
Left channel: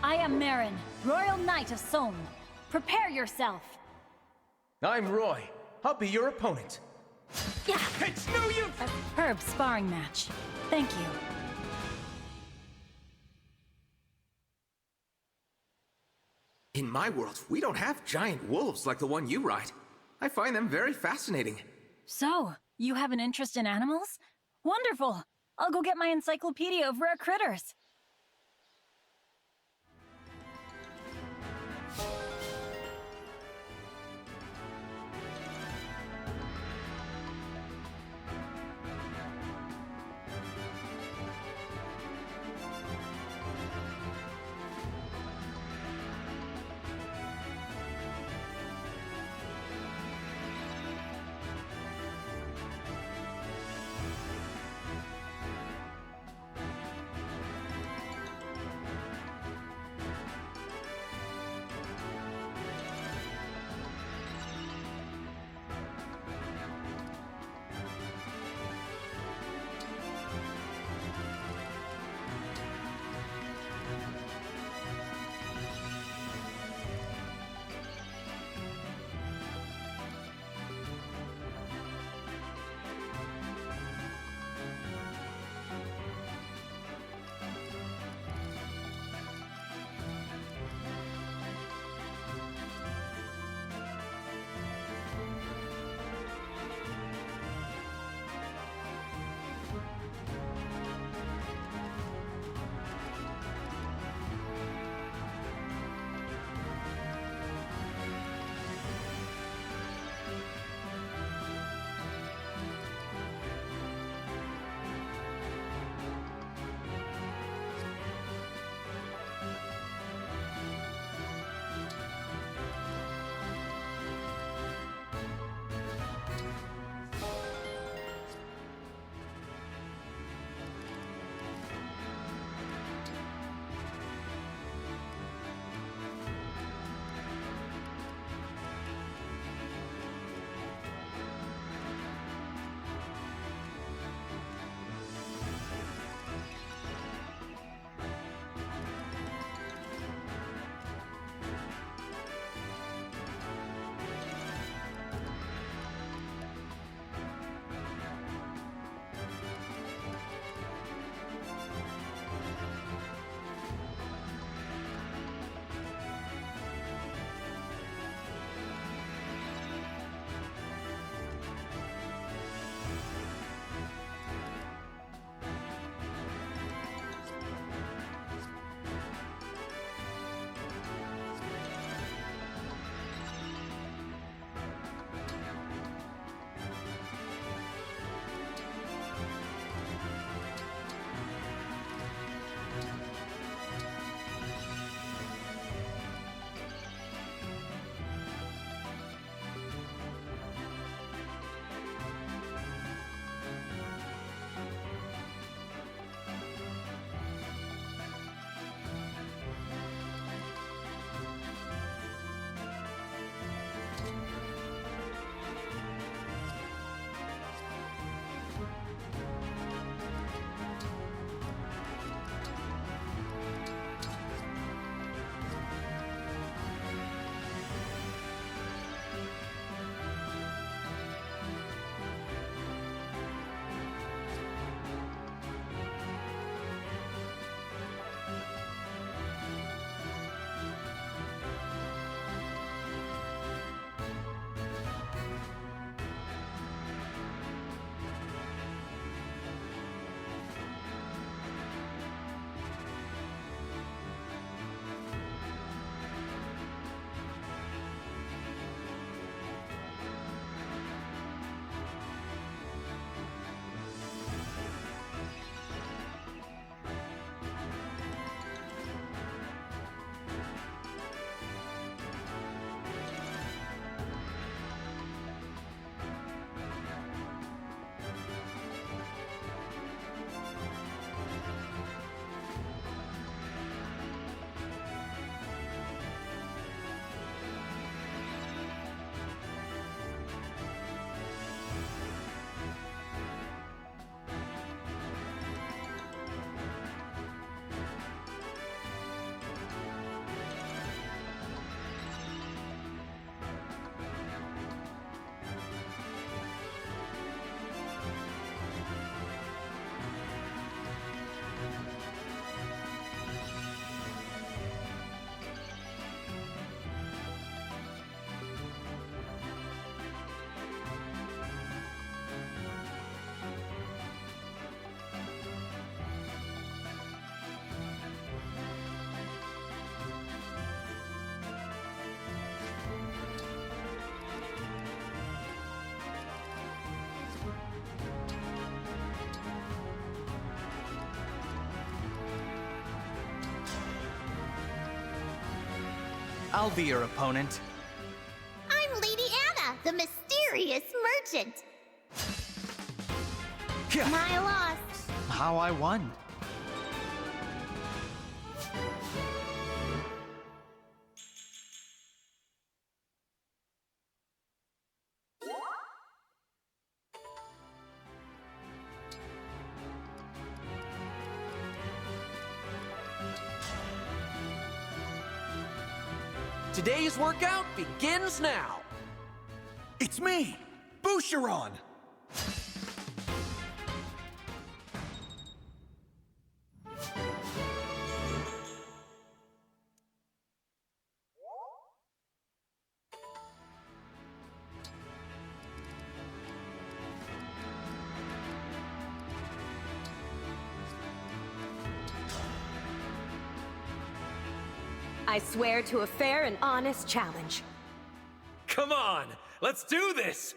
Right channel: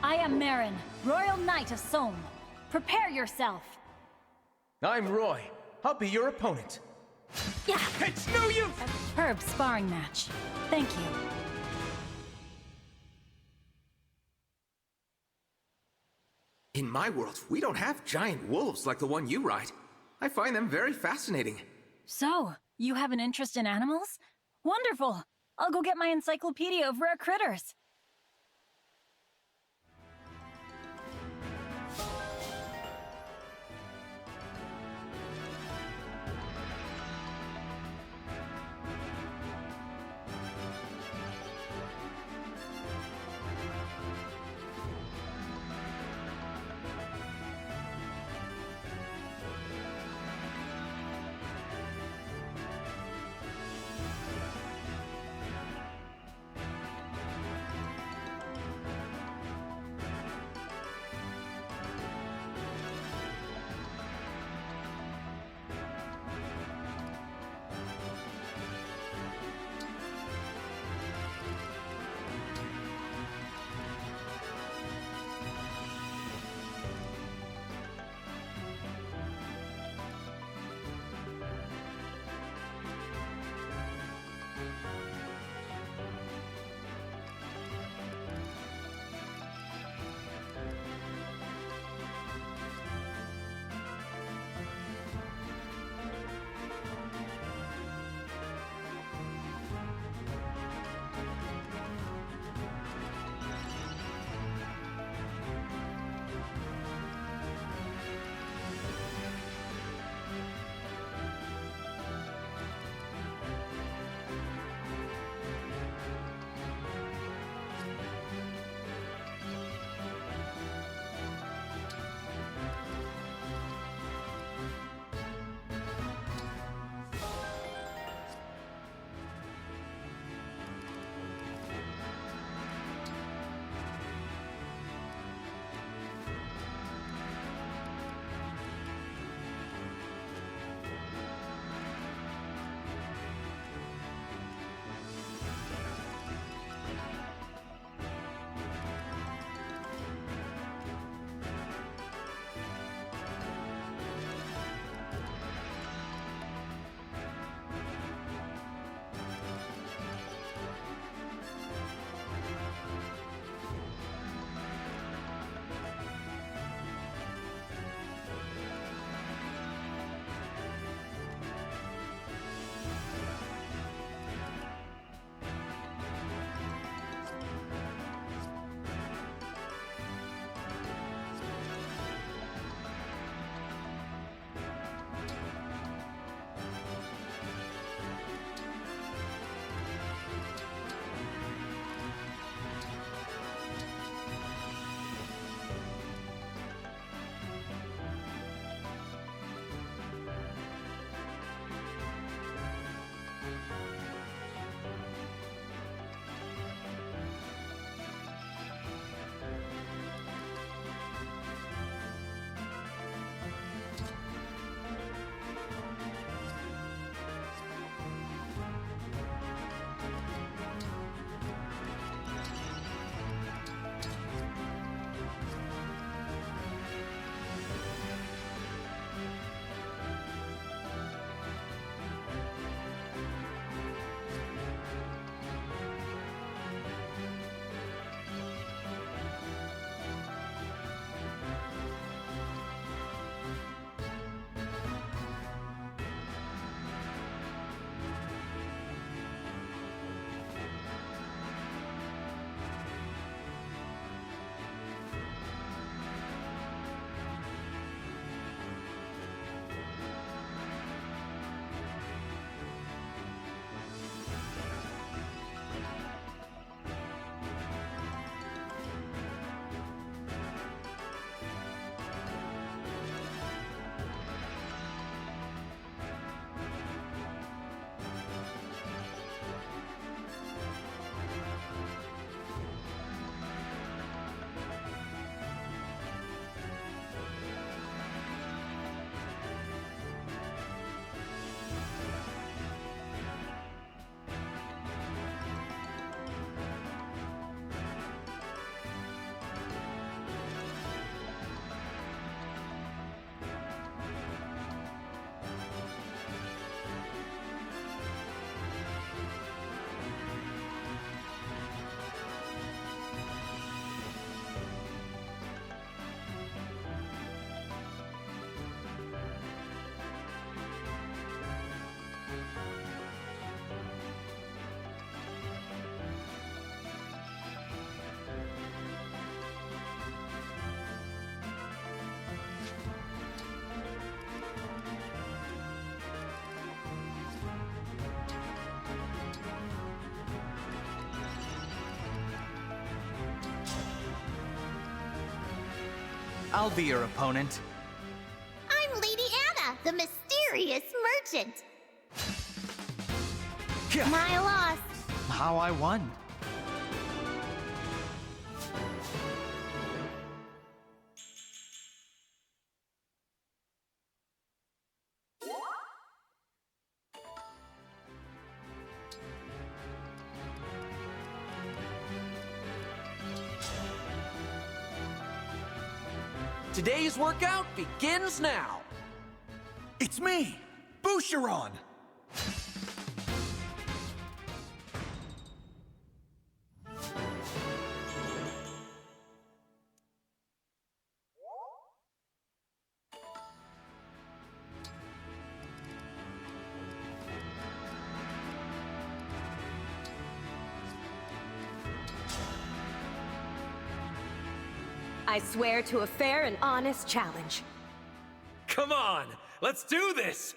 I am Marin, Royal Knight of Somme. Prepare yourself. I'm Roy. I'll be your opponent. Yeah. It's no use! A superb sparring match. Thank you. In my world, we don't have giant wolves like the one you ride. I find them very fascinating. So, you have an interest in animals? Wonderful! I'll go get my encyclopedia of rare critters. I'll be your opponent. I'm Lady Anna, the mysterious merchant. My loss. How I won. Today's workout begins now. It's me, Boucheron. I swear to a fair and honest challenge. Come on, let's do this!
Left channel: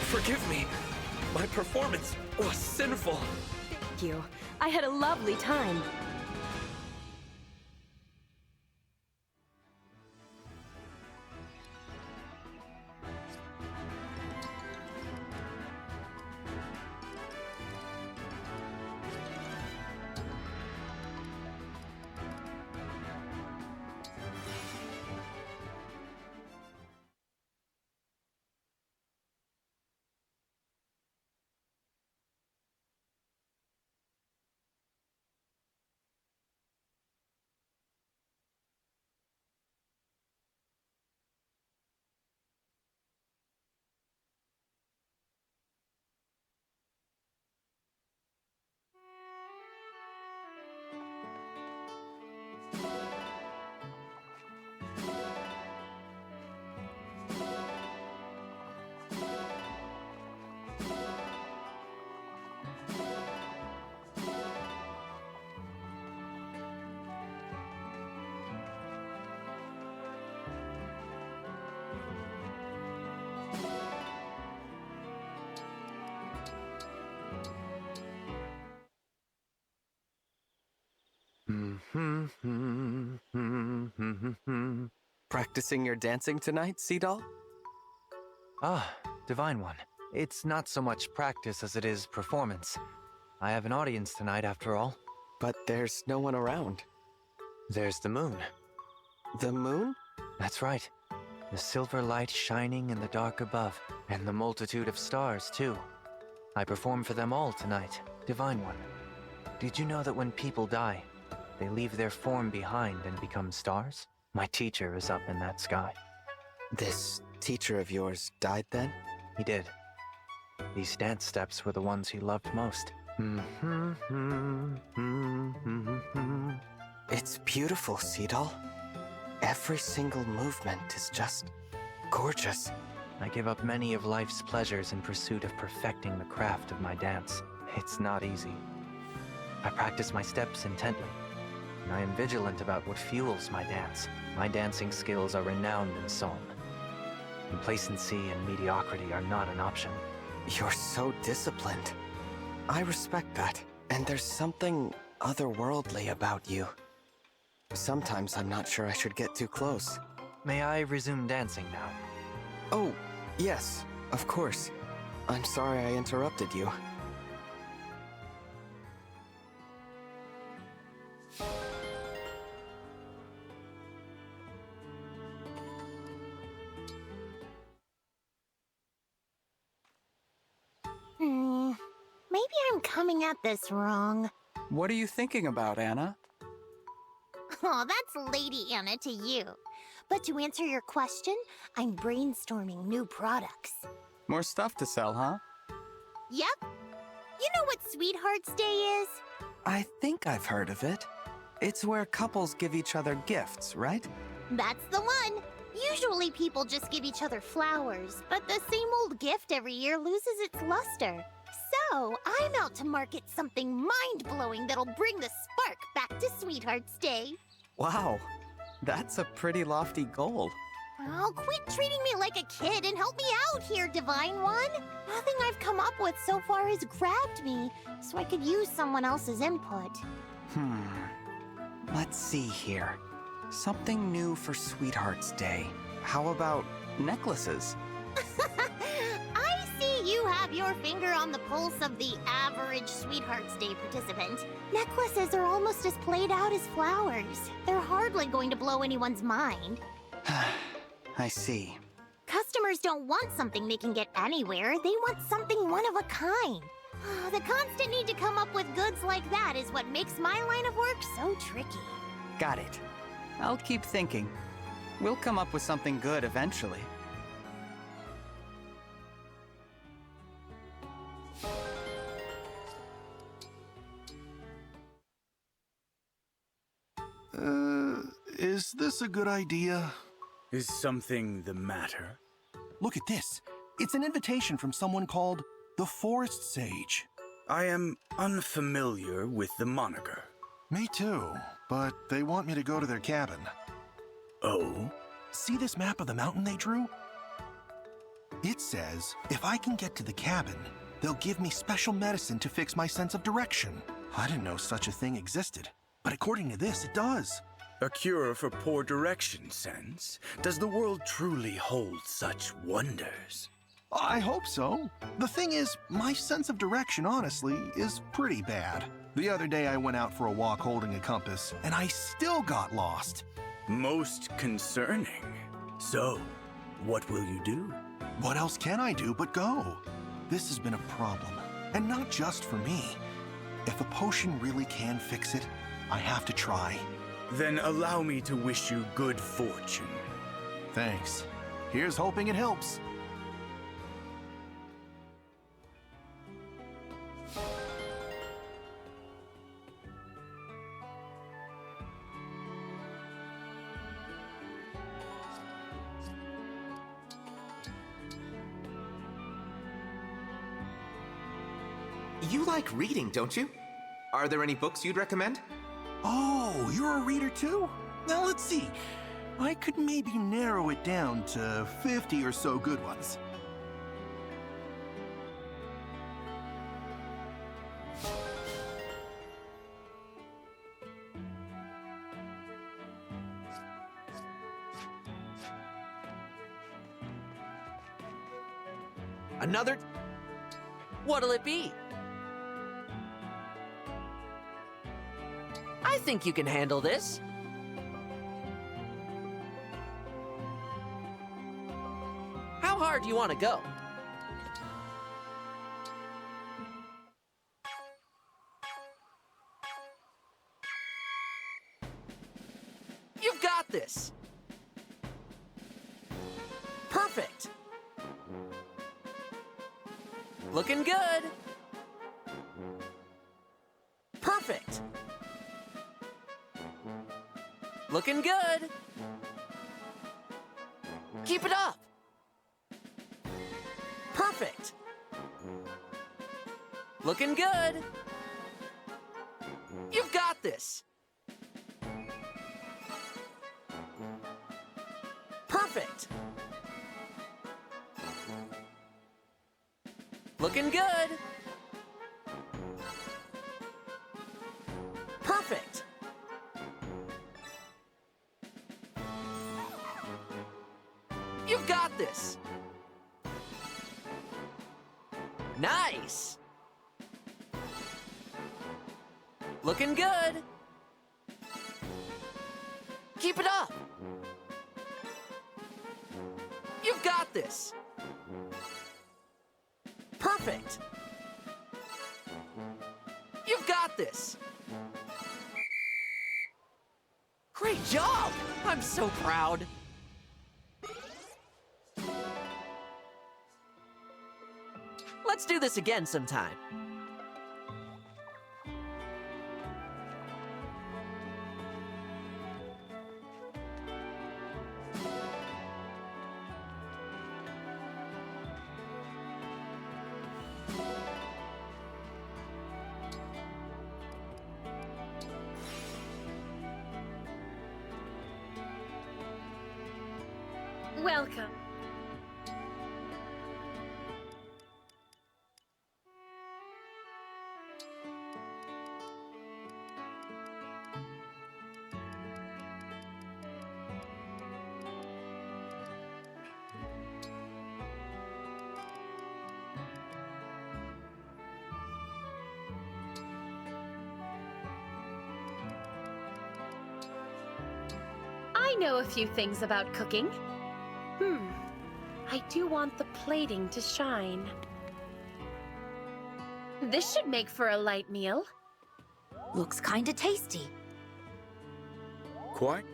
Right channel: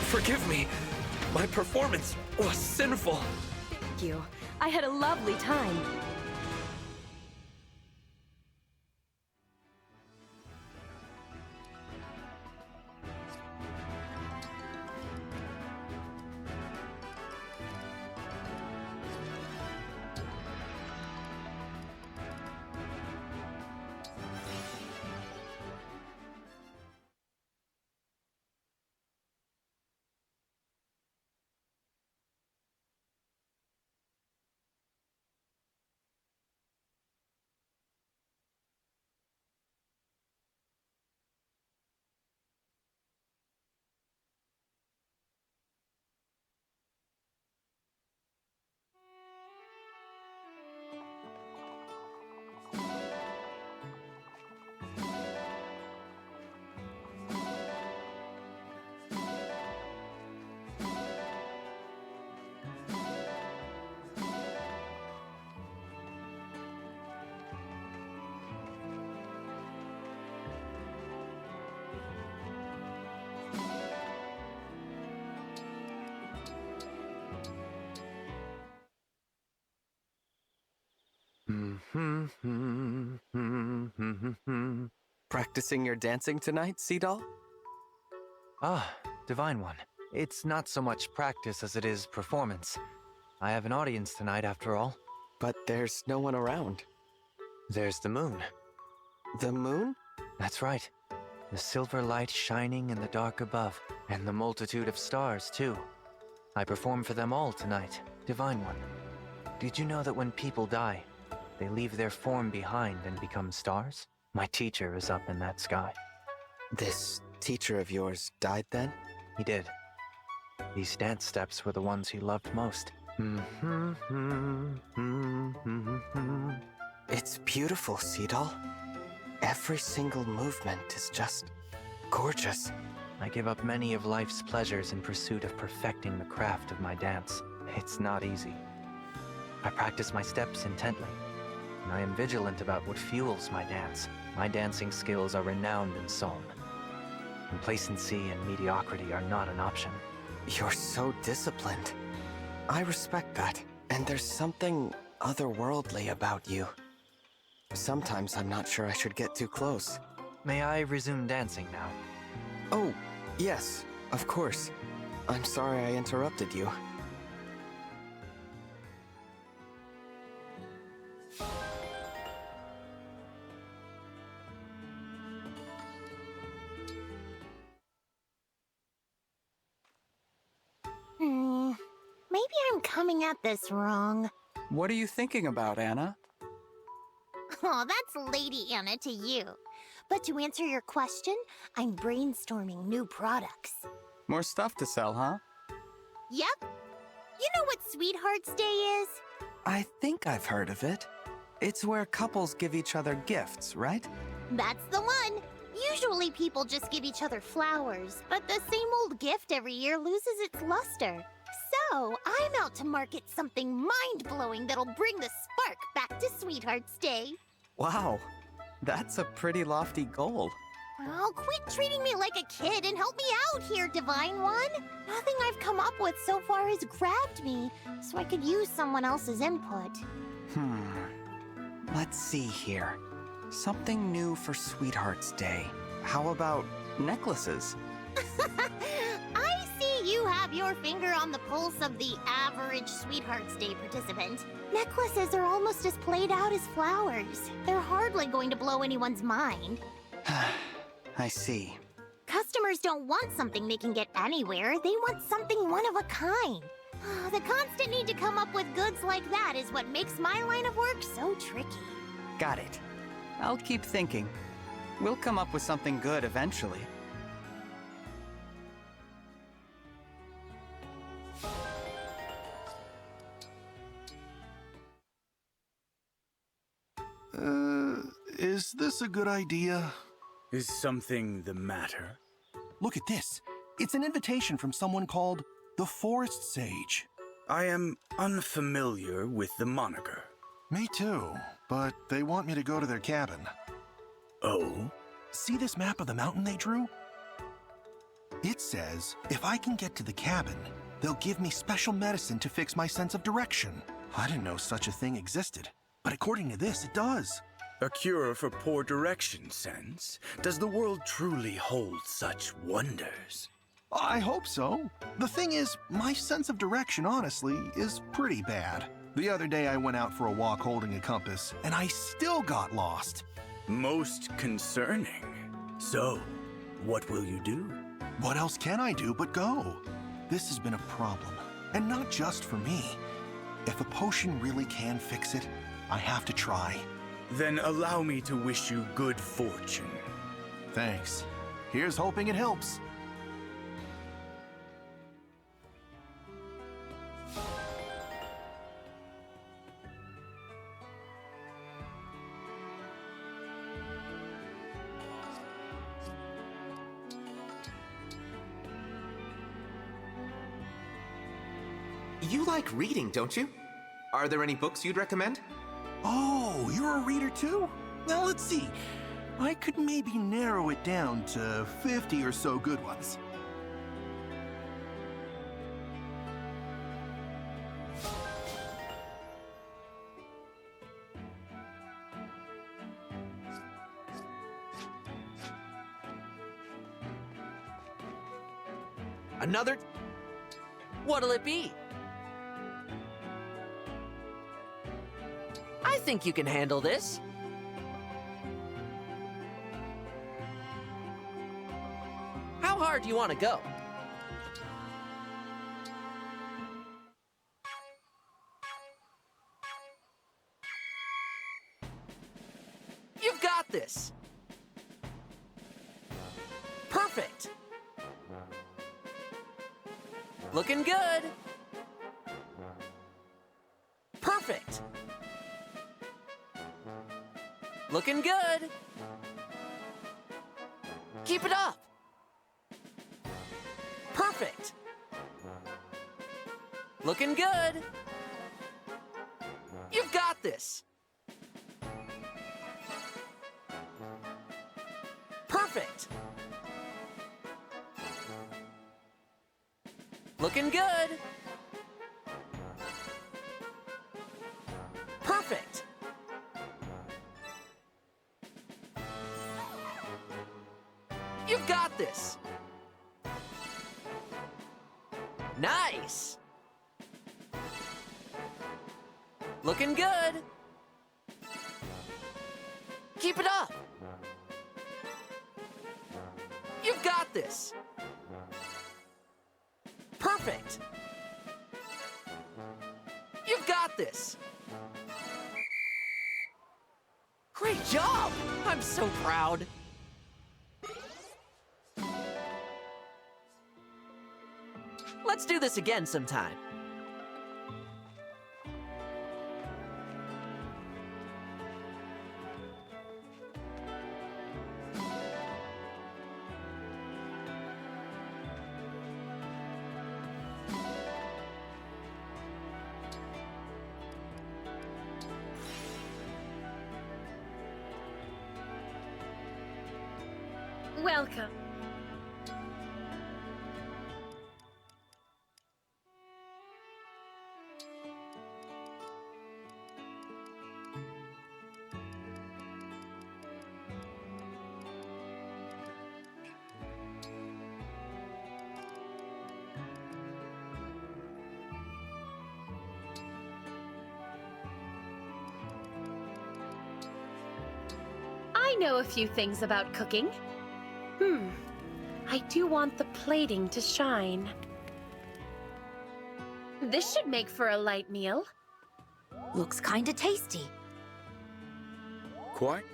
Forgive me. My performance was sinful. Thank you. I had a lovely time. Practicing your dancing tonight, Seadoll? Ah, Divine One. It's not so much practice as it is performance. I have an audience tonight, after all. But there's no one around. There's the moon. The moon? That's right. The silver light shining in the dark above, and the multitude of stars, too. I perform for them all tonight, Divine One. Did you know that when people die, they leave their form behind and become stars? My teacher is up in that sky. This teacher of yours died then? He did. These dance steps were the ones he loved most. It's beautiful, Seadoll. Every single movement is just gorgeous. I give up many of life's pleasures in pursuit of perfecting the craft of my dance. It's not easy. I practice my steps intently, and I am vigilant about what fuels my dance. My dancing skills are renowned in Solm. Complacency and mediocrity are not an option. You're so disciplined. I respect that. And there's something otherworldly about you. Sometimes I'm not sure I should get too close. May I resume dancing now? Oh, yes, of course. I'm sorry I interrupted you. Maybe I'm coming at this wrong. What are you thinking about, Anna? Oh, that's Lady Anna to you. But to answer your question, I'm brainstorming new products. More stuff to sell, huh? Yep. You know what Sweethearts Day is? I think I've heard of it. It's where couples give each other gifts, right? That's the one. Usually people just give each other flowers, but the same old gift every year loses its luster. So, I'm out to market something mind-blowing that'll bring the spark back to Sweethearts Day. Wow, that's a pretty lofty goal. Oh, quit treating me like a kid and help me out here, Divine One. Nothing I've come up with so far has grabbed me, so I could use someone else's input. Let's see here. Something new for Sweetheart's Day. How about necklaces? I see you have your finger on the pulse of the average Sweetheart's Day participant. Necklaces are almost as played out as flowers. They're hardly going to blow anyone's mind. I see. Customers don't want something they can get anywhere. They want something one of a kind. The constant need to come up with goods like that is what makes my line of work so tricky. Got it. I'll keep thinking. We'll come up with something good eventually. Is this a good idea? Is something the matter? Look at this. It's an invitation from someone called the Forest Sage. I am unfamiliar with the moniker. Me too, but they want me to go to their cabin. Oh? See this map of the mountain they drew? It says if I can get to the cabin, they'll give me special medicine to fix my sense of direction. I didn't know such a thing existed, but according to this, it does. A cure for poor direction sense? Does the world truly hold such wonders? I hope so. The thing is, my sense of direction, honestly, is pretty bad. The other day I went out for a walk holding a compass, and I still got lost. Most concerning. So, what will you do? What else can I do but go? This has been a problem, and not just for me. If a potion really can fix it, I have to try. Then allow me to wish you good fortune. Thanks. Here's hoping it helps. You like reading, don't you? Are there any books you'd recommend? Oh, you're a reader too? Now let's see. I could maybe narrow it down to 50 or so good ones. Another... What'll it be? I think you can handle this. How hard do you want to go? You've got this. Perfect. Looking good. Perfect. Looking good. Keep it up. Perfect. Looking good. You've got this. Perfect. Looking good. Perfect. You've got this. Nice. Looking good. Keep it up. You've got this. Perfect. You've got this. Great job! I'm so proud. Let's do this again sometime. Welcome. I know a few things about cooking. I do want the plating to shine. This should make for a light meal. Looks kinda tasty. Quite.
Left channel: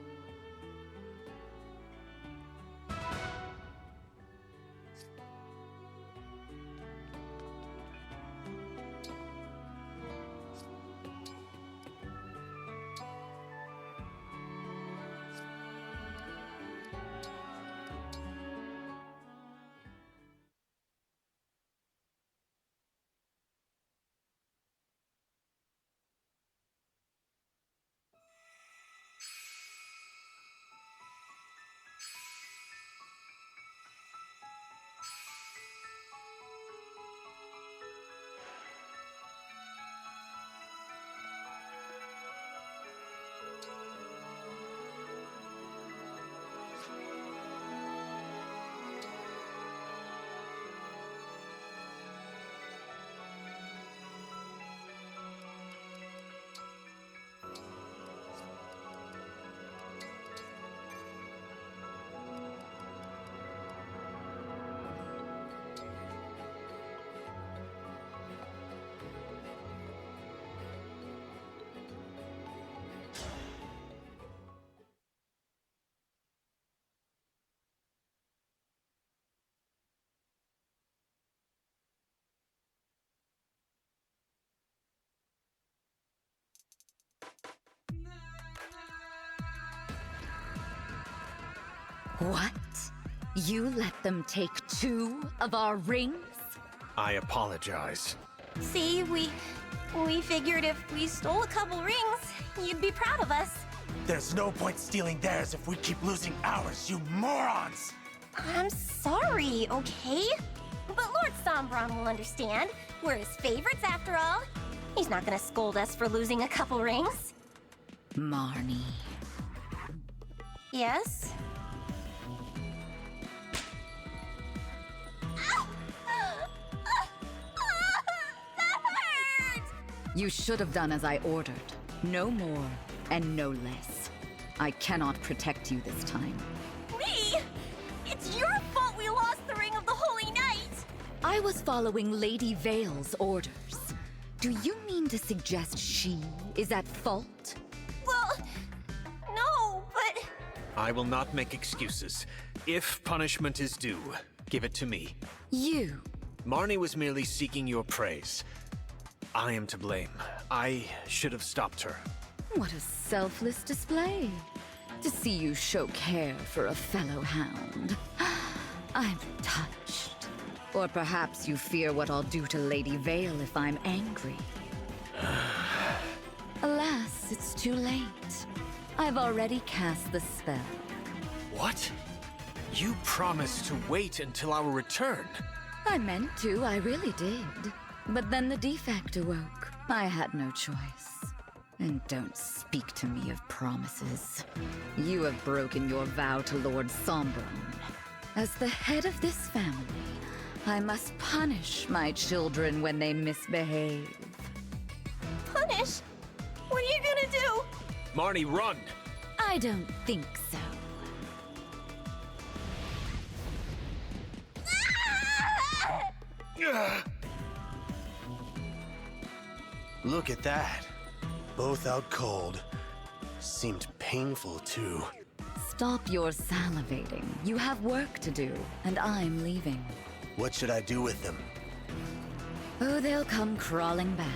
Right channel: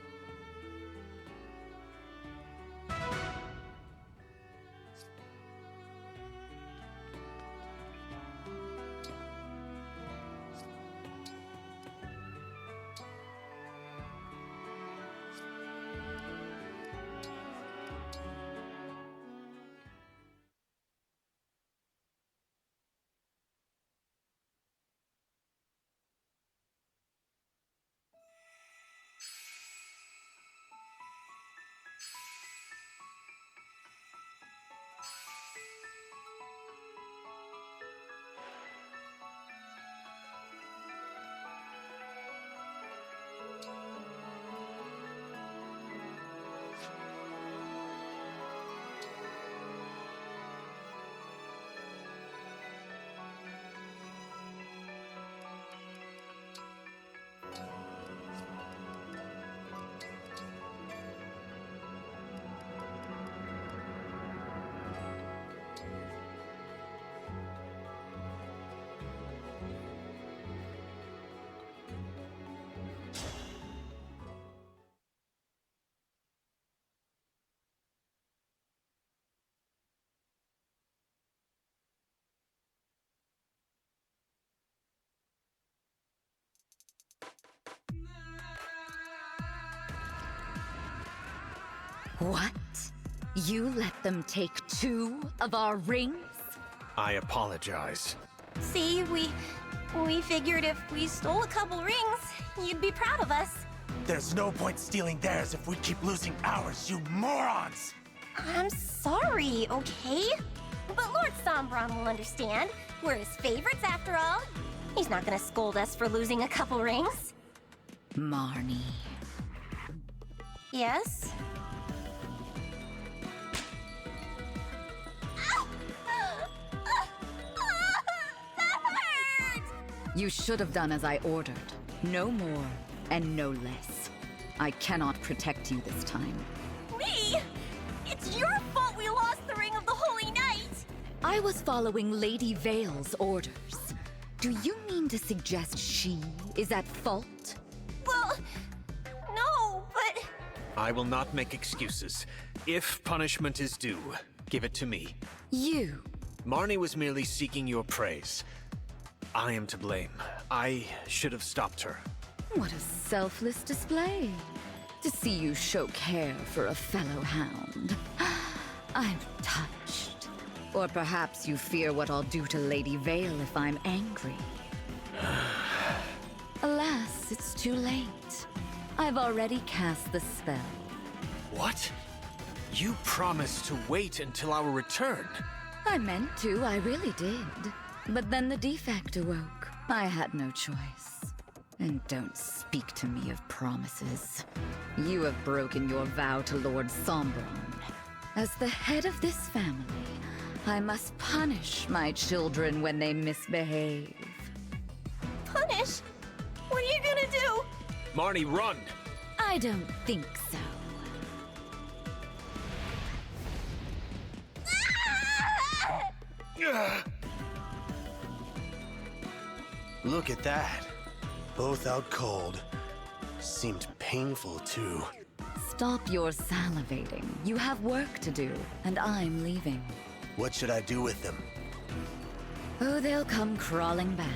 What? You let them take 2 of our rings? I apologize. See, we figured if we stole a couple rings, you'd be proud of us. There's no point stealing theirs if we keep losing ours, you morons! I'm sorry, okay? But Lord Sombron will understand. We're his favorites after all. He's not gonna scold us for losing a couple rings. Marnie. Yes? You should have done as I ordered. No more, and no less. I cannot protect you this time. Me? It's your fault we lost the Ring of the Holy Night! I was following Lady Vale's orders. Do you mean to suggest she is at fault? Well, no, but... I will not make excuses. If punishment is due, give it to me. You? Marnie was merely seeking your praise. I am to blame. I should have stopped her. What a selfless display. To see you show care for a fellow hound. I'm touched. Or perhaps you fear what I'll do to Lady Vale if I'm angry. Alas, it's too late. I've already cast the spell. What? You promised to wait until our return. I meant to, I really did. But then the defect awoke. I had no choice. And don't speak to me of promises. You have broken your vow to Lord Sombron. As the head of this family, I must punish my children when they misbehave. Punish? What are you gonna do? Marnie, run! I don't think so. Look at that. Both out cold. Seemed painful, too. Stop your salivating. You have work to do, and I'm leaving. What should I do with them? Oh, they'll come crawling back.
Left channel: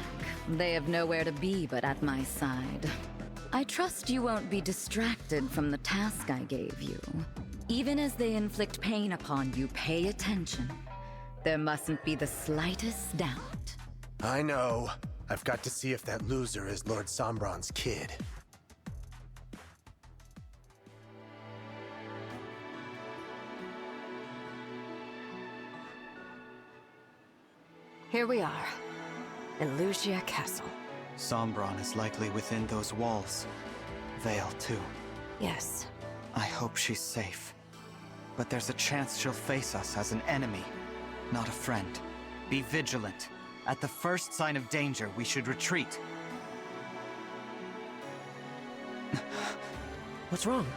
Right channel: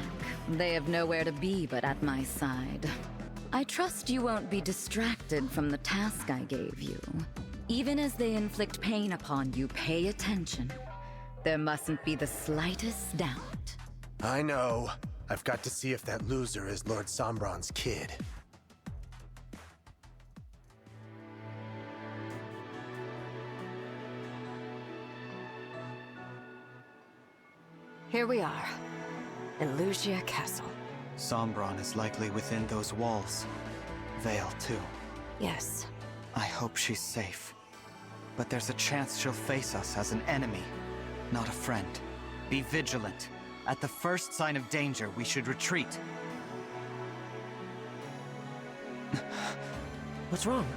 They have nowhere to be but at my side. I trust you won't be distracted from the task I gave you. Even as they inflict pain upon you, pay attention. There mustn't be the slightest doubt. I know. I've got to see if that loser is Lord Sombron's kid. Here we are. Elusia Castle. Sombron is likely within those walls. Vale, too. Yes. I hope she's safe. But there's a chance she'll face us as an enemy, not a friend. Be vigilant. At the first sign of danger, we should retreat. What's wrong?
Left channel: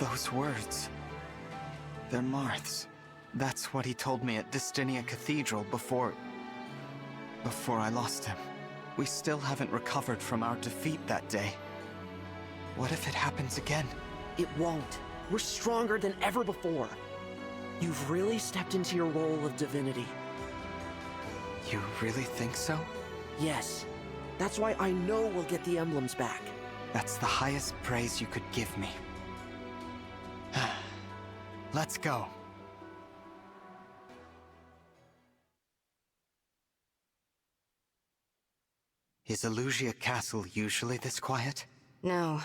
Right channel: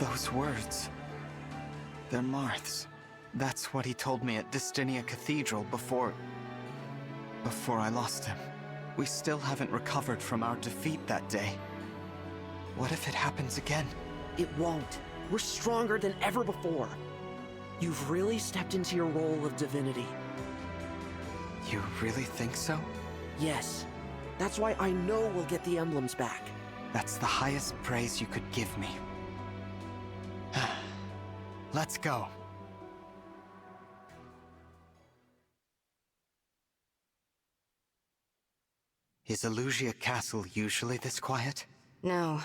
Those words. They're Marth's. That's what he told me at Distinia Cathedral before I lost him. We still haven't recovered from our defeat that day. What if it happens again? It won't. We're stronger than ever before. You've really stepped into your role of divinity. You really think so? Yes. That's why I know we'll get the emblems back. That's the highest praise you could give me. Let's go. Is Elusia Castle usually this quiet? No.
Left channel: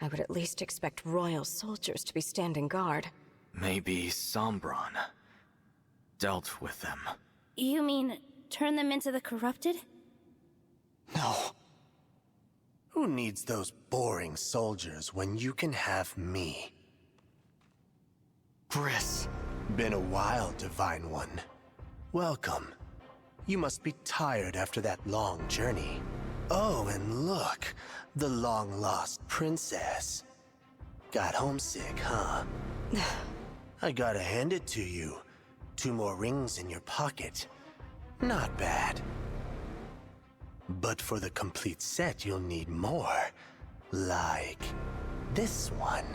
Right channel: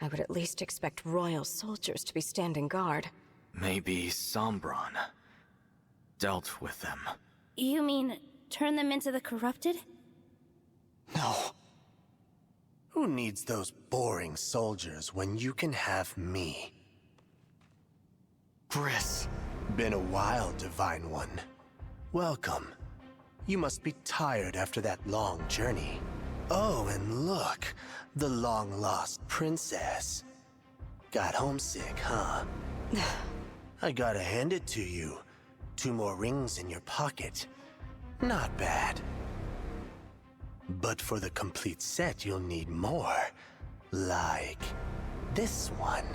I would at least expect royal soldiers to be standing guard. Maybe Sombron dealt with them. You mean, turn them into the corrupted? No. Who needs those boring soldiers when you can have me? Gris. Been a while, Divine One. Welcome. You must be tired after that long journey. Oh, and look, the long-lost princess. Got homesick, huh? I gotta hand it to you. 2 more rings in your pocket. Not bad. But for the complete set, you'll need more. Like this one.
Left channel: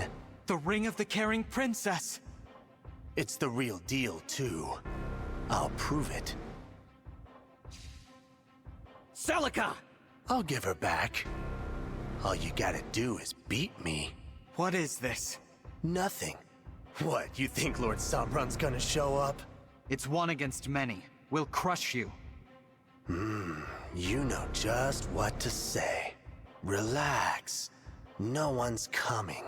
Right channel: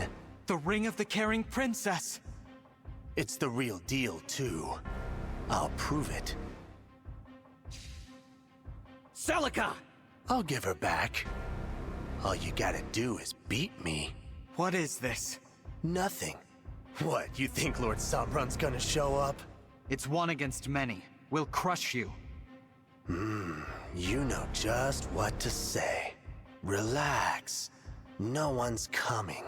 The Ring of the Caring Princess! It's the real deal, too. I'll prove it. Celica! I'll give her back. All you gotta do is beat me. What is this? Nothing. What, you think Lord Sombron's gonna show up? It's one against many. We'll crush you. You know just what to say. Relax. No one's coming.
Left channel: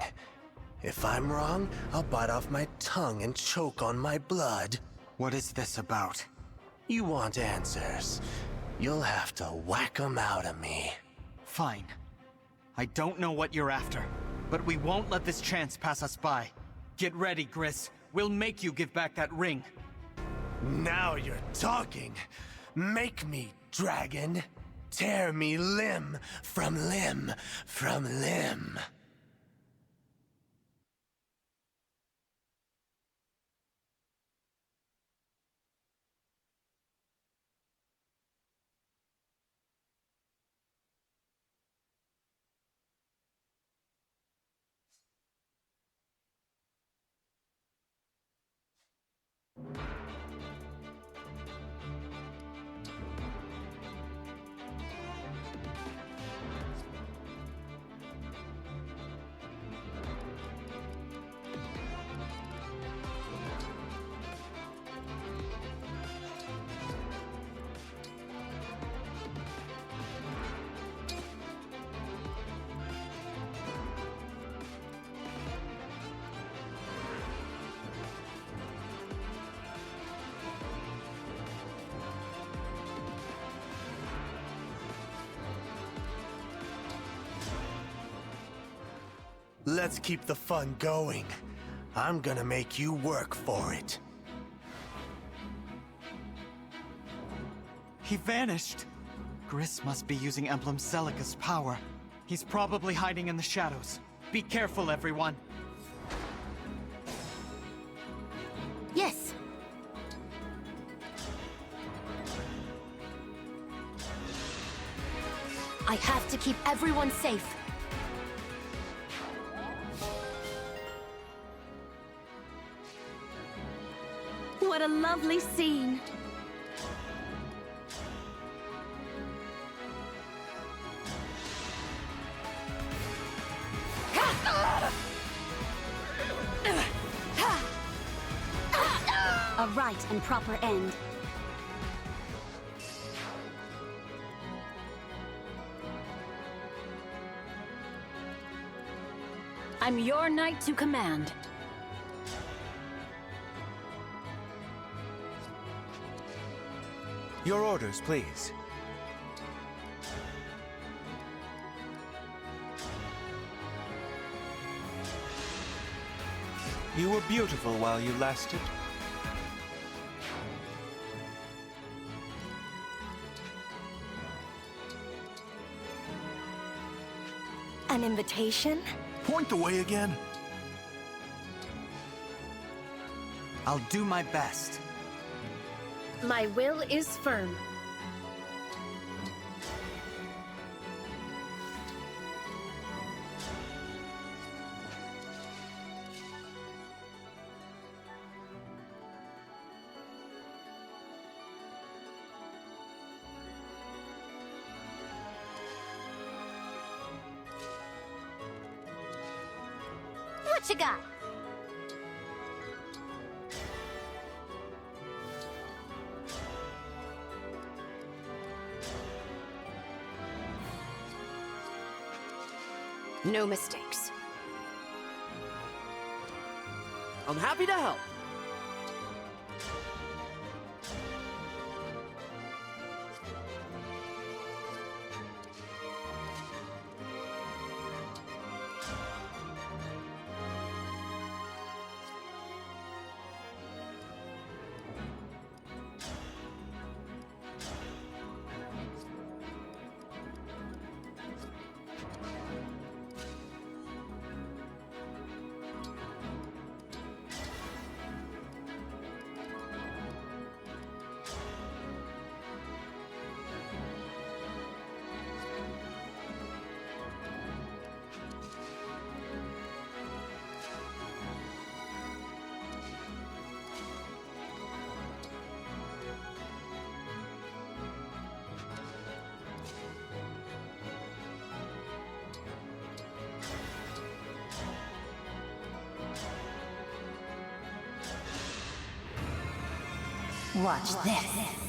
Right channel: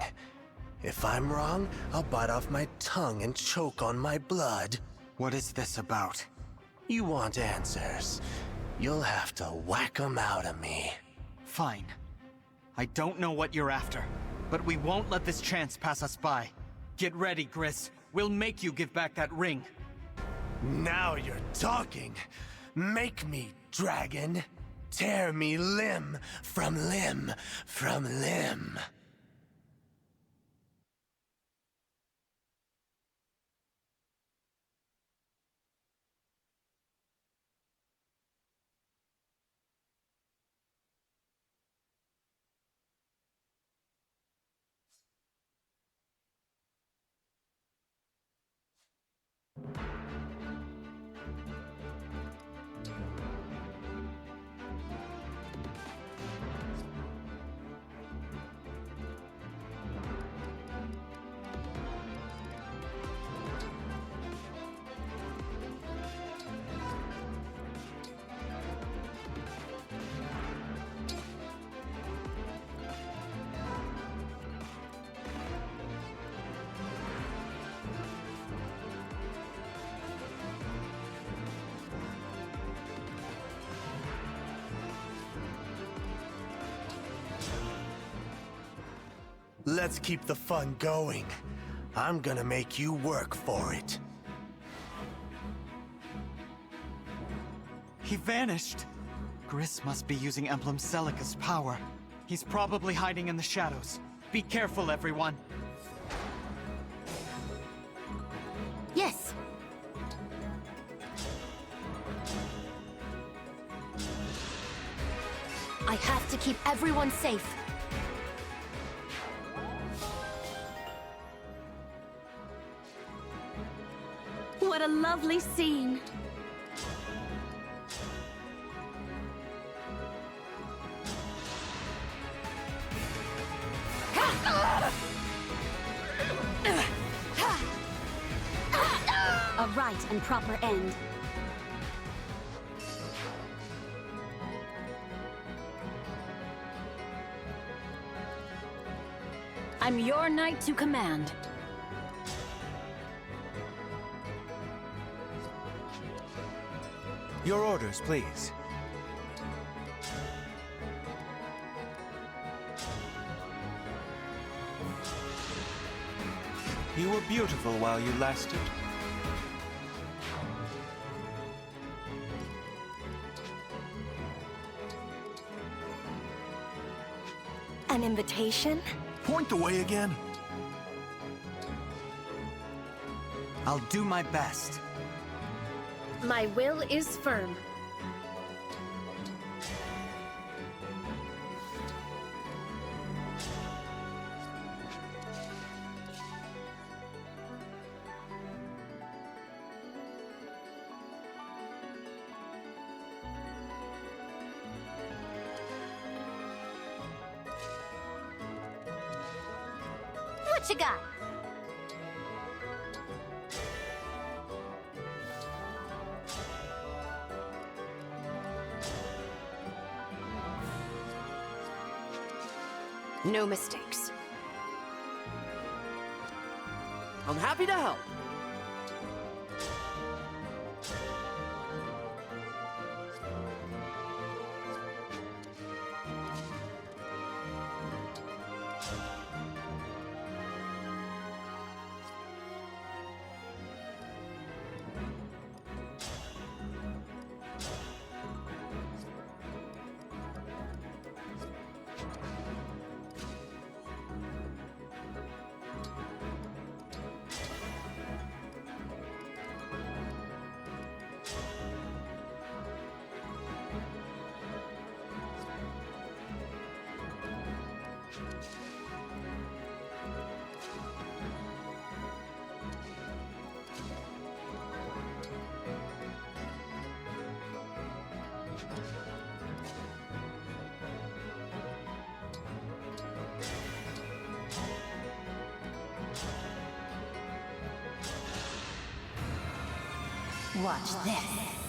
If I'm wrong, I'll bite off my tongue and choke on my blood. What is this about? You want answers. You'll have to whack 'em out of me. Fine. I don't know what you're after, but we won't let this chance pass us by. Get ready, Gris. We'll make you give back that ring. Now you're talking. Make me, dragon. Tear me limb from limb from limb. Let's keep the fun going. I'm gonna make you work for it. He vanished. Gris must be using Emblem Celica's power. He's probably hiding in the shadows. Be careful, everyone. Yes. I have to keep everyone safe. What a lovely scene. A right and proper end. I'm your knight to command. Your orders, please. You were beautiful while you lasted. An invitation? Point the way again. I'll do my best. My will is firm. What you got? No mistakes. I'm happy to help. Watch this.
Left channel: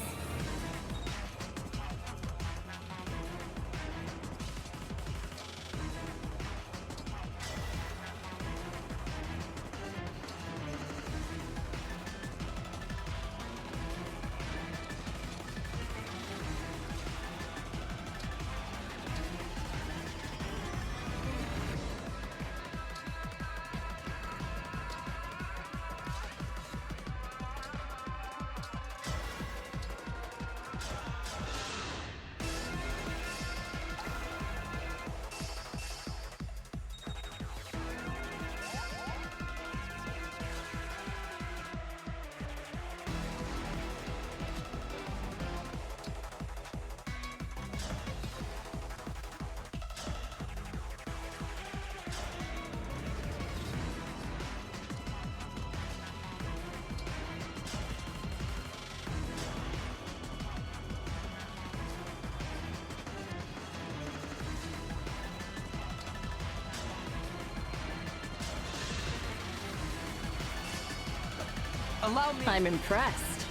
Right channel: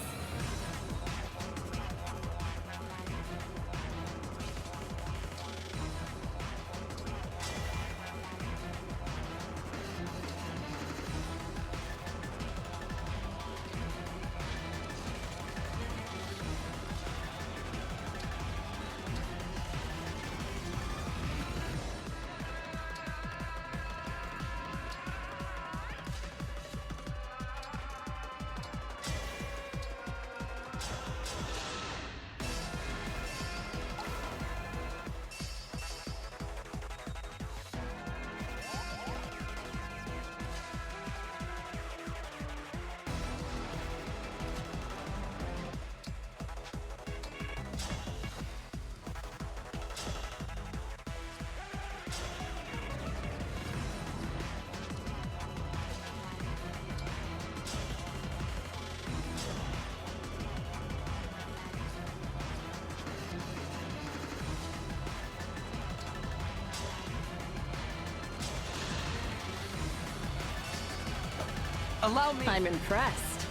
Allow me. I'm impressed.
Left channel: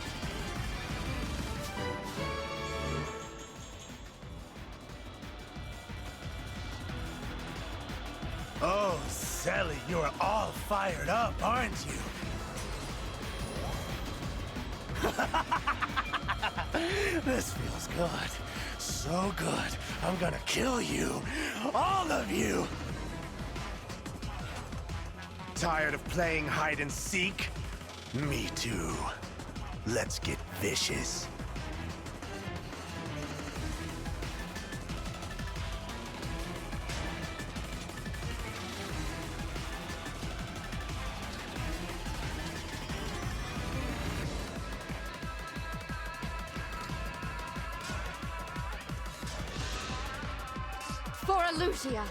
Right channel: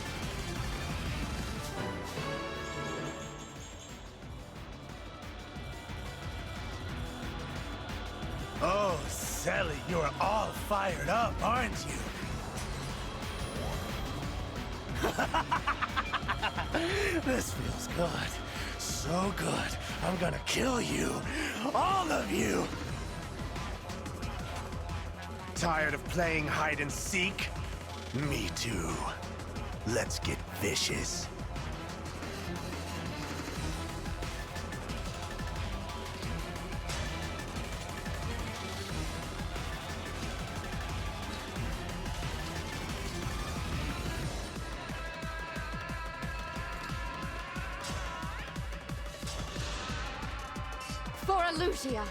Oh, Sally, you're all fired up, aren't you? This feels good. So good. I'm gonna kill you. All of you! Tired of playing hide and seek? Me too. Let's get vicious. For Elusia!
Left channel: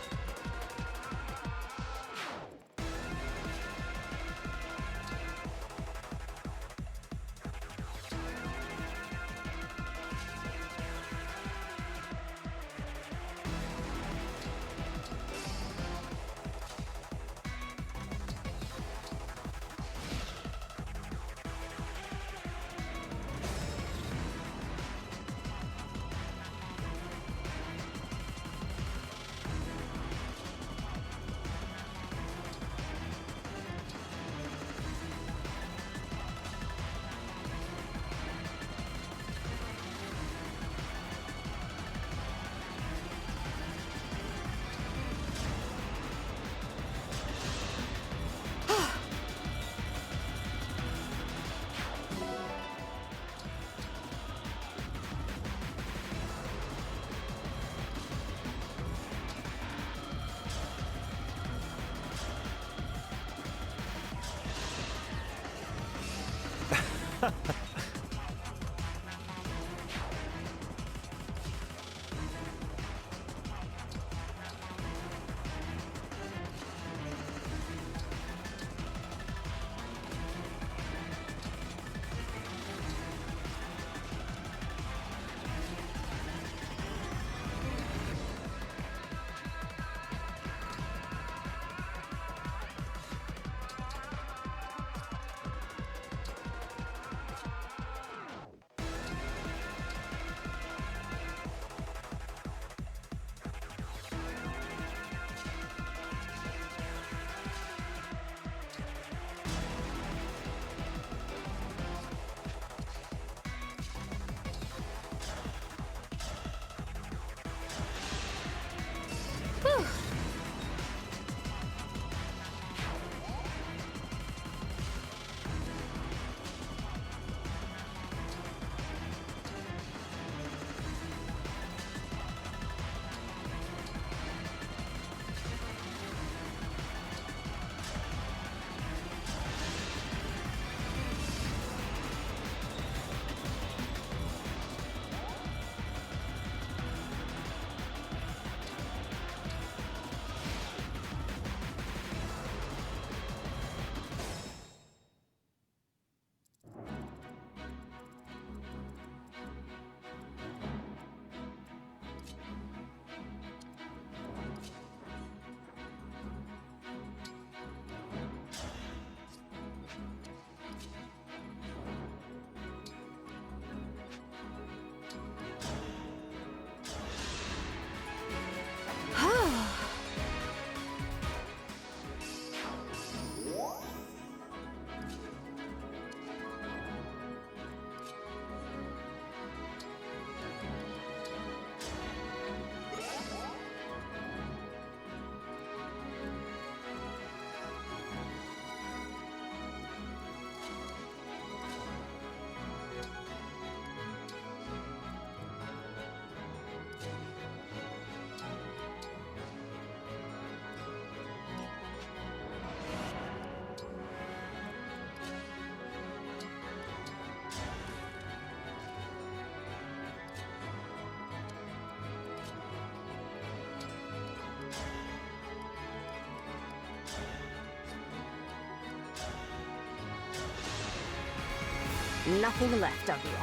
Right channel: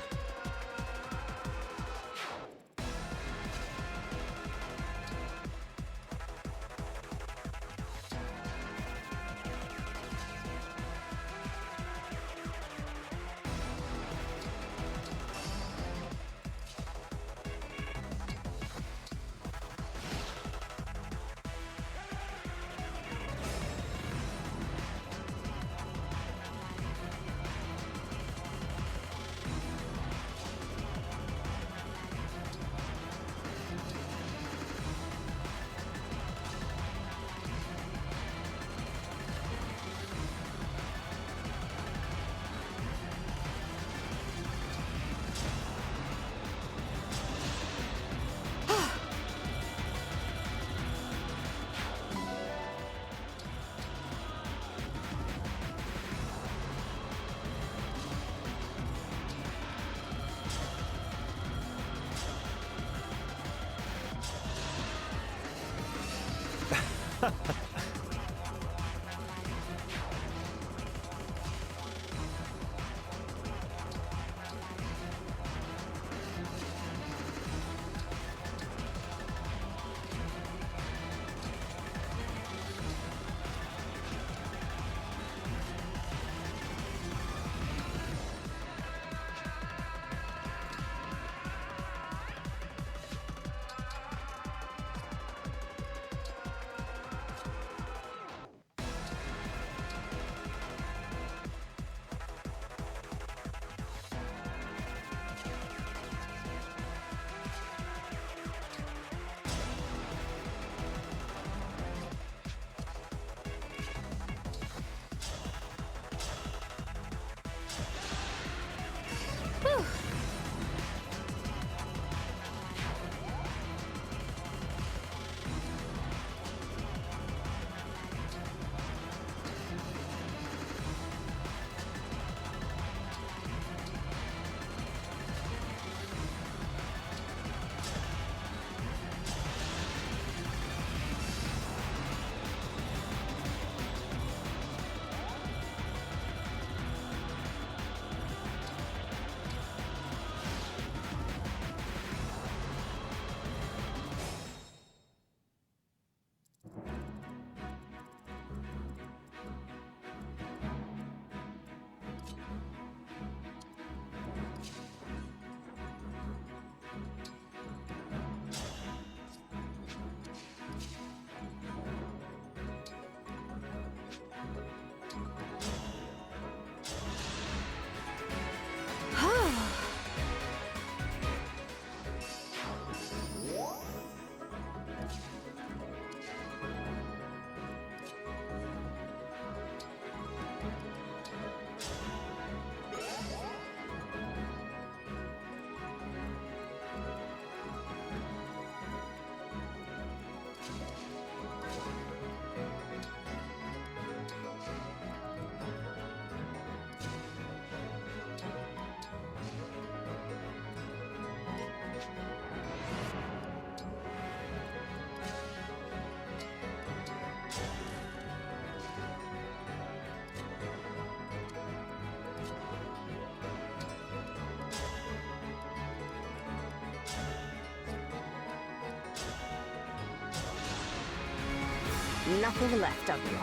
Whew. Nothing left of you.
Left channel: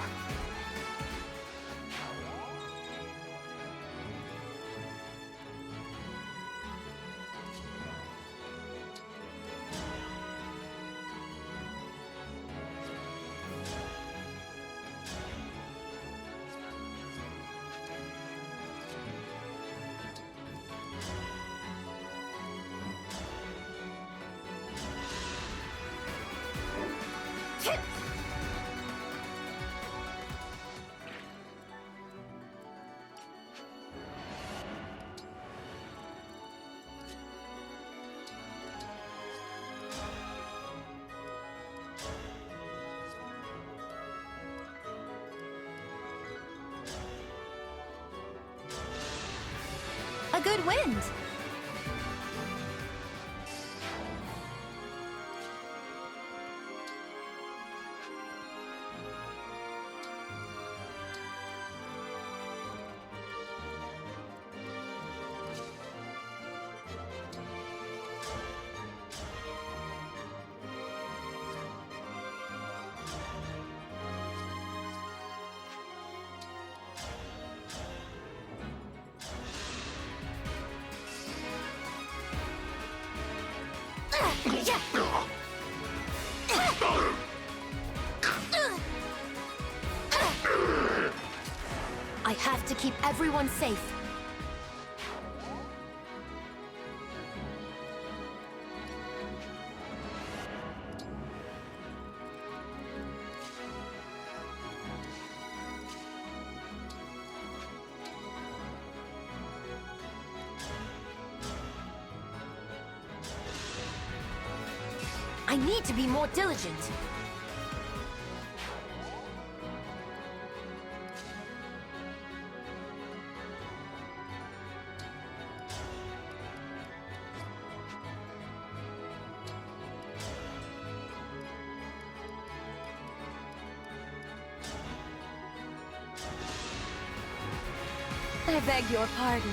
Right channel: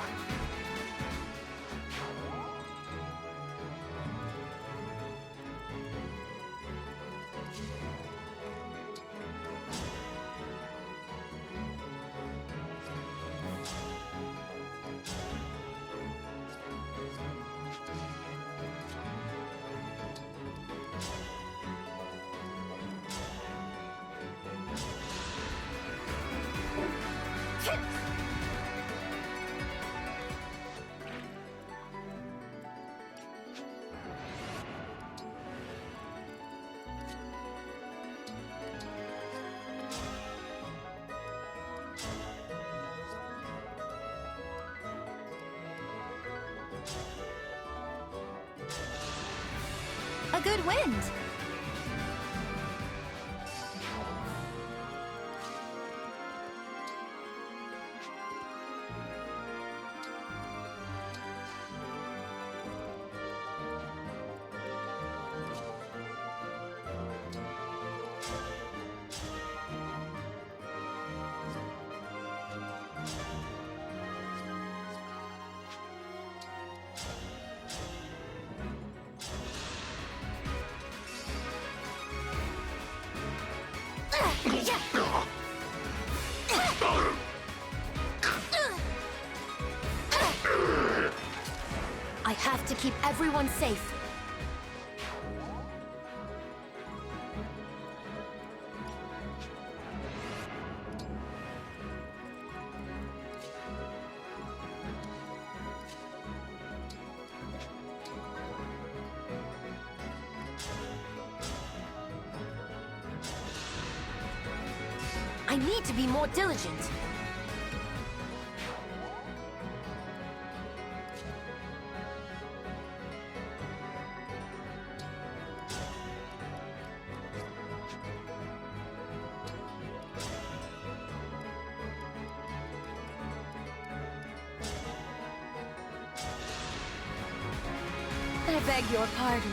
A good wind. I have to keep everyone safe. I need to be more diligent. I beg your pardon.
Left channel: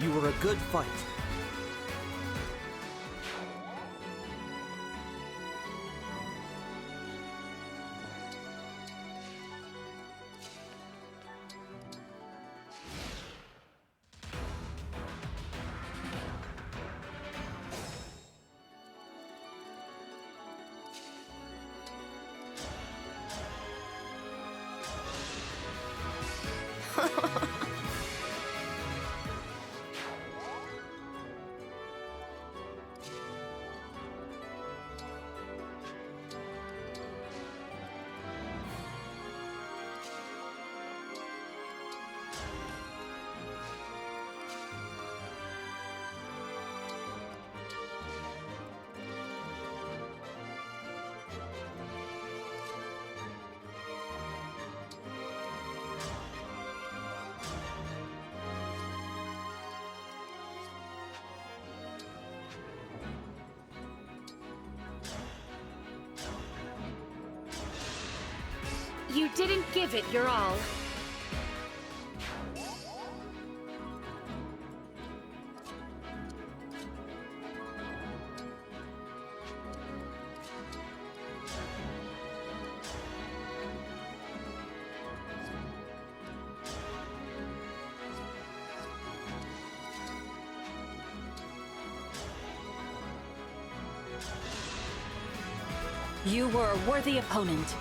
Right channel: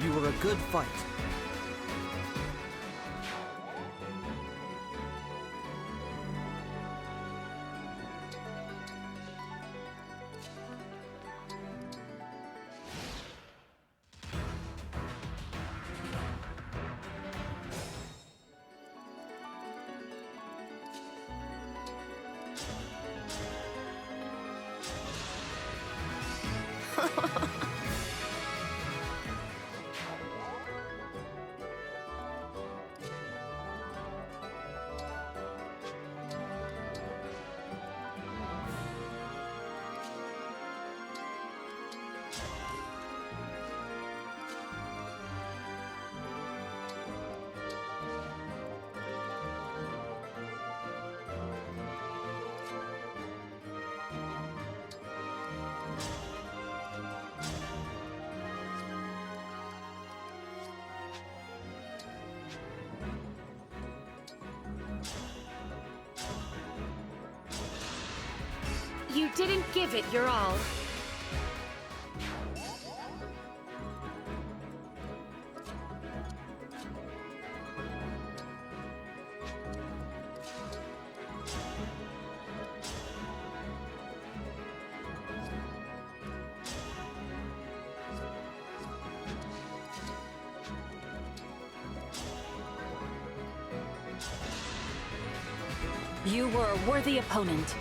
You were a good fight. You didn't give it your all. You were a worthy opponent.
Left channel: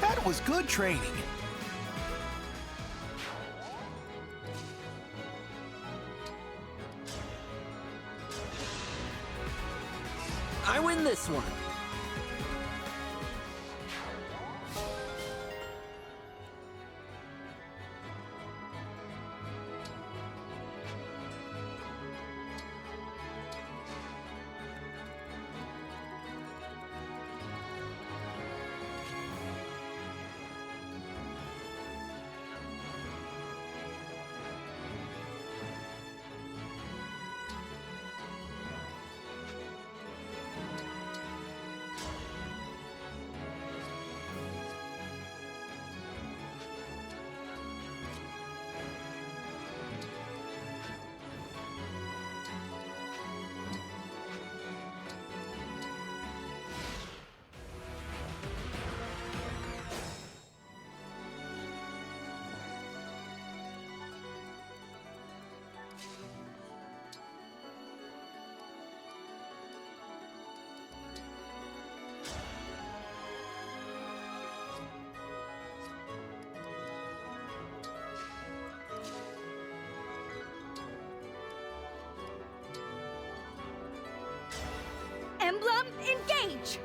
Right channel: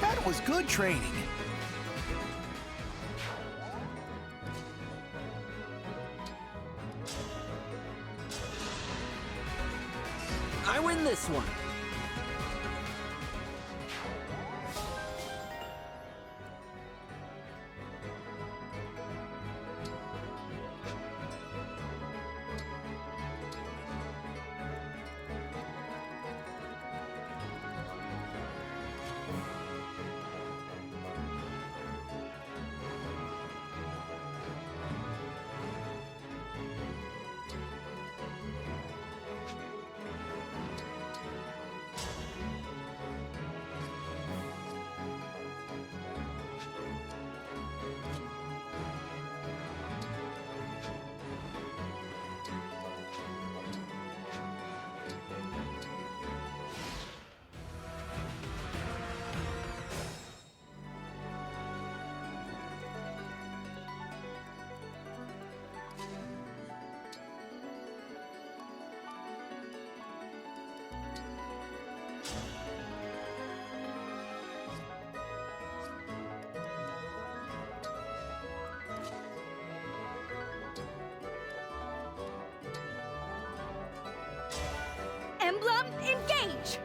That was good training. I win this one. Emblem, engage!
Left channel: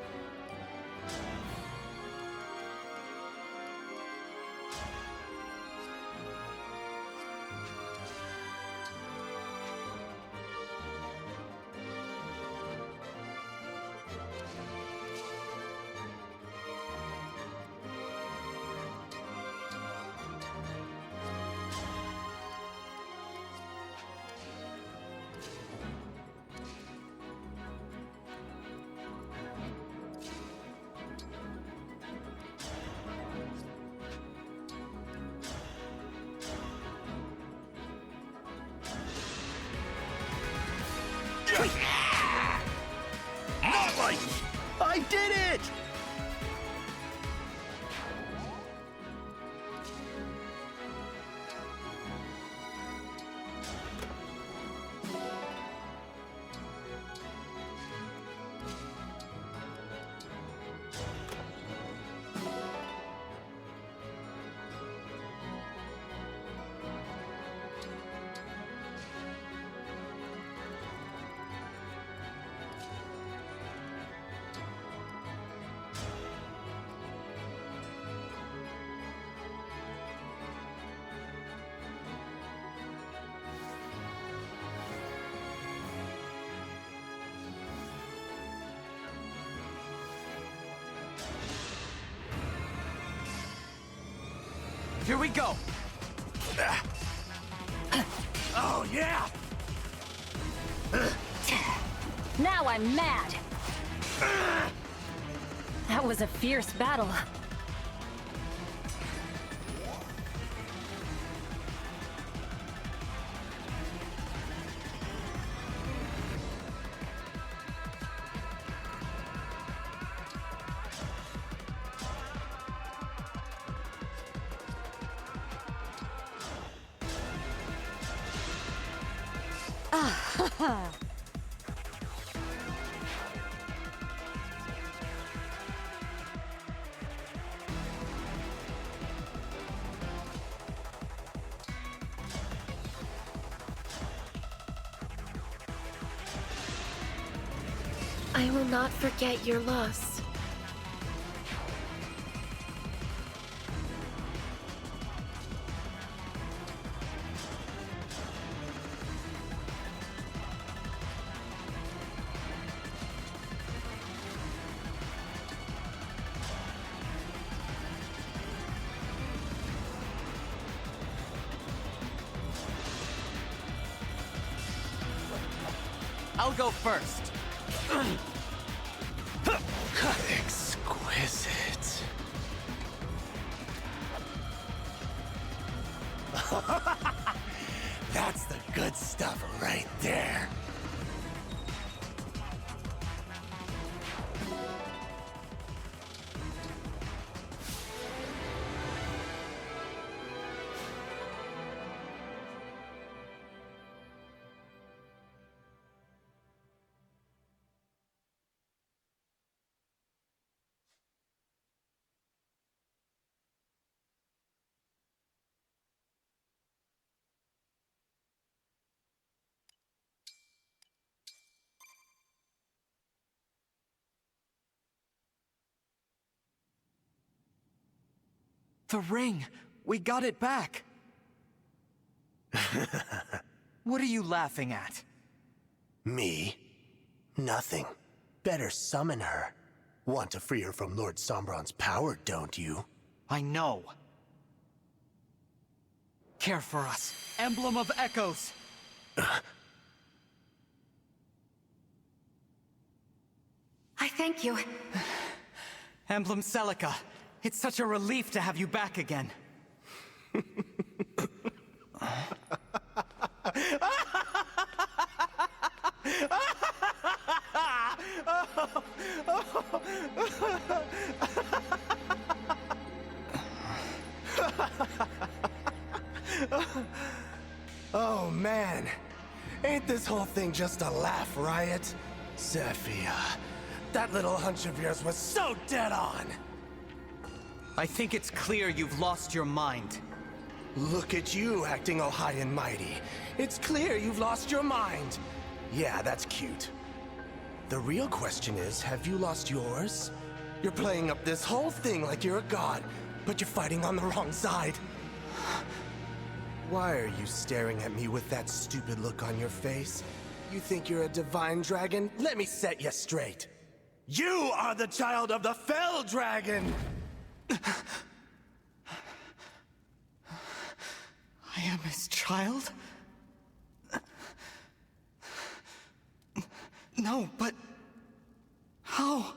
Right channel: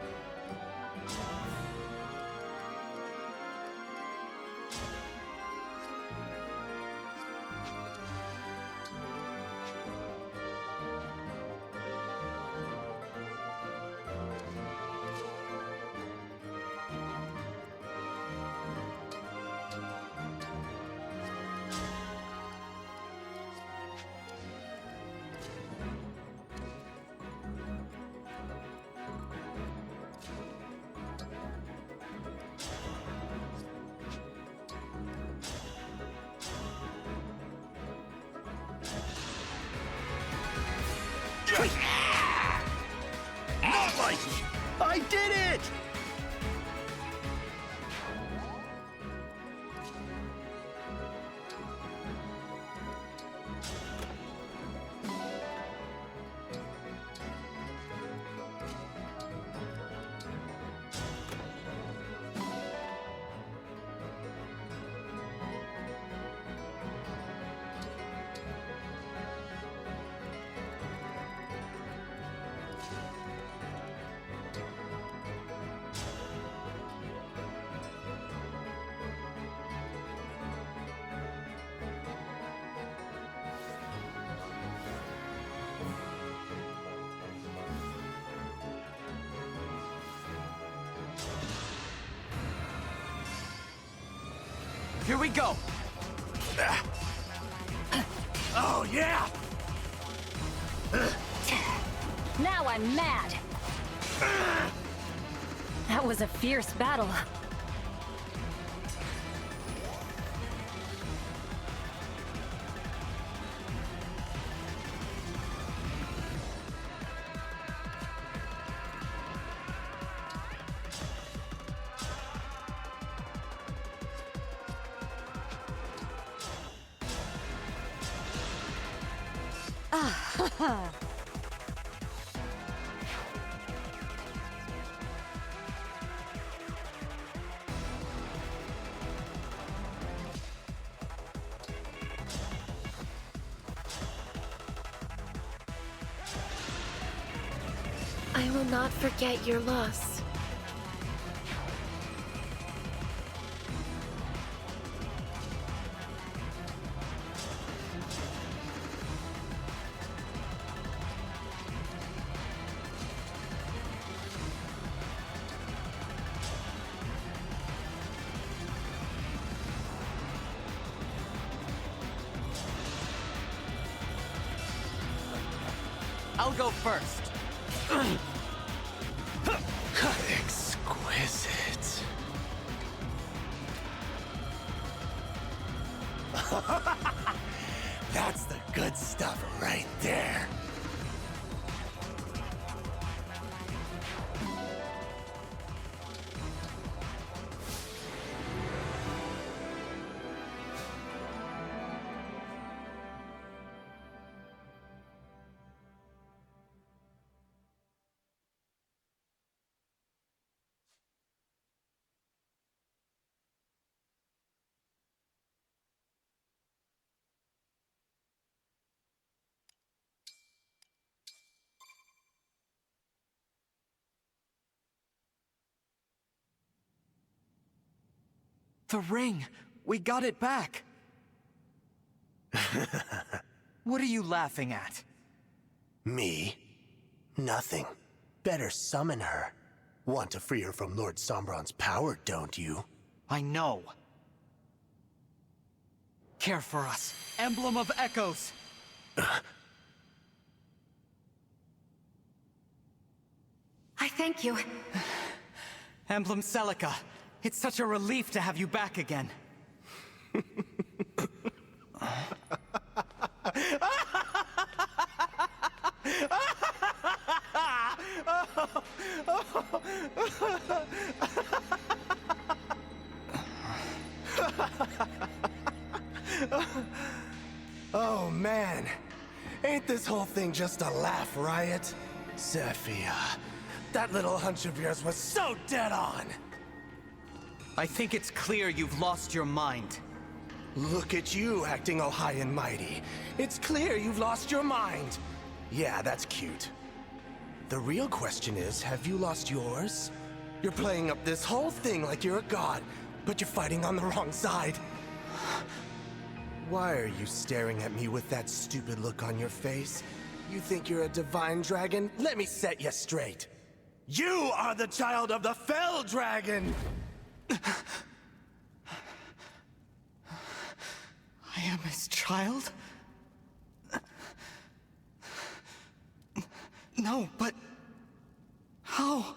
Not like I did it! Here we go! Oh, yeah! Now I'm mad! That was a fierce battle. I will not forget your loss. I'll go first. Exquisite. That's the good stuff right there. The ring! We got it back! What are you laughing at? Me? Nothing. Better summon her. Want to free her from Lord Sombron's power, don't you? I know. Care for us, Emblem of Echoes! I thank you. Emblem Celica, it's such a relief to have you back again. Oh man, ain't this whole thing just a laugh riot? Zephyr, that little hunch of yours was so dead on! I think it's clear you've lost your mind. Look at you acting all high and mighty. It's clear you've lost your mind. Yeah, that's cute. The real question is, have you lost yours? You're playing up this whole thing like you're a god, but you're fighting on the wrong side. Why are you staring at me with that stupid look on your face? You think you're a divine dragon? Let me set you straight. You are the child of the Fell Dragon! I am his child? No, but... how?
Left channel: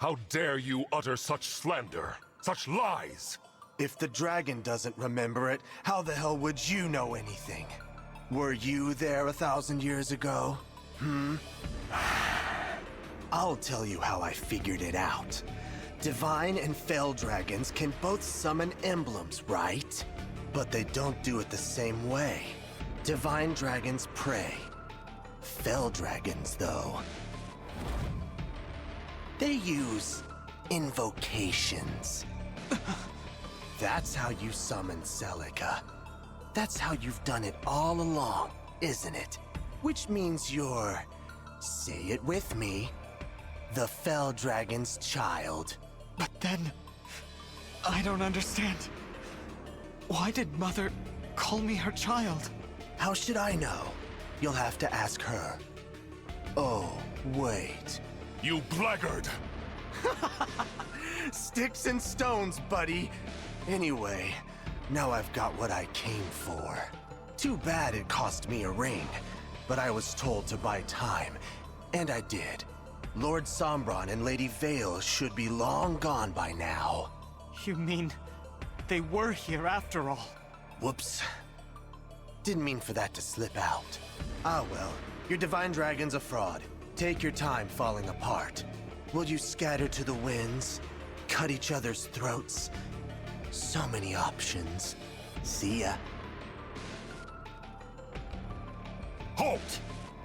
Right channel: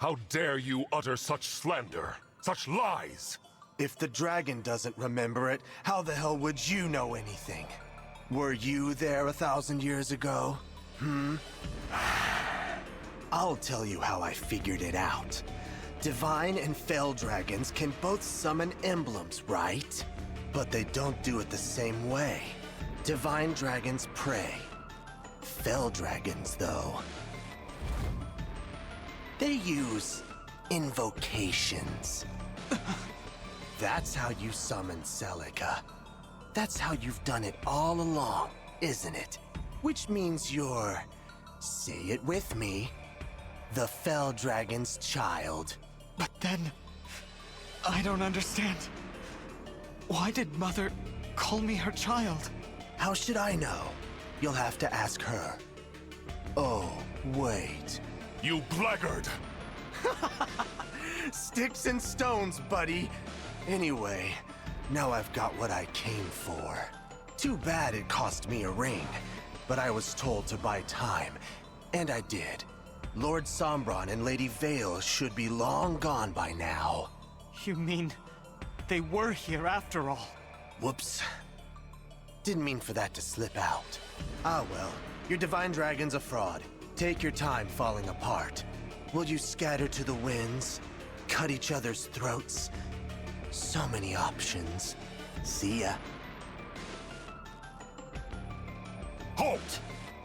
How dare you utter such slander, such lies? If the dragon doesn't remember it, how the hell would you know anything? Were you there 1,000 years ago? I'll tell you how I figured it out. Divine and Fell Dragons can both summon emblems, right? But they don't do it the same way. Divine Dragons pray. Fell Dragons, though, they use invocations. That's how you summon Celica. That's how you've done it all along, isn't it? Which means you're, say it with me, the Fell Dragon's child. But then... I don't understand. Why did Mother call me her child? How should I know? You'll have to ask her. Oh, wait. You blackguard! Sticks and stones, buddy. Anyway, now I've got what I came for. Too bad it cost me a ring, but I was told to buy time, and I did. Lord Sombron and Lady Vale should be long gone by now. You mean they were here after all? Whoops. Didn't mean for that to slip out. Ah well, your Divine Dragon's a fraud. Take your time falling apart. Will you scatter to the winds? Cut each other's throats? So many options. See ya. Halt!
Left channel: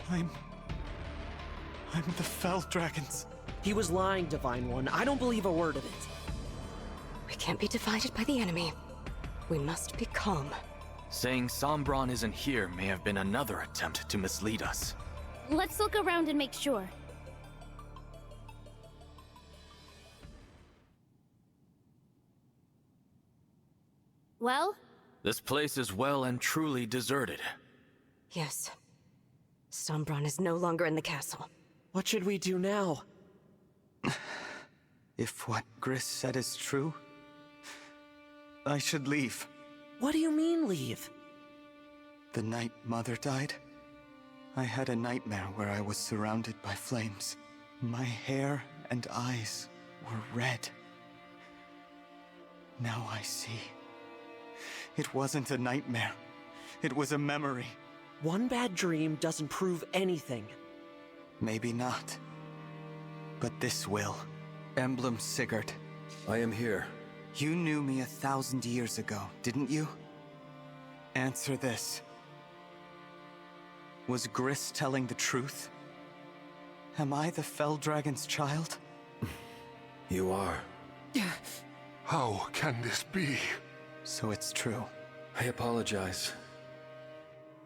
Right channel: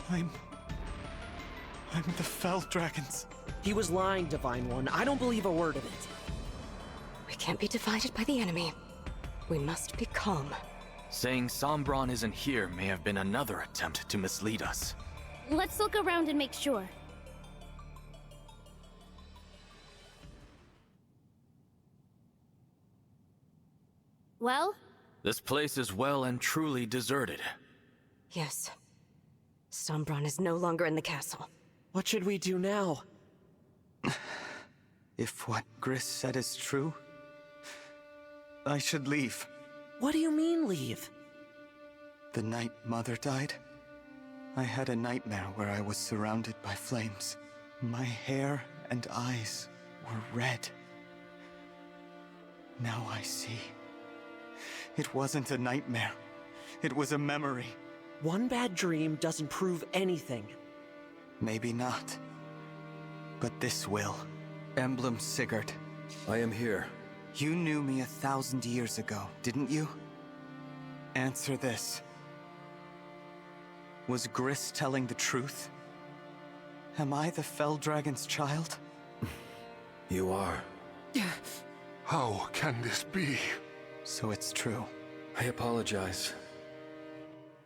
I'm the Fell Dragons. He was lying, Divine One. I don't believe a word of it. We can't be divided by the enemy. We must be calm. Saying Sombron isn't here may have been another attempt to mislead us. Let's look around and make sure. Well? This place is well and truly deserted. Yes. Sombron is no longer in the castle. What should we do now? If what Gris said is true, I should leave. What do you mean, leave? The night Mother died, I had a nightmare where I was surrounded by flames. My hair and eyes were red. Now I see. It wasn't a nightmare. It was a memory. One bad dream doesn't prove anything. Maybe not. But this will. Emblem Sigurd. I am here. You knew me 1,000 years ago, didn't you? Answer this. Was Gris telling the truth? Am I the Fell Dragon's child? You are. How can this be? So it's true. I apologize.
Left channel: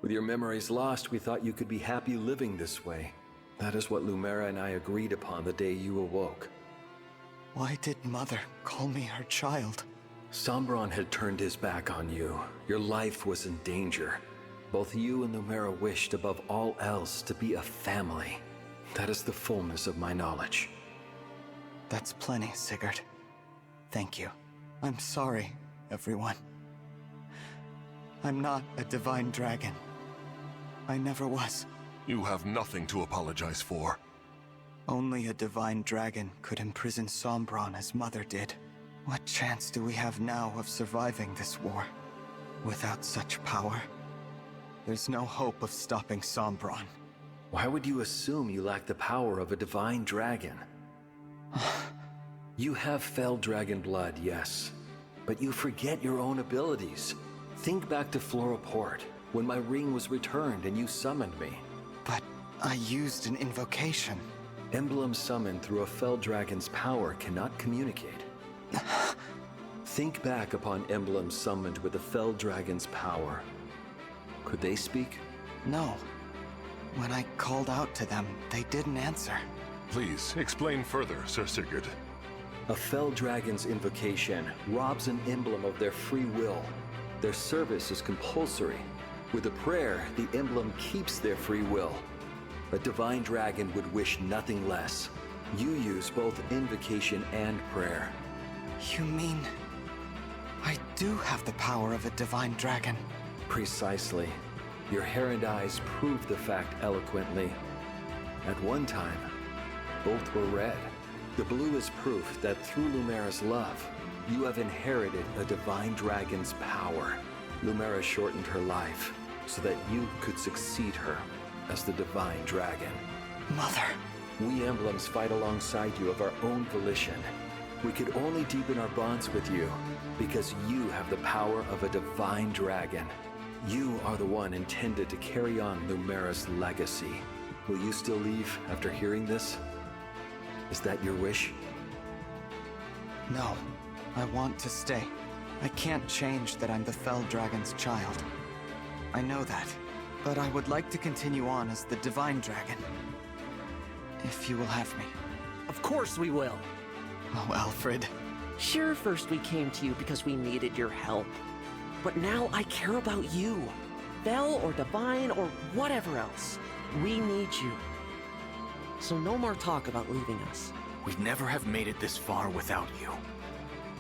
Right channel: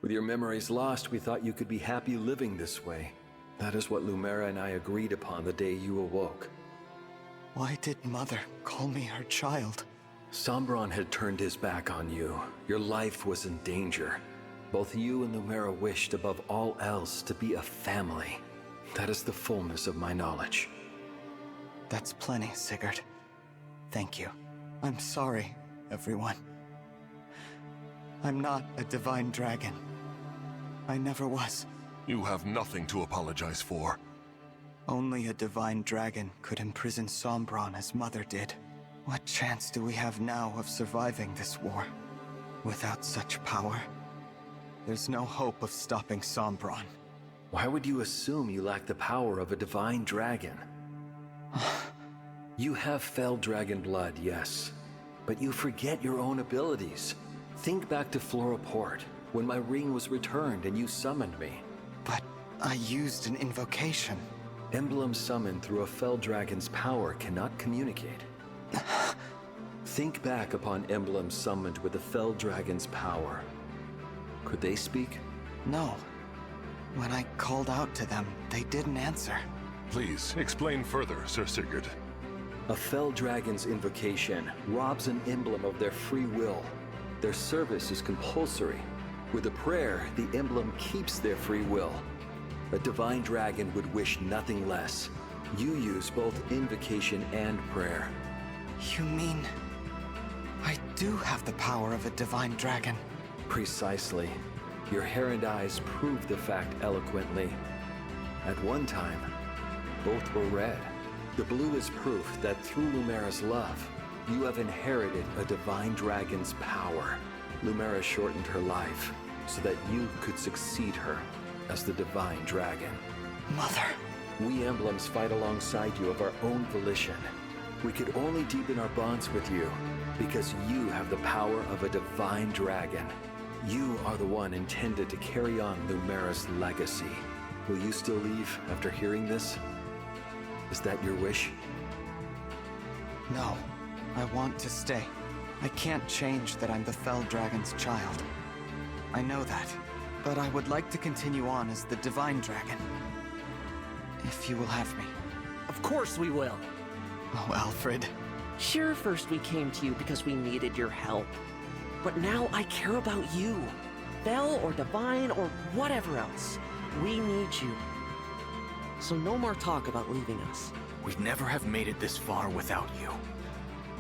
With your memories lost, we thought you could be happy living this way. That is what Lumera and I agreed upon the day you awoke. Why did Mother call me her child? Sombron had turned his back on you. Your life was in danger. Both you and Lumera wished above all else to be a family. That is the fullness of my knowledge. That's plenty, Sigurd. Thank you. I'm sorry, everyone. I'm not a divine dragon. I never was. You have nothing to apologize for. Only a divine dragon could imprison Sombron as Mother did. What chance do we have now of surviving this war? Without such power, there's no hope of stopping Sombron. Why would you assume you lack the power of a divine dragon? You have Fell Dragon blood, yes, but you forget your own abilities. Think back to Flora Port, when my ring was returned and you summoned me. But I used an invocation. Emblem summoned through a Fell Dragon's power cannot communicate. Think back upon emblems summoned with the Fell Dragon's power. Could they speak? No. When I called out to them, they didn't answer. Please, explain further, Sir Sigurd. A Fell Dragon's invocation robs an emblem of their free will. Their service is compulsory. With a prayer, the emblem keeps their free will. A divine dragon would wish nothing less. You use both invocation and prayer. You mean... I do have the power of a divine dragon? Precisely. Your hair and eyes prove the fact eloquently. At one time, both were red. The blue is proof that through Lumera's love, you have inherited a divine dragon's power. Lumera shortened her life so that you could succeed her as the divine dragon. Mother. We emblems fight alongside you of our own volition. We could only deepen our bonds with you because you have the power of a divine dragon. You are the one intended to carry on Lumera's legacy. Will you still leave after hearing this? Is that your wish? No. I want to stay. I can't change that I'm the Fell Dragon's child. I know that. But I would like to continue on as the Divine Dragon. If you will have me. Of course we will. Oh, Alfred. Sure, first we came to you because we needed your help. But now I care about you. Fell or Divine or whatever else. We need you. So no more talk about leaving us. We'd never have made it this far without you.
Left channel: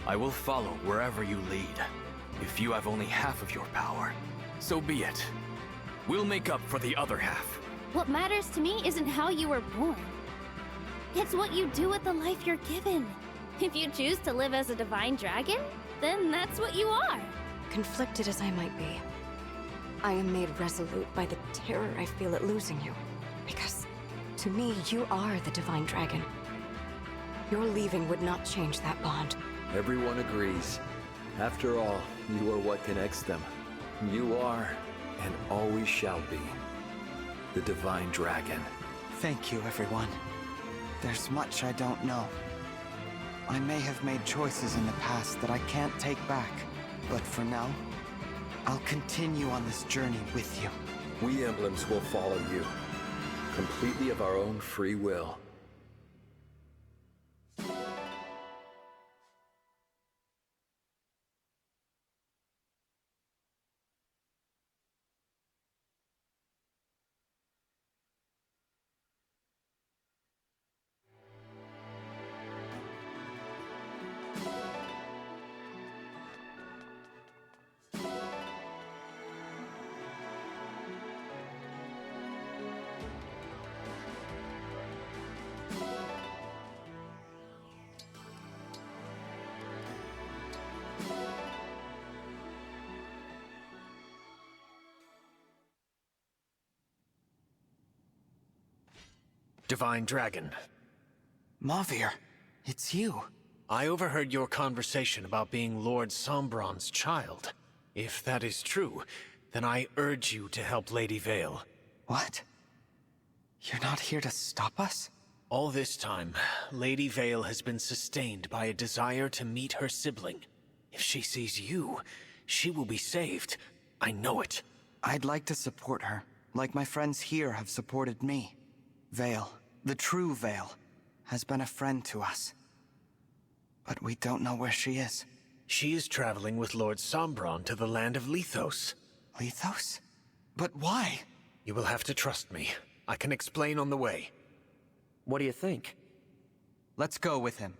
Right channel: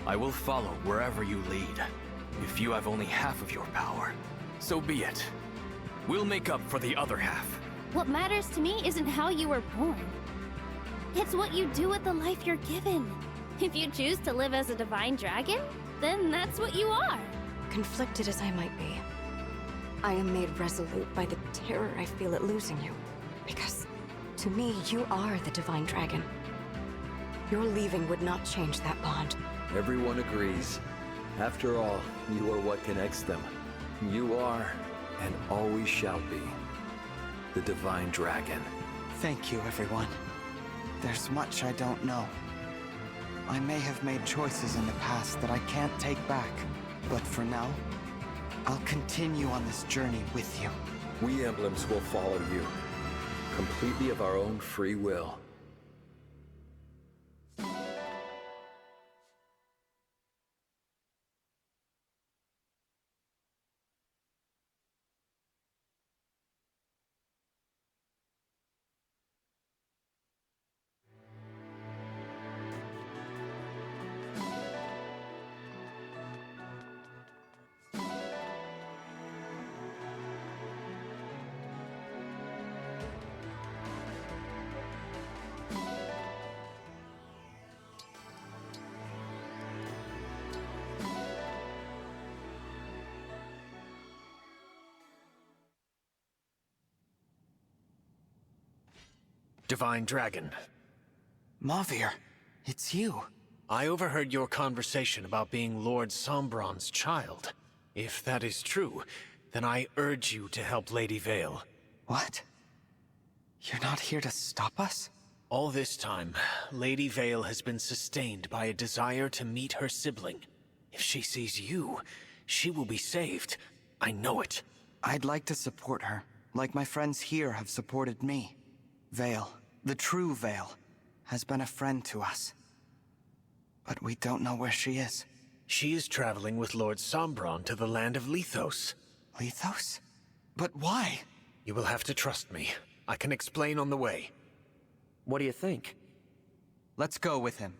I will follow wherever you lead. If you have only half of your power, so be it. We'll make up for the other half. What matters to me isn't how you were born. It's what you do with the life you're given. If you choose to live as a divine dragon, then that's what you are. Conflicted as I might be, I am made resolute by the terror I feel at losing you. Because, to me, you are the divine dragon. Your leaving would not change that bond. Everyone agrees. After all, you are what connects them. You are, and always shall be, the Divine Dragon. Thank you, everyone. There's much I don't know. I may have made choices in the past that I can't take back, but for now, I'll continue on this journey with you. We emblems will follow you, completely of our own free will. Divine Dragon. Mavir, it's you. I overheard your conversation about being Lord Sombron's child. If that is true, then I urge you to help Lady Vale. What? You're not here to stop us? All this time, Lady Vale has been sustained by a desire to meet her sibling. If she sees you, she will be saved. I know it. I'd like to support her, like my friends here have supported me. Vale, the true Vale, has been a friend to us. But we don't know where she is. She is traveling with Lord Sombron to the land of Lethos. Lethos? But why? You will have to trust me. I can explain on the way. What do you think? Let's go with him.